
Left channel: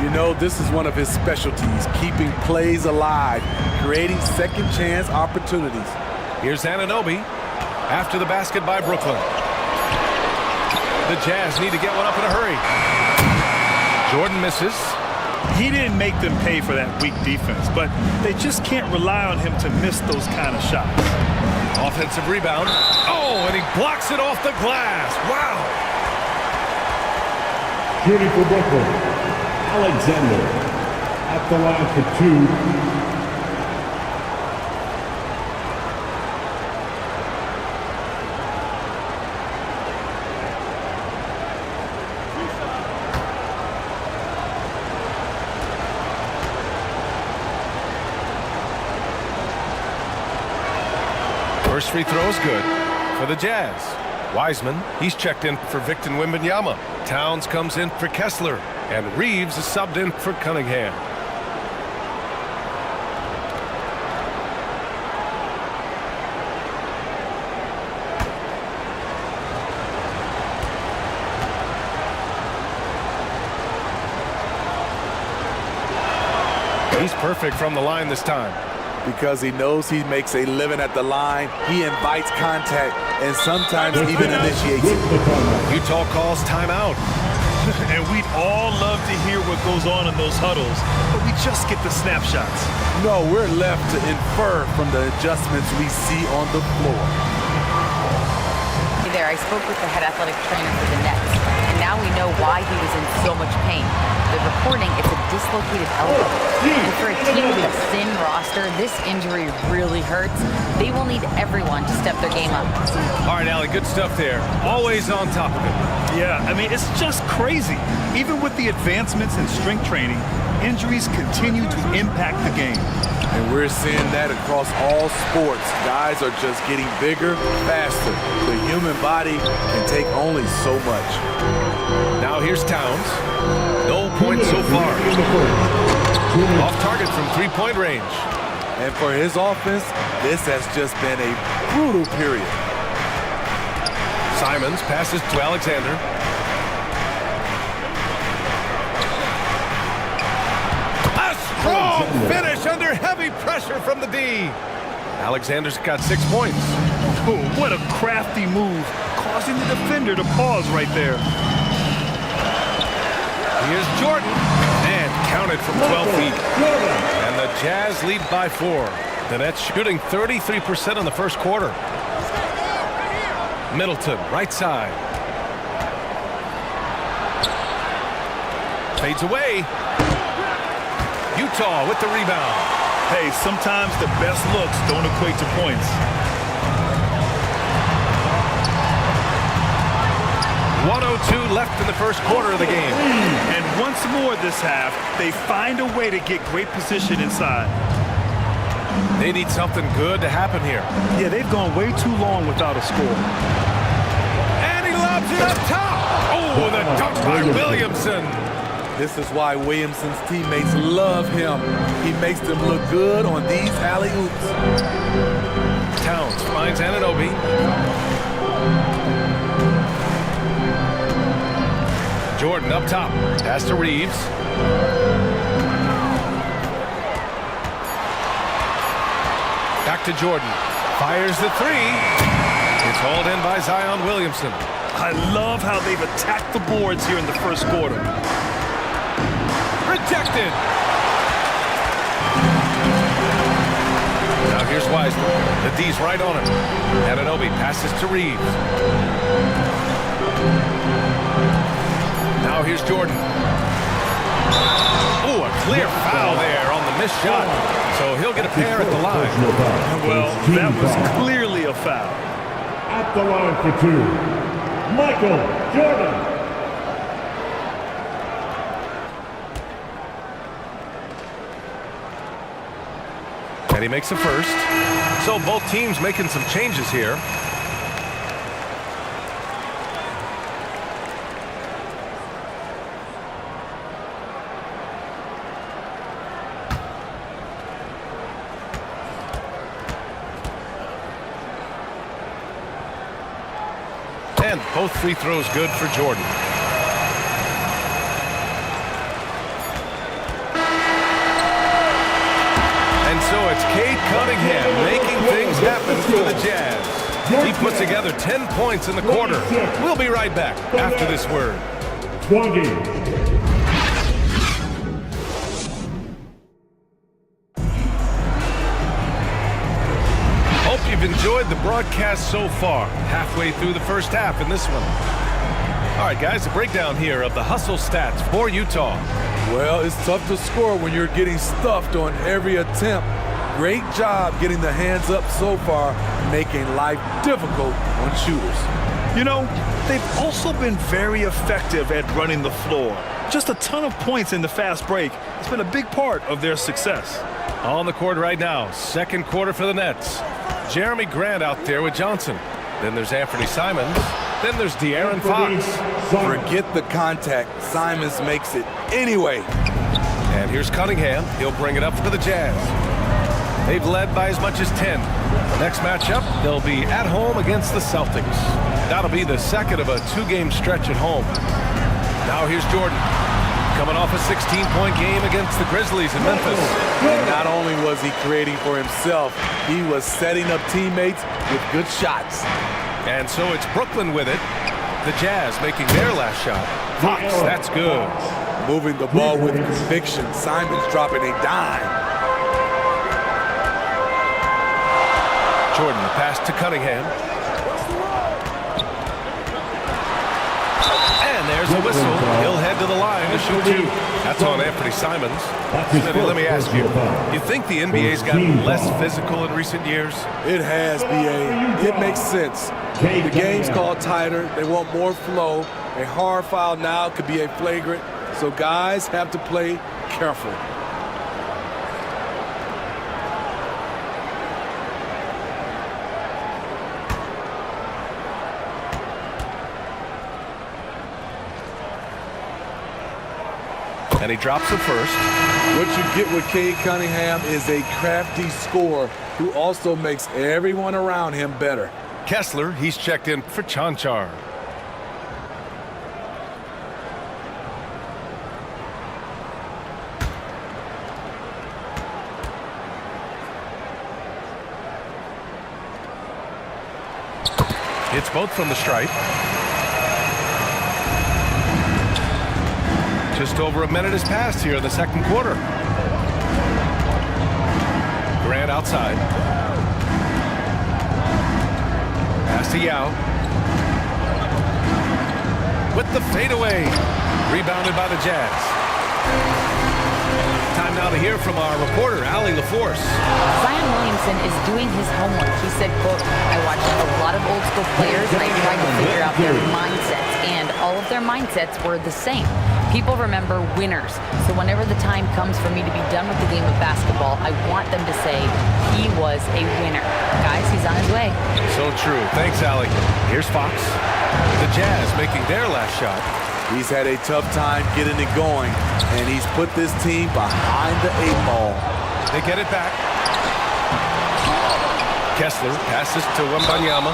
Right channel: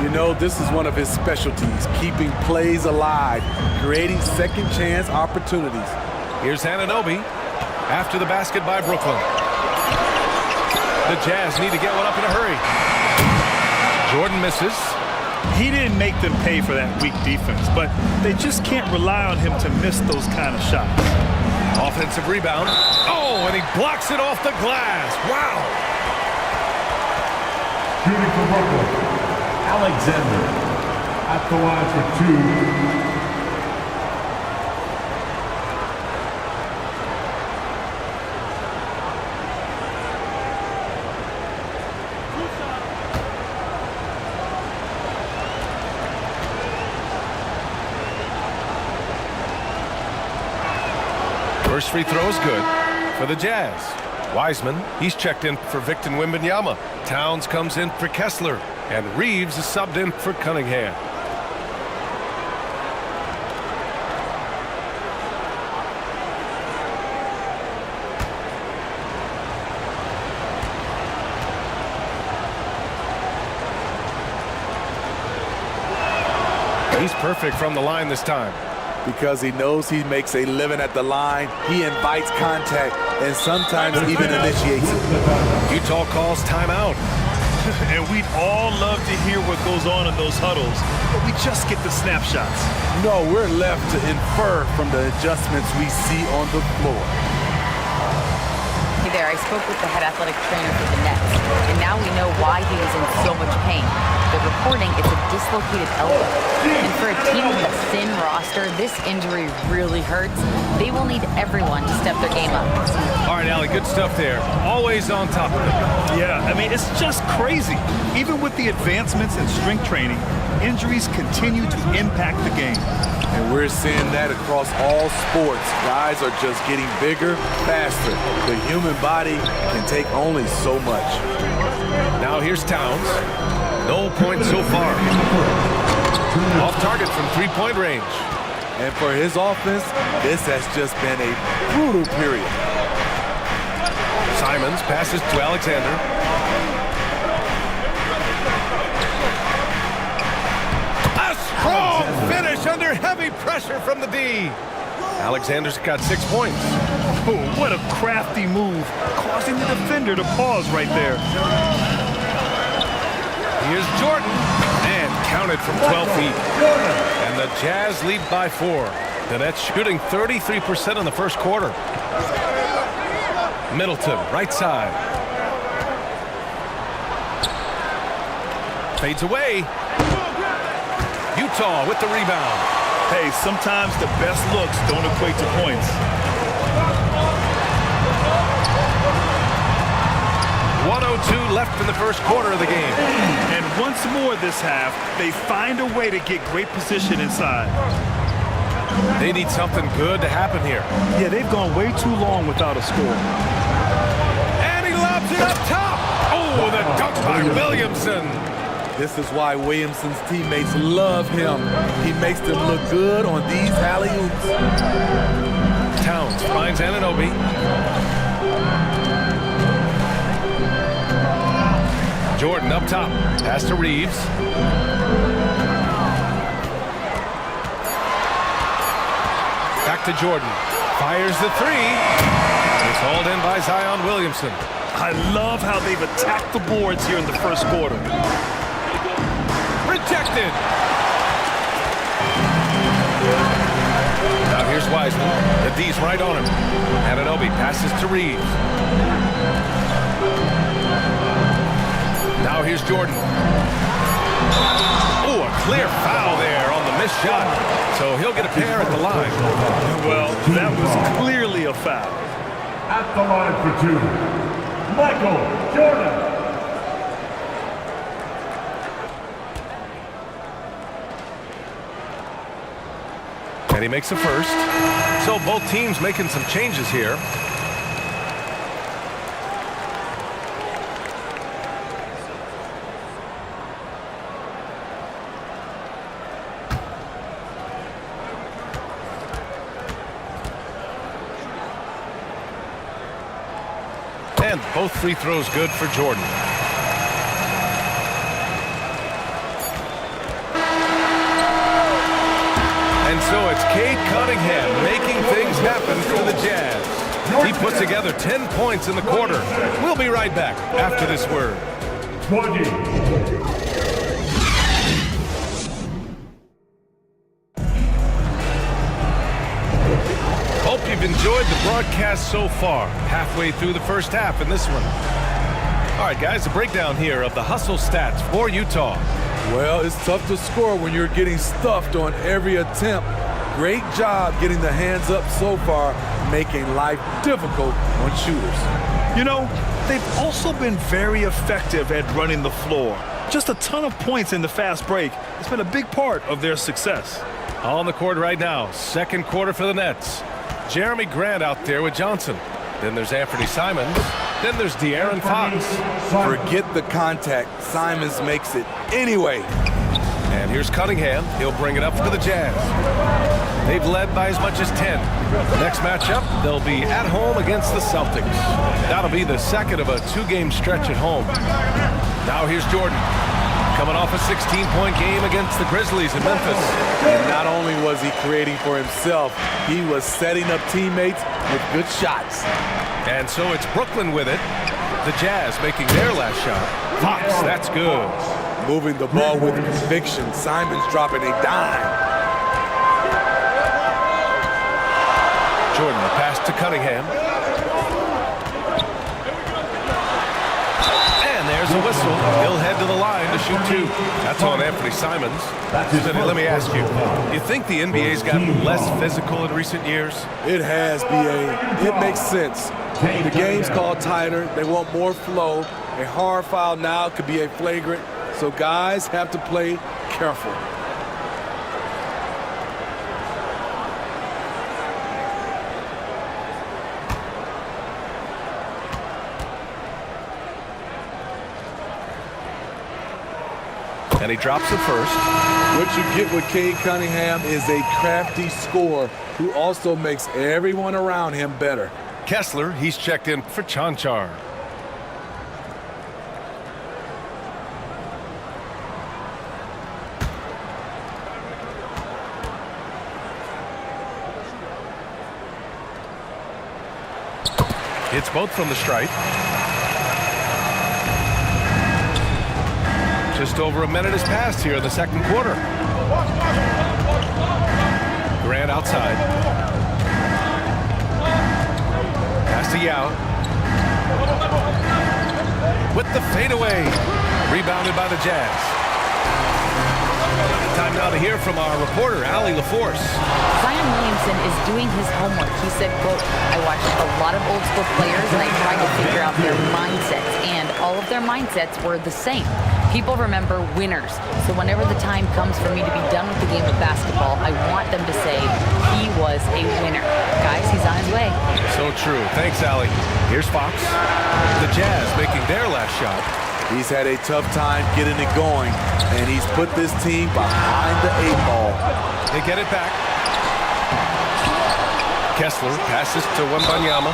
You know, this is one of his specialties, keeping plays alive, creating second chance opportunities. Here's Anunoby after the basket by Brooklyn. The Jazz need to get one up in a hurry. Jordan misses. He didn't make them pay for that weak defense, but they just can't rely on him to miss those kind of shots. Offensive rebound. Oh, and he blocks it off the glass. Wow. Shooting for Brooklyn, Alexander at the line for 2. First free throw is good for the Jazz. Wiseman, he's checked in for Victor Wembanyama. Towns comes in for Kessler. And Reeves is subbed in for Cunningham. He's perfect from the line this time. Because he knows he makes a living at the line, he invites contact and sometimes even initiates it. Utah calls timeout. And we'd all love to hear what goes on in those huddles, but we just get the snapshots. No, we're left to infer from the adjustments we see on the floor. Hey there, I spoke with the head athletic trainer for the Nets, and now we know why he was in so much pain. They're reporting it's a dislocated elbow. And for a team with a thin roster, this injury really hurts. They will need everyone to step their game up. All right, Allie, good stuff there. Always on top of it. Yeah, I mean, it's just crazy. Even with the advancements in strength training, injuries continue to impact the game. And we're seeing that across all sports. Guys are just getting bigger, faster. The human body can take only so much. Now here's Towns. No points so far. Off target from three-point range. And for his offense, this has just been a brutal period. Simons passes to Alexander. A strong finish under heavy pressure from the D. Alexander's got 6 points. Oh, what a crafty move, causing the defender to pause right there. Here's Jordan, and counted from 12 feet. And the Jazz lead by 4. The Nets shooting 33% in the first quarter. Middleton, right side. Fades away. Utah with the rebound. Hey, sometimes the best looks don't equate to points. 1:02 left in the first quarter of the game. And once more this half, they find a way to get great position inside. They need something good to happen here. Yeah, they've gone way too long without a score. And he lobs it up top. Oh, the dunk by Williamson. This is why Williamson's teammates love him. He makes them look good on these alley-oops. Towns finds Anunoby. Jordan up top. Pass to Reeves. Back to Jordan. Fires the three. It's hauled in by Zion Williamson. I love how they've attacked the boards here in the first quarter. Rejected. Now here's Wiseman. The D's right on him. Anunoby passes to Reeves. Now here's Jordan. Oh, a clear foul there on the missed shot. So he'll get a pair at the line. Well, that was clearly a foul. At the line for 2, Michael Jordan. And he makes a first. So both teams making some changes here. And both free throws good for Jordan. And so it's Cade Cunningham making things happen for the Jazz. He put together 10 points in the quarter. We'll be right back after this word. 20. Hope you've enjoyed the broadcast so far. Halfway through the first half in this one. All right, guys, a breakdown here of the hustle stats for Utah. Well, it's tough to score when you're getting stuffed on every attempt. Great job getting the hands up so far, making life difficult on shooters. You know, they've also been very effective at running the floor. Just a ton of points in the fast break. It's been a big part of their success. On the court right now, second quarter for the Nets. Jeremy Grant out there with Johnson. Then there's Anthony Simons. Then there's De'Aaron Fox. Forget the contact. Simons makes it anyway. And here's Cunningham. He'll bring it up for the Jazz. They've led by as much as 10. Next matchup, they'll be at home against the Celtics. That'll be the second of a 2-game stretch at home. Now here's Jordan. Coming off a 16-point game against the Grizzlies in Memphis. And not only was he creating for himself, he was setting up teammates with good shots. And so it's Brooklyn with it. The Jazz making their last shot. Fox, that's good. Moving the ball with conviction. Simons dropping a dime. Jordan, the pass to Cunningham. And there's a whistle. He'll head to the line to shoot 2. That's on Anthony Simons. Smitty, let me ask you, you think the NBA's gotten less physical in recent years? It has, B.A. It makes sense. The game's called tighter. They want more flow. A hard foul now could be a flagrant, so guys have to play careful. And he drops the first. What you get with Cade Cunningham is a crafty scorer who also makes everyone around him better. Kessler, he's checked in for Chanchar. Hits both from the stripe. Just over a minute has passed here in the second quarter. Grant outside. Pass to Yao. With the fadeaway. Rebounded by the Jazz. Time now to hear from our reporter, Allie LaForce. Zion Williamson is doing his homework. He said, quote, I watched a lot of old school players and I tried to figure out their mindsets, and all of their mindsets were the same. People remember winners. So whenever the time comes for me to be done with the game of basketball, I want them to say he was a winner. Guys, he's on his way. So true. Thanks, Allie. Here's Fox. The Jazz making their last shot. He's had a tough time getting it going, and he's put this team behind the 8 ball. They get it back. Kessler passes to Wembanyama.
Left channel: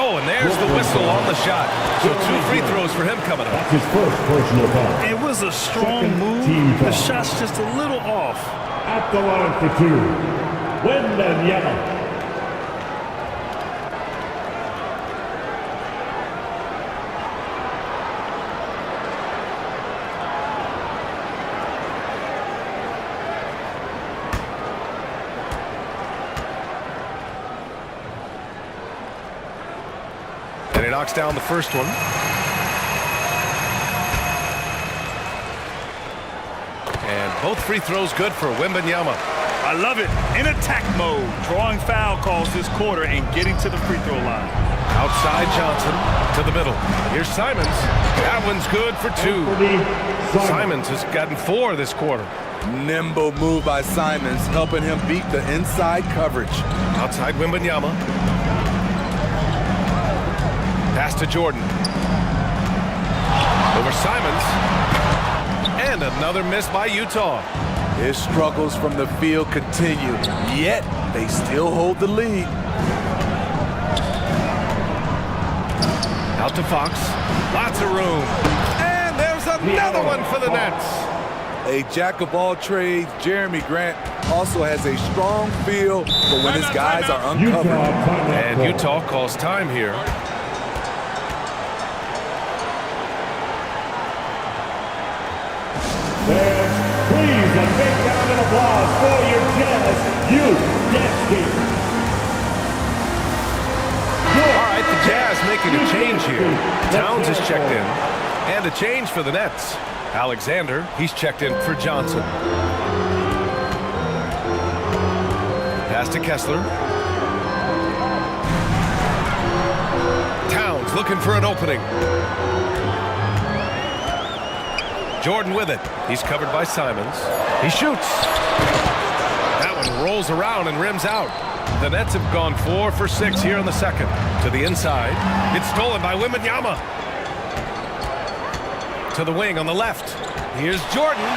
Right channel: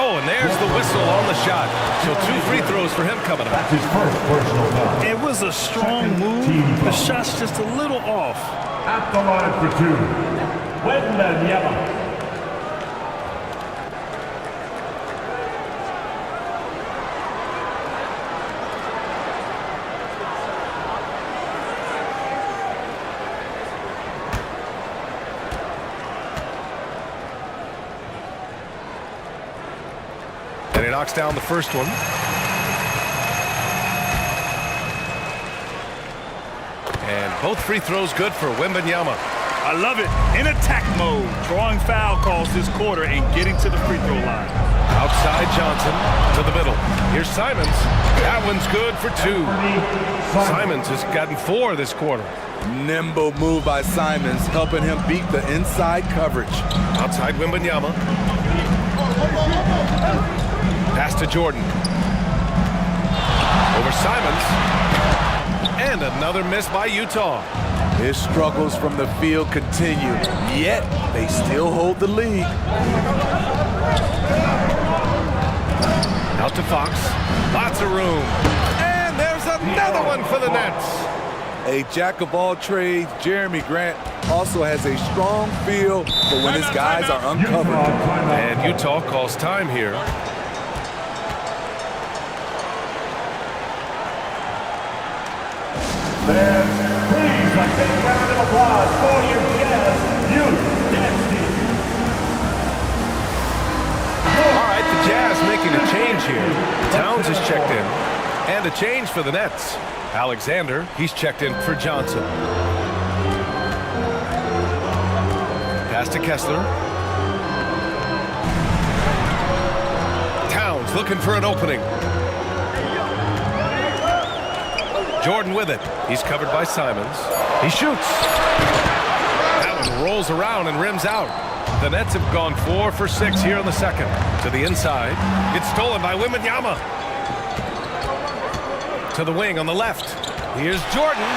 Oh, and there's the whistle on the shot. So 2 free throws for him coming up. That's his first personal foul. It was a strong move. The shot's just a little off. At the line for 2, Wembanyama. And he knocks down the first one. And both free throws good for Wembanyama. I love it. In attack mode, drawing foul calls this quarter and getting to the free throw line. Outside Johnson to the middle. Here's Simons. That one's good for 2. Simons has gotten 4 this quarter. Nimble move by Simons, helping him beat the inside coverage. Outside Wembanyama. Pass to Jordan. Over Simons. And another miss by Utah. His struggles from the field continue, yet they still hold the lead. Out to Fox. Lots of room. And there's another one for the Nets. A jack of all trades, Jeremy Grant also has a strong feel for when his guys are uncovered. And Utah calls time here. Fans, please, a big round of applause for your Jazz Youth Dance Team. All right, the Jazz making a change here. Towns is checked in. And a change for the Nets. Alexander, he's checked in for Johnson. Pass to Kessler. Towns looking for an opening. Jordan with it. He's covered by Simons. He shoots. That one rolls around and rims out. The Nets have gone 4 for 6 here in the second. To the inside. It's stolen by Wembanyama. To the wing on the left. Here's Jordan.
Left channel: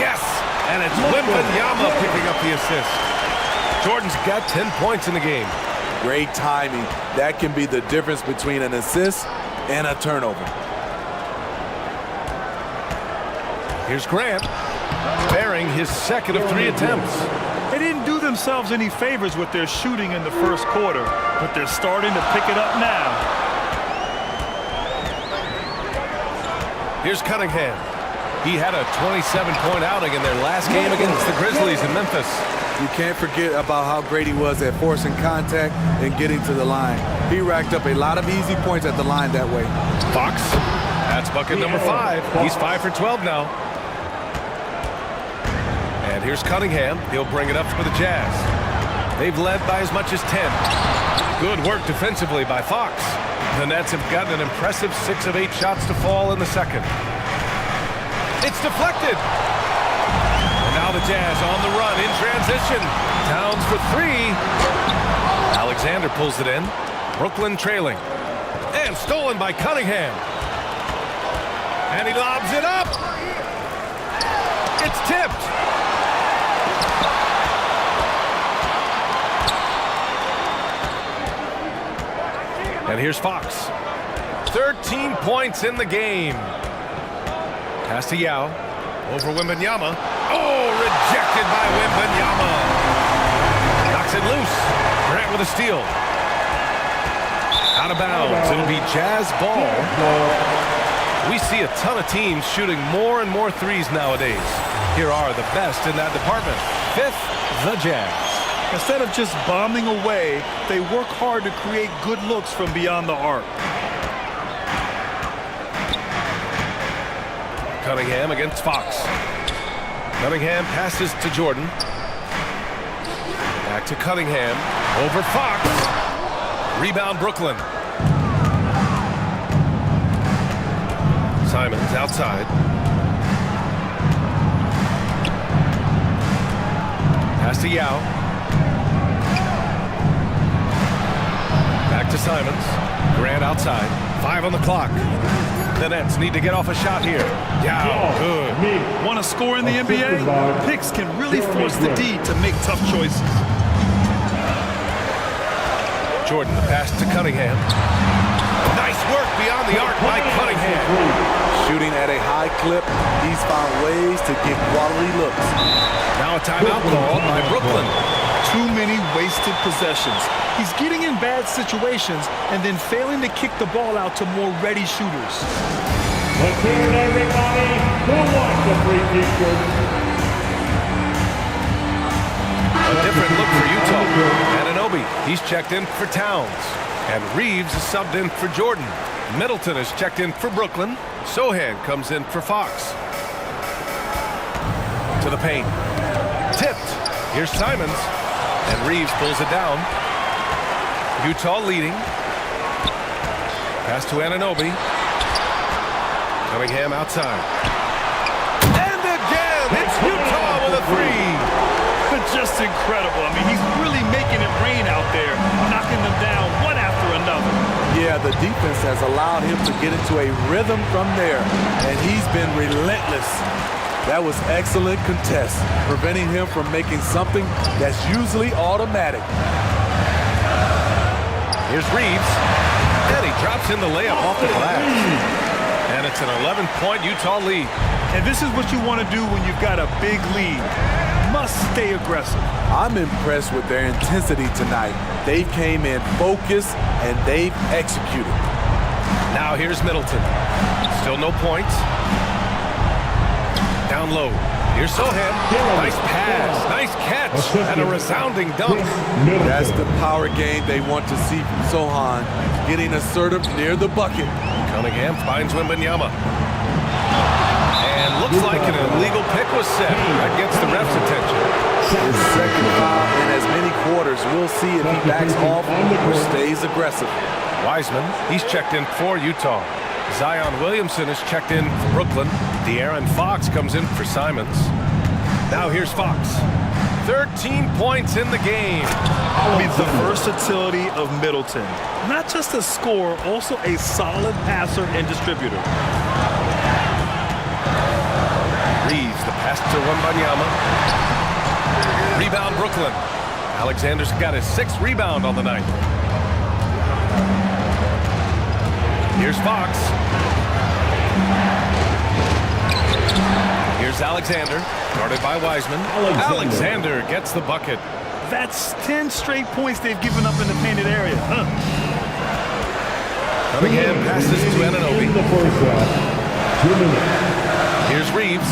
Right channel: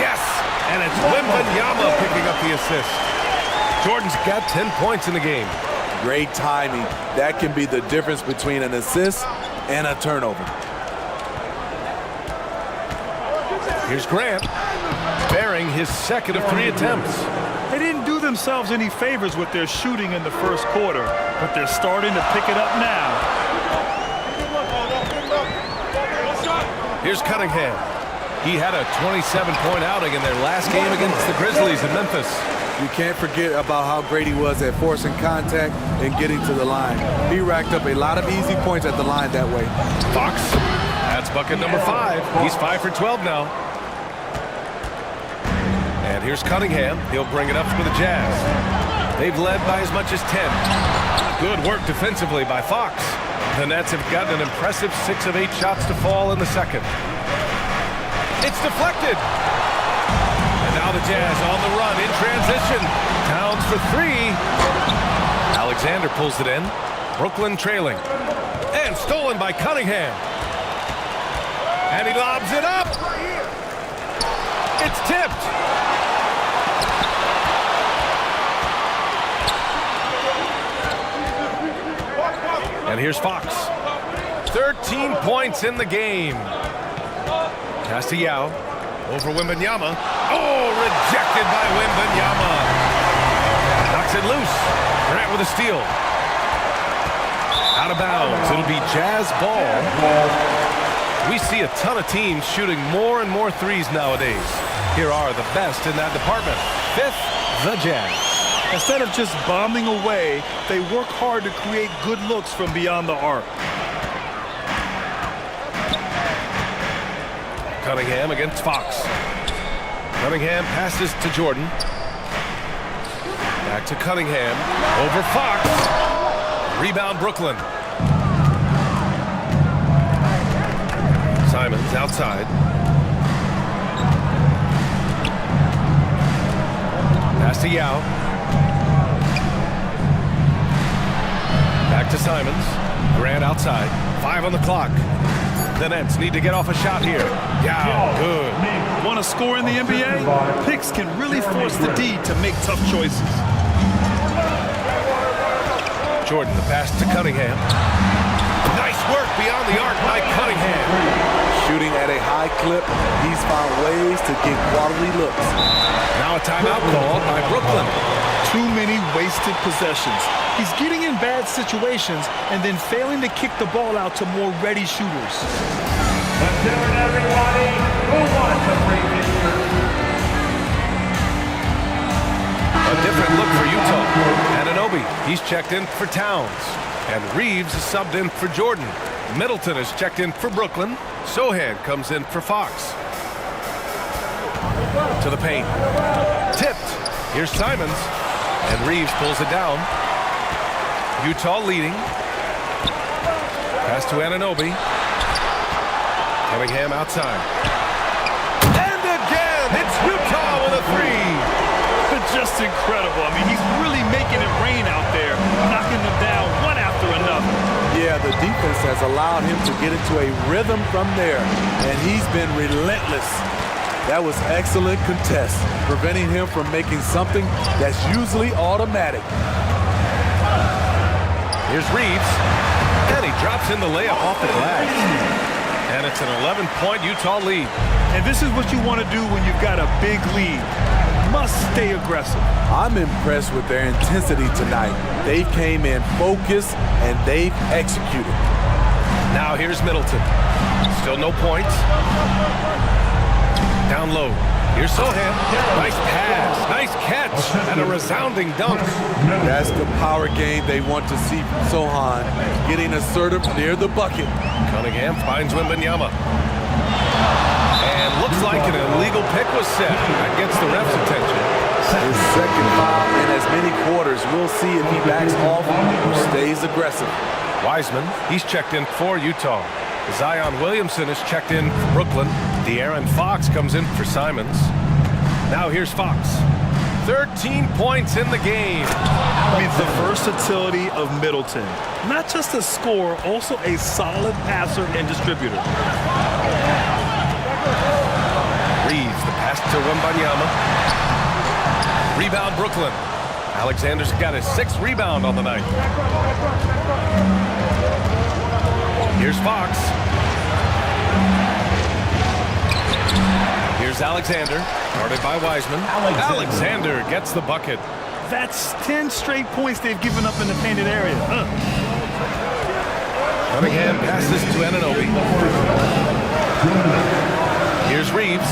Yes! And it's Wembanyama picking up the assist. Jordan's got 10 points in the game. Great timing. That can be the difference between an assist and a turnover. Here's Grant, bearing his second of 3 attempts. They didn't do themselves any favors with their shooting in the first quarter, but they're starting to pick it up now. Here's Cunningham. He had a 27-point outing in their last game against the Grizzlies in Memphis. You can't forget about how great he was at forcing contact and getting to the line. He racked up a lot of easy points at the line that way. Fox, that's bucket number 5. He's 5 for 12 now. And here's Cunningham. He'll bring it up for the Jazz. They've led by as much as 10. Good work defensively by Fox. The Nets have gotten an impressive 6 of 8 shots to fall in the second. It's deflected. And now the Jazz on the run in transition. Towns for 3. Alexander pulls it in. Brooklyn trailing. And stolen by Cunningham. And he lobs it up. It's tipped. And here's Fox. 13 points in the game. Pass to Yao. Over Wembanyama. Oh, rejected by Wembanyama. Knocks it loose. Grant with a steal. Out of bounds. It'll be Jazz ball. We see a ton of teams shooting more and more threes nowadays. Here are the best in that department. 5th, the Jazz. Instead of just bombing away, they work hard to create good looks from beyond the arc. Cunningham against Fox. Cunningham passes to Jordan. Back to Cunningham. Over Fox. Rebound Brooklyn. Simons outside. Pass to Yao. Back to Simons. Grant outside. 5 on the clock. The Nets need to get off a shot here. Yao, good. Want to score in the NBA? Picks can really force the D to make tough choices. Jordan, the pass to Cunningham. Nice work beyond the arc by Cunningham. Shooting at a high clip, he's found ways to get quality looks. Now a timeout called by Brooklyn. Too many wasted possessions. He's getting in bad situations and then failing to kick the ball out to more ready shooters. Let's hear it, everybody. Who wants a free t-shirt? A different look for Utah. Anunoby, he's checked in for Towns. And Reeves is subbed in for Jordan. Middleton is checked in for Brooklyn. Sohan comes in for Fox. To the paint. Tipped. Here's Simons. And Reeves pulls it down. Utah leading. Pass to Anunoby. Cunningham outside. And again, it's Utah with a 3. Just incredible. I mean, he's really making it rain out there, knocking them down one after another. Yeah, the defense has allowed him to get into a rhythm from there, and he's been relentless. That was excellent contest, preventing him from making something that's usually automatic. Here's Reeves, and he drops in the layup off the glass. And it's an 11-point Utah lead. And this is what you want to do when you've got a big lead. Must stay aggressive. I'm impressed with their intensity tonight. They came in focused, and they've executed. Now here's Middleton. Still no points. Down low. Here's Sohan. Nice pass, nice catch, and a resounding dunk. That's the power game they want to see from Sohan, getting assertive near the bucket. Cunningham finds Wembanyama. And looks like an illegal pick was set. That gets the ref's attention. His second foul in as many quarters. We'll see if he backs off or stays aggressive. Wiseman, he's checked in for Utah. Zion Williamson is checked in for Brooklyn. De'Aaron Fox comes in for Simons. Now here's Fox. 13 points in the game. I mean, the versatility of Middleton. Not just a scorer, also a solid passer and distributor. Reeves, the pass to Wembanyama. Rebound Brooklyn. Alexander's got his 6th rebound on the night. Here's Fox. Here's Alexander, guarded by Wiseman. Alexander gets the bucket. That's 10 straight points they've given up in the painted area. Cunningham passes to Anunoby. Here's Reeves.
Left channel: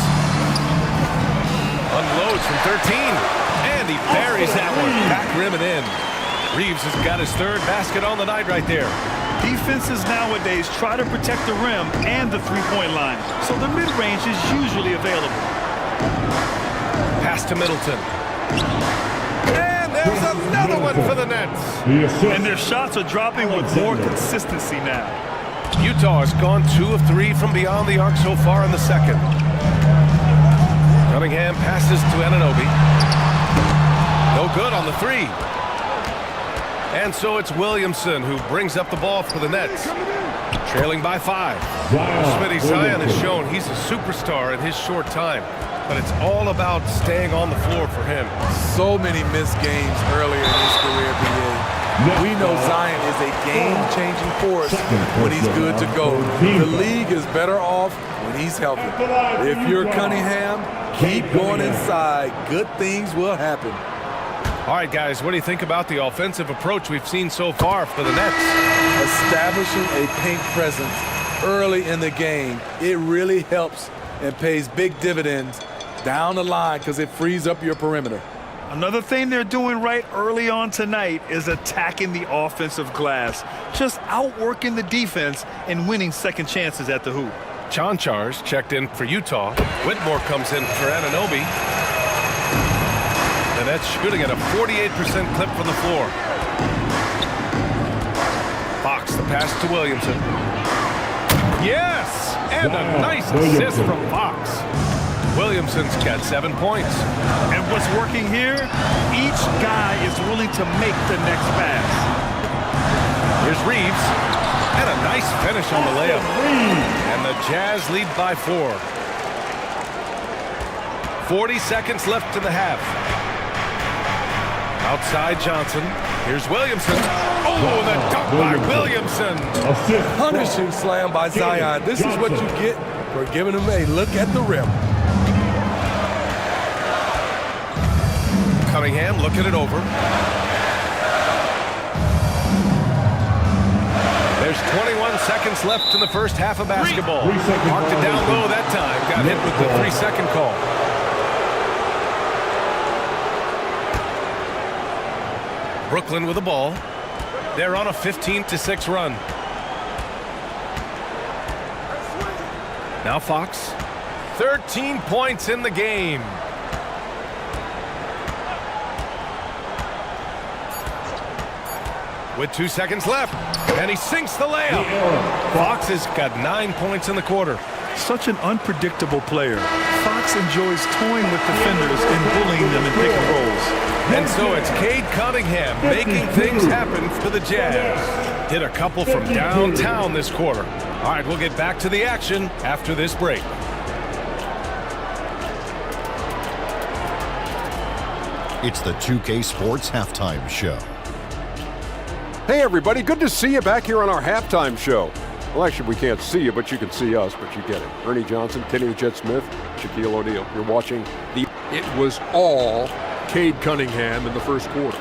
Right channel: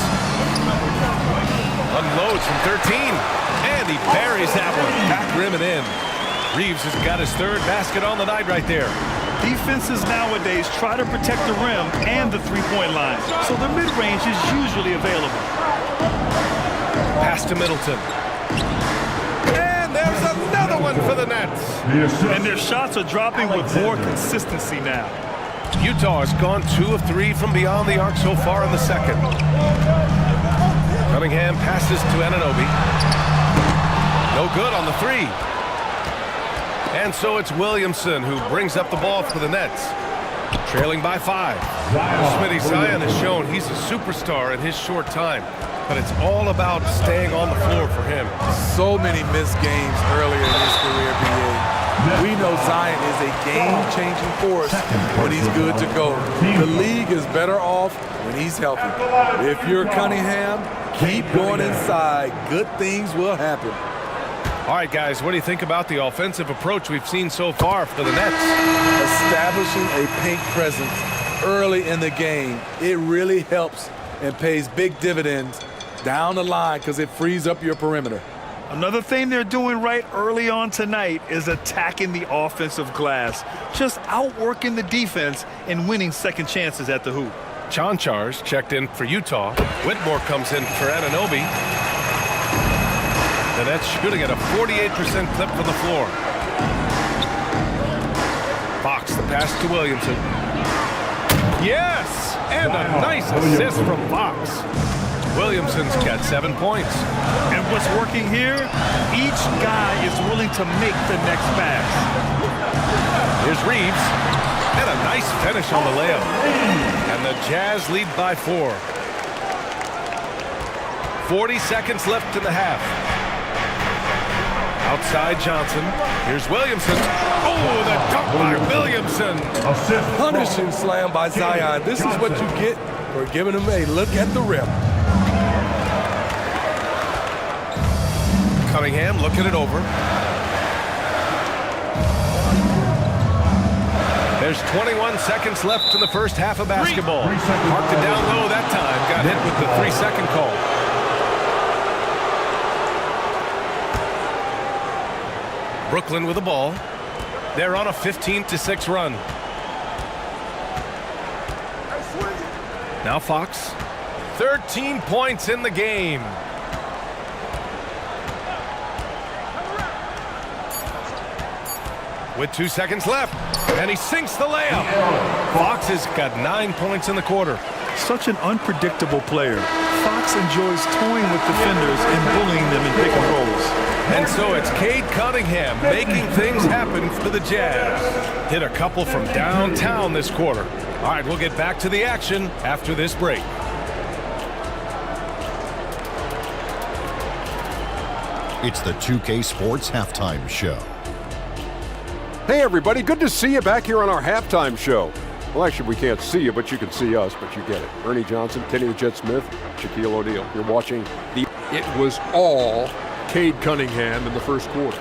Unloads from 13. And he buries that one. Back rim and in. Reeves has got his third basket on the night right there. Defenses nowadays try to protect the rim and the three-point line, so the mid-range is usually available. Pass to Middleton. And there's another one for the Nets. And their shots are dropping with more consistency now. Utah has gone 2 of 3 from beyond the arc so far in the second. Cunningham passes to Anunoby. No good on the three. And so it's Williamson who brings up the ball for the Nets. Trailing by 5. Smitty, Zion has shown he's a superstar in his short time, but it's all about staying on the floor for him. So many missed games earlier in his career, BA. We know Zion is a game-changing force when he's good to go. The league is better off when he's healthy. If you're Cunningham, keep going inside. Good things will happen. All right, guys, what do you think about the offensive approach we've seen so far for the Nets? Establishing a paint presence early in the game, it really helps and pays big dividends down the line because it frees up your perimeter. Another thing they're doing right early on tonight is attacking the offensive glass, just outworking the defense and winning second chances at the hoop. Chanchar's checked in for Utah. Whitmore comes in for Anunoby. The Nets shooting at a 48% clip from the floor. Fox, the pass to Williamson. Yes! And a nice assist from Fox. Williamson's got 7 points. And what's working here? Each guy is willing to make the next pass. Here's Reeves. And a nice finish on the layup. And the Jazz lead by 4. 40 seconds left in the half. Outside Johnson. Here's Williamson. Oh, the dunk by Williamson. Punishing slam by Zion. This is what you get for giving him a look at the rim. Cunningham looking it over. There's 21 seconds left in the first half of basketball. Marked it down low that time. Got hit with the 3-second call. Brooklyn with the ball. They're on a 15-6 run. Now Fox. 13 points in the game. With 2 seconds left. And he sinks the layup. Fox has got 9 points in the quarter. Such an unpredictable player. Fox enjoys toying with defenders and bullying them in pick and rolls. And so it's Cade Cunningham making things happen for the Jazz. Hit a couple from downtown this quarter. All right, we'll get back to the action after this break. It's the 2K Sports Halftime Show. Hey, everybody. Good to see you back here on our halftime show. Well, actually, we can't see you, but you can see us, but you get it. Ernie Johnson, Kenny the Jet Smith, Shaquille O'Neal. You're watching the... It was all Cade Cunningham in the first quarter.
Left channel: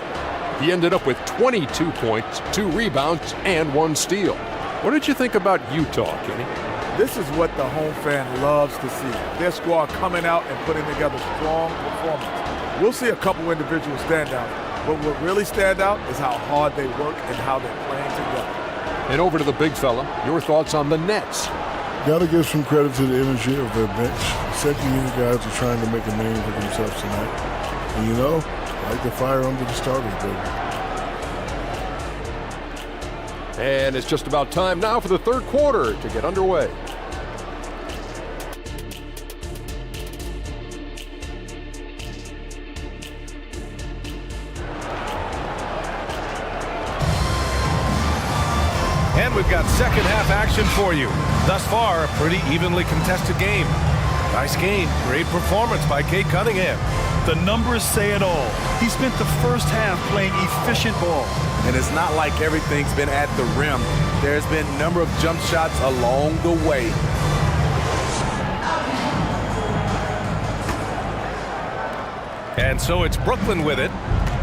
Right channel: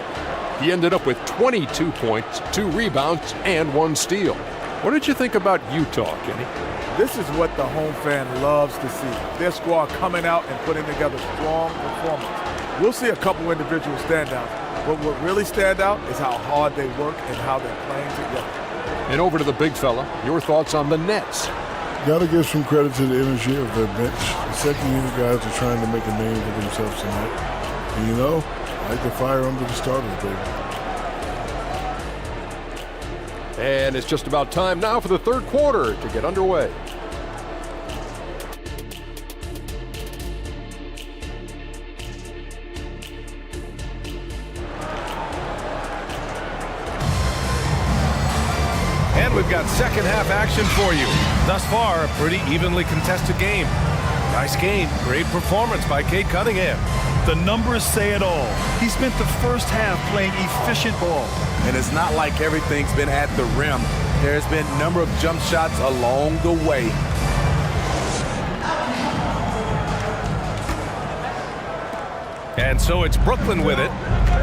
He ended up with 22 points, 2 rebounds, and 1 steal. What did you think about Utah, Kenny? This is what the home fan loves to see. Their squad coming out and putting together strong performance. We'll see a couple individual standouts, but what really stand out is how hard they work and how they're playing together. And over to the big fella, your thoughts on the Nets? Got to give some credit to the energy of their bench. The second unit guys are trying to make a name for themselves tonight. And you know, I like the fire under the starters, baby. And it's just about time now for the third quarter to get underway. And we've got second half action for you. Thus far, a pretty evenly contested game. Nice game. Great performance by Cade Cunningham. The numbers say it all. He spent the first half playing efficient ball. And it's not like everything's been at the rim. There's been a number of jump shots along the way. And so it's Brooklyn with it.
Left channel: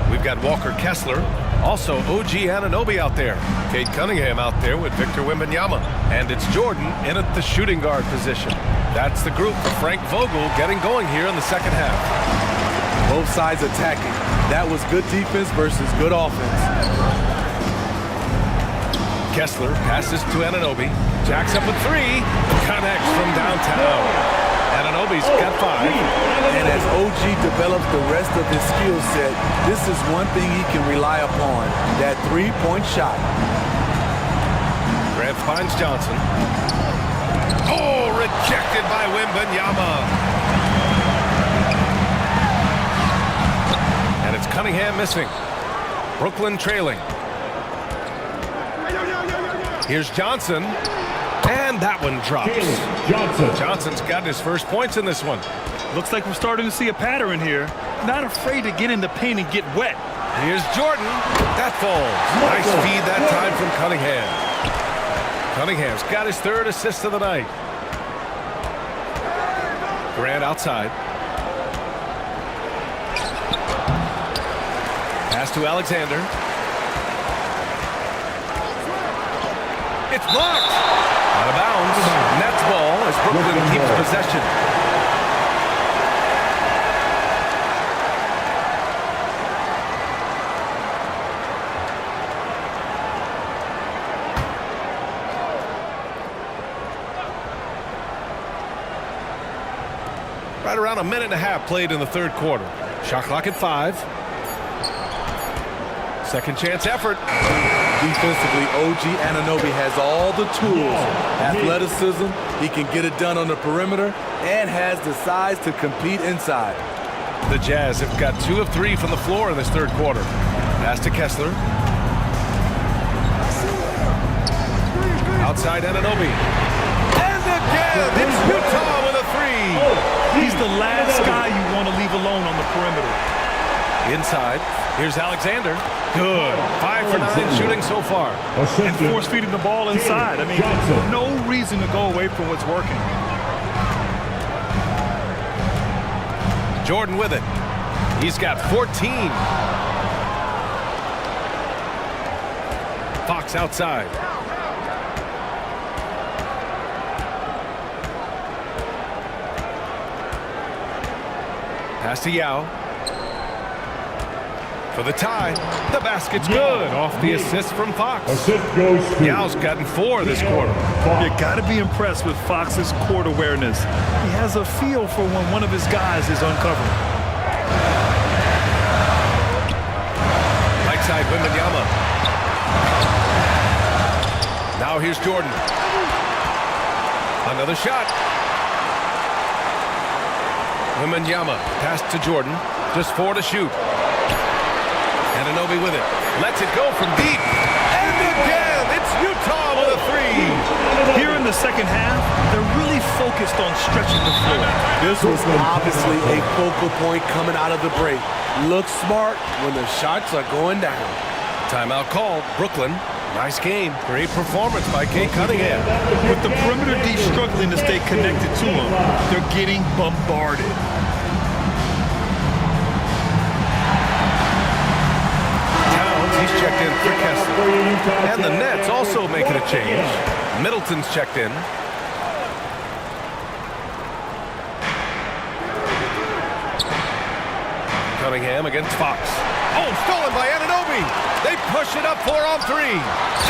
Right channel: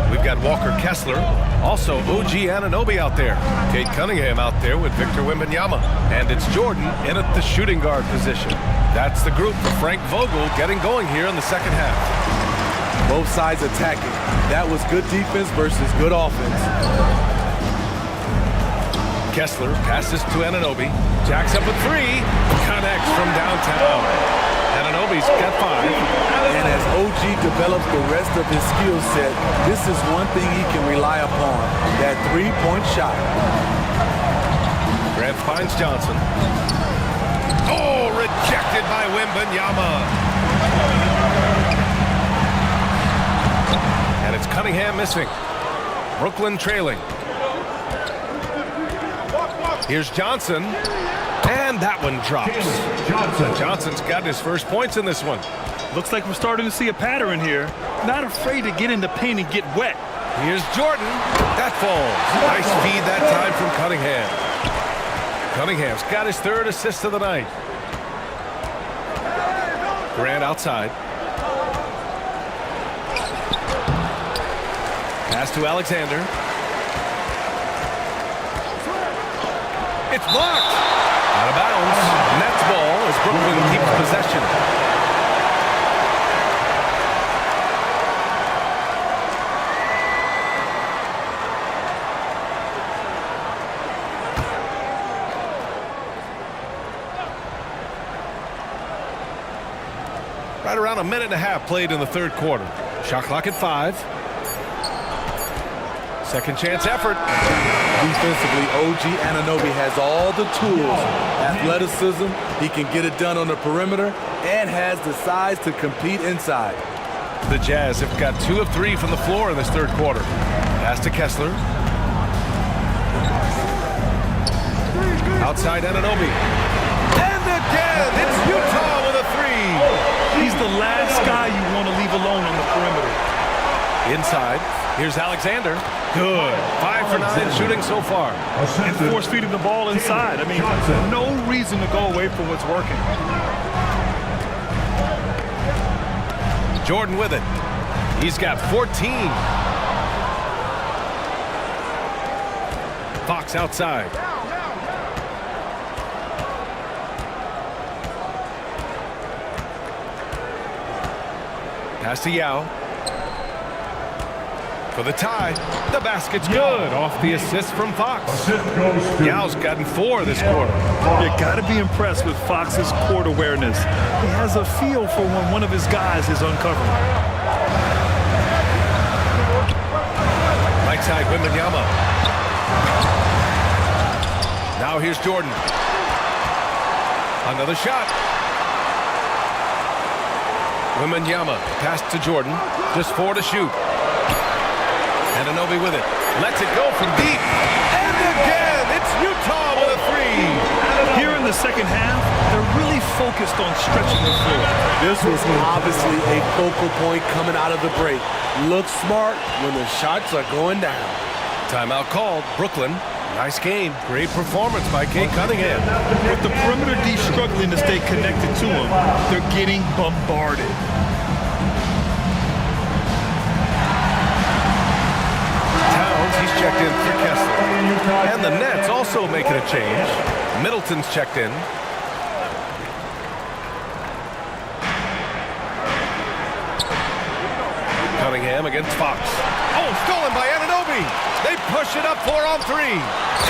We've got Walker Kessler, also OG Anunoby out there. Kate Cunningham out there with Victor Wembanyama. And it's Jordan in at the shooting guard position. That's the group for Frank Vogel getting going here in the second half. Both sides attacking. That was good defense versus good offense. Kessler passes to Anunoby. Jacks up a three. Connects from downtown. Anunoby's got 5. And as OG develops the rest of his skill set, this is one thing he can rely upon, that three-point shot. Grant finds Johnson. Oh, rejected by Wembanyama. And it's Cunningham missing. Brooklyn trailing. Here's Johnson. And that one drops. Johnson's got his first points in this one. Looks like we're starting to see a pattern here. Not afraid to get in the paint and get wet. Here's Jordan. That falls. Nice feed that time from Cunningham. Cunningham's got his 3rd assist of the night. Grant outside. Pass to Alexander. It's blocked. Out of bounds. Nets ball as Brooklyn keeps possession. Right around a minute and a half played in the 3rd quarter. Shot clock at 5. Second chance effort. Defensively, OG Anunoby has all the tools. Athleticism, he can get it done on the perimeter, and has the size to compete inside. The Jazz have got 2 of 3 from the floor in this 3rd quarter. Pass to Kessler. Outside Anunoby. And again, it's Utah with a 3. He's the last guy you want to leave alone on the perimeter. Inside, here's Alexander. Good. 5 for 9 shooting so far. And force feeding the ball inside. I mean, no reason to go away from what's working. Jordan with it. He's got 14. Fox outside. Pass to Yao. For the tie. The basket's good. Off the assist from Fox. Yao's gotten 4 this quarter. You got to be impressed with Fox's court awareness. He has a feel for when one of his guys is uncovering. Right side, Wembanyama. Now here's Jordan. Another shot. Wembanyama pass to Jordan. Just 4 to shoot. Anunoby with it. Lets it go from deep. And again, it's Utah with a 3. Here in the second half, they're really focused on stretching the floor. This was obviously a focal point coming out of the break. Look smart when the shots are going down. Timeout called. Brooklyn. Nice game. Great performance by Kate Cunningham. With the perimeter D struggling to stay connected to him, they're getting bombarded. He's checked in for Kessler. And the Nets also making a change. Middleton's checked in. Cunningham against Fox. Oh, stolen by Anunoby. They push it up 4 on 3.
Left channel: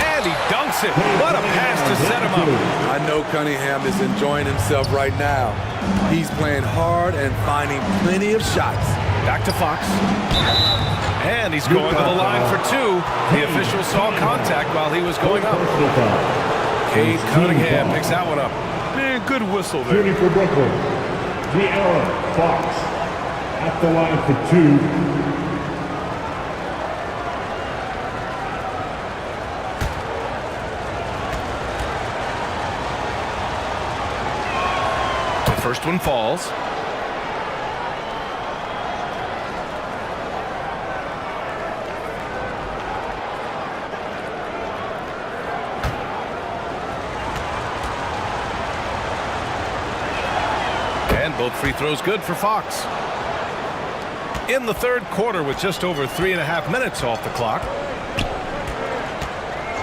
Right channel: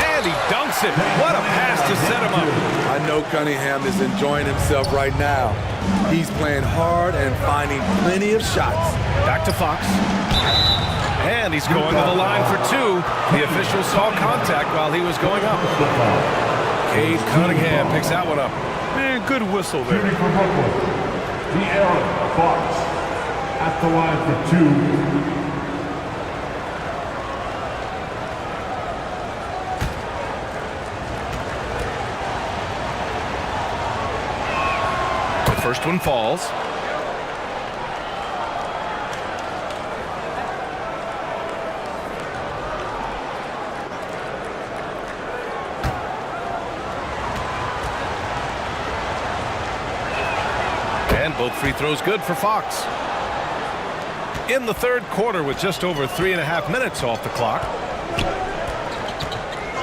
And he dunks it. What a pass to set him up. I know Cunningham is enjoying himself right now. He's playing hard and finding plenty of shots. Back to Fox. And he's going to the line for 2. The official saw contact while he was going up. Cade Cunningham picks that one up. Man, good whistle there. Shooting for Brooklyn, De'Aaron Fox at the line for 2. The first one falls. And both free throws good for Fox. In the third quarter with just over 3.5 minutes off the clock,